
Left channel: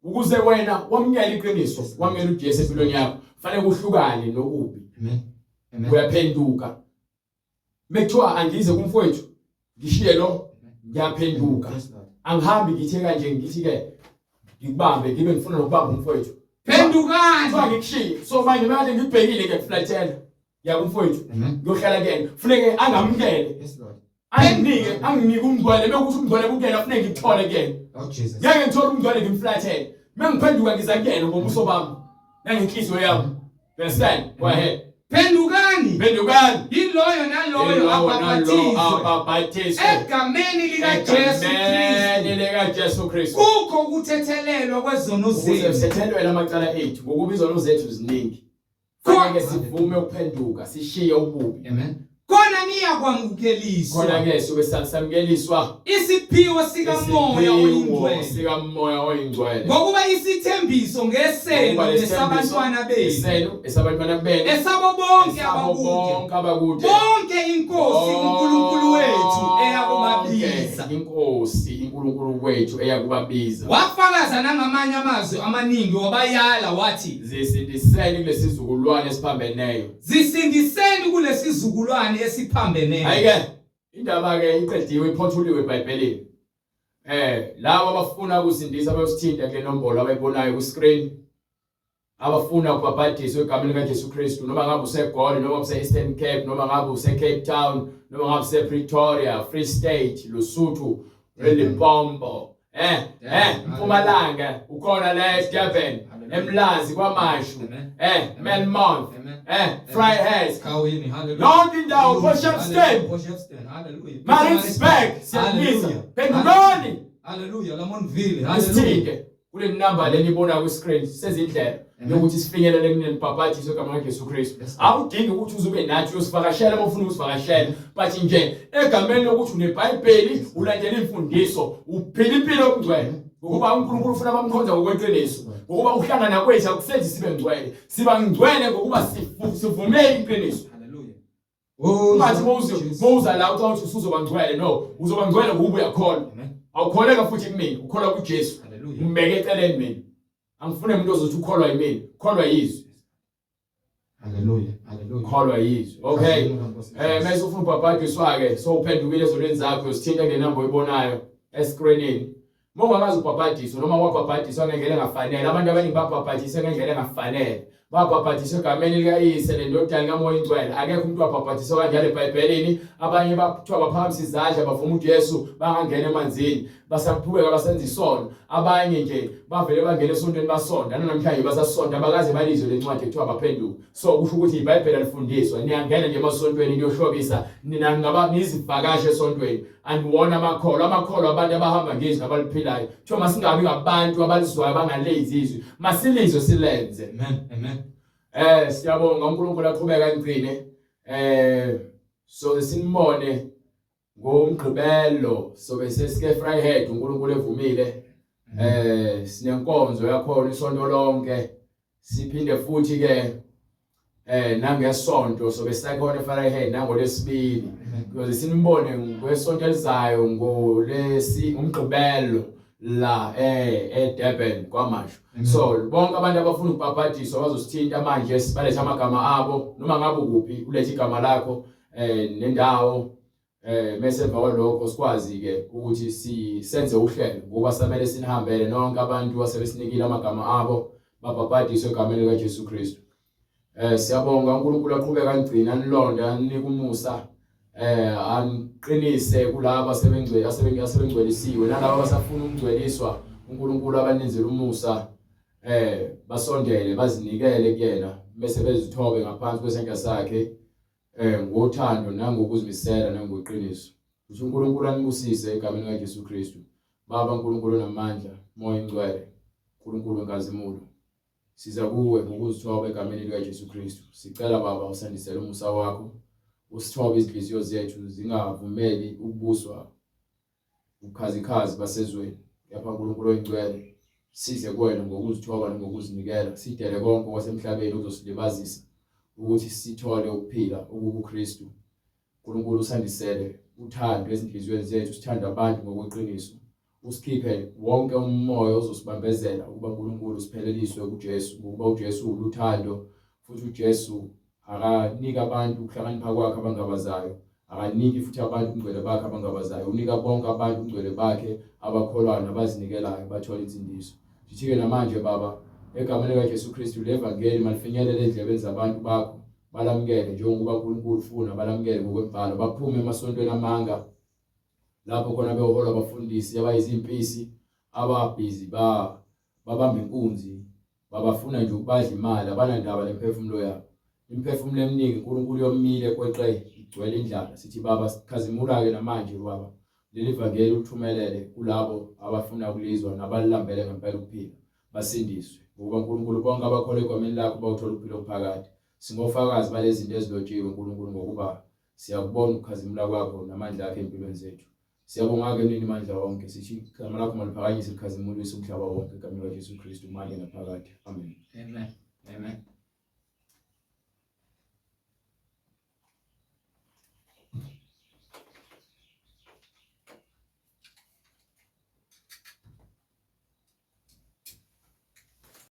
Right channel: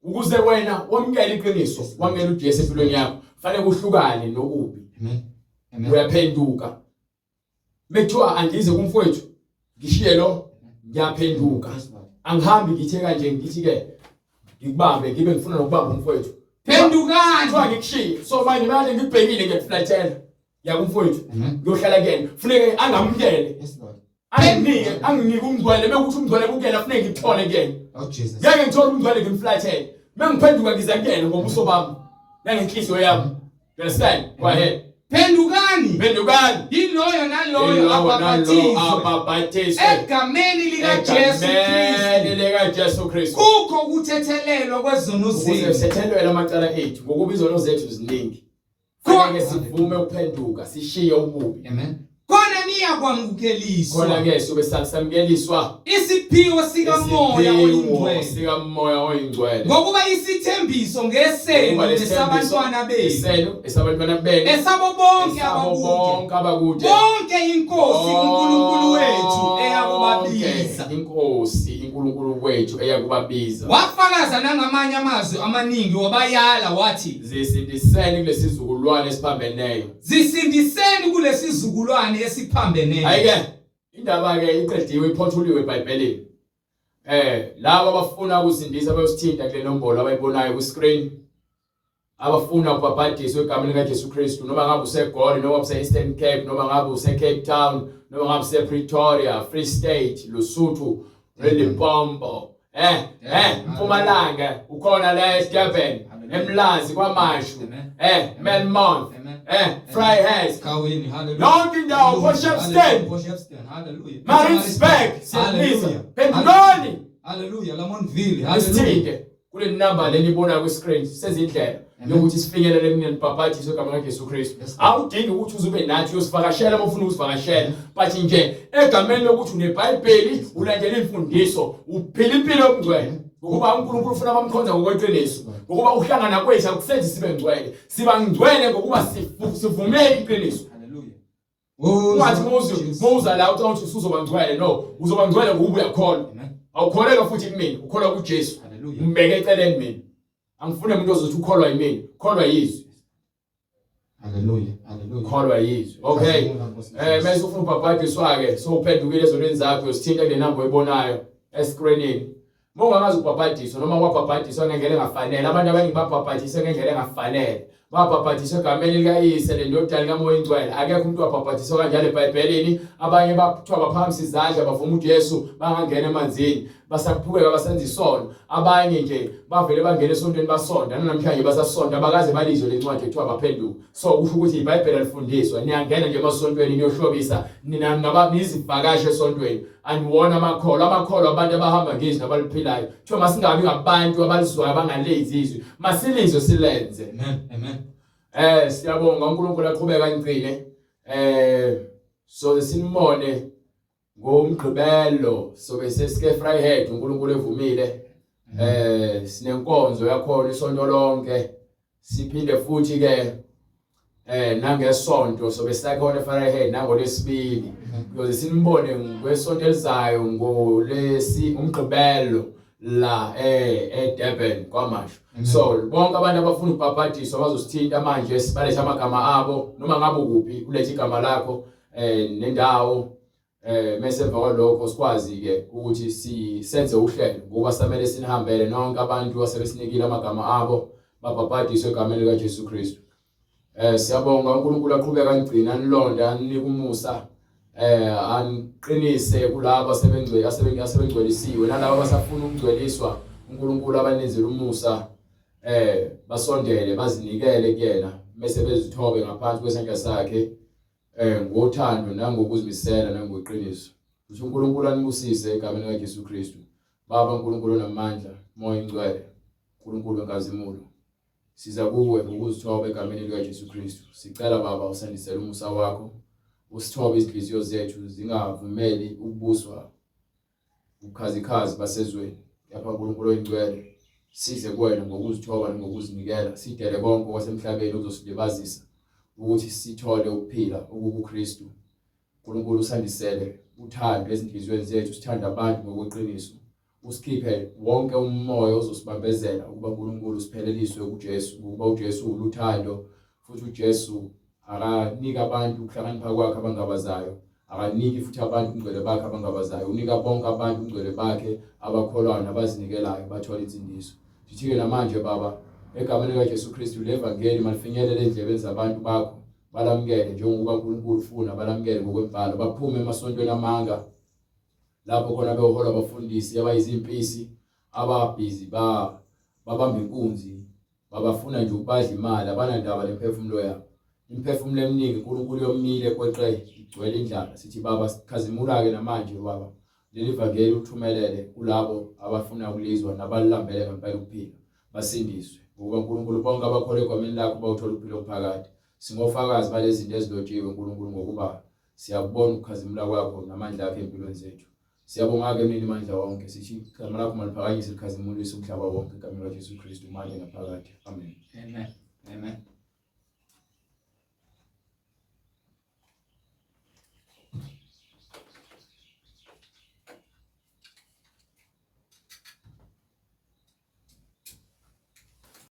Ukuze wena wamukele iqiniso, wamukele uJesu empilweni yakho. Fanele kuhlukane nokubi. Amen. Uyaphenduka. Mekuthiwa angize kumfowethu ngishiye lo ngiyaphenduka. Angihambi ngithe kanje ngithi ke ngikubambe ngibe ngifuna nokubamba umfowethu. Phendukani. Kuthiwa ngikushiye. So manje manje ngibhekile ngiyaflathela. Yakumfowethu. Ngiyohlala kuyena. Kufuneke angamukele. Anginike umngcwele bekuthi umngcwele kungena kufuneke ngithole kuyena. Oh Jesus. Ngeke ngithole umngcwele ngimflathele. Mengiphenduka ngiza kuyena ngobuso bami. Nangenhliziyo yami. You understand? Go ahead. Phendukani. Yiloyo naloyo ababhathizwe egameni likaJesu Kristu. Kukho ukuthethelelwa kwezono zethu. Sithethelelwa amacala ethu ngokuba izono zethu ziningi. Kufanele sivume ukuphenduka, sishiye ububi. Amen. Khona niyakwamukeliswa. Khona ke sobe samukeliswa isiphiwo sikamoya oyingcwele. Ngokuba isithembiso ngeseno lesabantwana benu. Esabantwana benu. Esabo bonke abakude. Bonke inkosi uNkulunkulu wethu eyakubabiza. Inkosi uNkulunkulu wethu eyakubabiza. Wafakaza nangamanye amazwi amaningi wabayala wathi zisindiseni kulesizukulwane esiphambeneyo. Zisindiseni kulesizukulwane esiphambeneyo. Ayike indaba ke iqediwe iphothuliwe eBhayibhelini. Labo abafuna ukusindisa bayosithinta kule nombolo abayibonayo ku screen. Abafuna ukubhabhadiswa egameni likaJesu Kristu noma ngabe useGoli noma use Eastern Cape noma ngabe use Cape Town noma ngabe use Pretoria, Free State, Lesotho, Limpopo. Mpumalanga ukhona la eDurban, eMlazi kwaMashu, Melmont, Vryheid, Khawini, hallelujah. lonke indawo Potchefstroom, hallelujah. Maritzburg, siyabizwa. Phendukani. Hallelujah. Lamontville, hallelujah. Isithike kule number lenibona ku screen sezindlela yokuthi sifinyelele kuneni bhabhadiswe egameni likaJesu Kristu. Akudingi ukuthi uzube nathi uyosivakashela bafuna ukusivakashela, but nje egameni lokuthi uneBhayibheli, ulandela imfundiso, uphila impilo yobungcwele. Ngokuba uNkulunkulu ufuna bamkhonza ngokweqiniso. Ngokuba uhlangana kwethu akusenzi sibe ngcwele. Siba ngcwele ngokuba sivumele iqiniso. Ungathi mawuza la uthi usuzoba ngcwele, no, uzoba ngcwele ngoba uyakholwa. Awukholeka futhi kumina, ukholwa kuJesu. Mbeke eceleni mina. Angifune umuntu ozothi ukholwa yimina, kholwa yizwi. Hallelujah. Kholwa yizwi. Okay. Mase ufuna ubhabhadiswa ke, so uphendukile ezonweni zakho usithinta kule number oyibonayo escreenini. Mongakazi ubhabhadiswa noma kwabhabhadiswa ngendlela engafanele, abantu abaningi babhabhadiswa ngendlela engafanele. Babhabhadiswa egameni likaYise neNdodana kaMoya Oyingcwele. Akekho umuntu wabhabhadiswa kanjalo eBhayibhelini. Abanye bathiwa baphakamisa izandla bavuma uJesu bangangena emanzini. Basaphukeka basenza isono. Abanye nje bavele bangena esontweni basonda. Namhlanje basasonda abakaze balizwe lencwadi ekuthiwa baphenduka. So kusho ukuthi iBhayibheli alifundiswa. Niyangena nje emasontweni niyohlobisa. Nina ngaba nizivakashe esontweni. Aniwona amakholwa abantu abahamba ngizwi abaliphilayo. Kuthiwa masingabi ngabantu abalizwayo abangalezi izwi. Masilizwe silenze. Amen. Siyabonga uNkulunkulu aqhubeka angcine. So sinimone ngomgqibelo sobe sesike Vryheid uNkulunkulu evumile. Sinenkonzo yakhona isonto lonke. Siphinde futhi ke nangesonto sobe sakhona eVryheid nangoLesibili. Because sinibone ngesonto elizayo ngolesi umgqibelo la eDurban kwaMashu. So bonke abantu abafuna ukubhabhadiswa bazosithinta manje sibalethe amagama abo noma ngabe kuphi ulethe igama lakho nendawo mase emva kwalokho sikwazi ke ukuthi senze uhlelo ngoba samele sinihambele nonke abantu asebesinikile amagama abo babhabhadiswe egameni likaJesu Kristu. Siyabonga uNkulunkulu aqhubeka angcina anilonda anika umusa aniqinise kulabo asebengcwelisiwe nalabo abasafuna ukungcweliswa uNkulunkulu abanenzela umusa basondele bazinikele kuyena bese bezithobe ngaphansi kwesandla sakhe ngothando nangokuzimisela nangoqiniso. Ukuthi uNkulunkulu anibusise egameni likaJesu Kristu. Baba uNkulunkulu namandla, Moya Oyingcwele, uNkulunkulu wenkazimulo. Siza kuwe ngokuzithoba egameni likaJesu Kristu. Sicela Baba usandisele umusa wakho. Usithobe izinhliziyo zethu zingavumeli ukubuswa ubukhazikhazi basezweni. Yapha uNkulunkulu Oyingcwele. Size kuwena ngokuzithoba ngokuzinikela. Sidele konke kwasemhlabeni ukuzosilibazisa ukuthi sithole ukuphila okubuKristu. uNkulunkulu usandisele uthando ezinhliziyweni zethu, sithanda abantu ngokweqiniso. Usikhiphe wonke umoya ozosibambezela ukuba uNkulunkulu sipheleliswe kuJesu, ukuba uJesu uluthando, futhi uJesu akanika abantu ukuhlakanipha kwakhe abangabazayo, akaniki futhi abantu umngcwele bakhe abangabazayo, unika bonke abantu umngcwele bakhe abakholwayo nabazinikelayo bathola insindiso. Sithi-ke namanje Baba, egameni likaJesu Kristu levangeli malifinyelele endlebeni zabantu bakho, balamukele njengoba uNkulunkulu ufuna, balamukele ngokwembalo, baphume emasontweni amanga lapho khona behola abafundisi abayizimpisi ababhizi babamba inkunzi, babafuna nje ukubadla imali, abanandaba lemphefumulo yabo. Imphefumulo eminingi uNkulunkulu yomile kweqe igcwele indlala. Sithi Baba, sikhazimula-ke namanje Baba, leli vangeli uthumelele kulabo abafuna ukulizwa nabalilambele ngempela ukuphila, basindiswe. Ngoba uNkulunkulu bonke abakholwa egwameni lakho bawuthola ukuphila okuphakade. Singofakazi balezi zinto ezilotshiwe uNkulunkulu, ngokuba siyakubona ukukhazimula kwakho namandla akho empilweni zethu. Siyabonga-ke Mnini mandla wonke, sithi igama lakho maliphakanyiswe likhazimulise umhlaba wonke egameni likaJesu Kristu manje naphakade. Amen. Amen. Amen.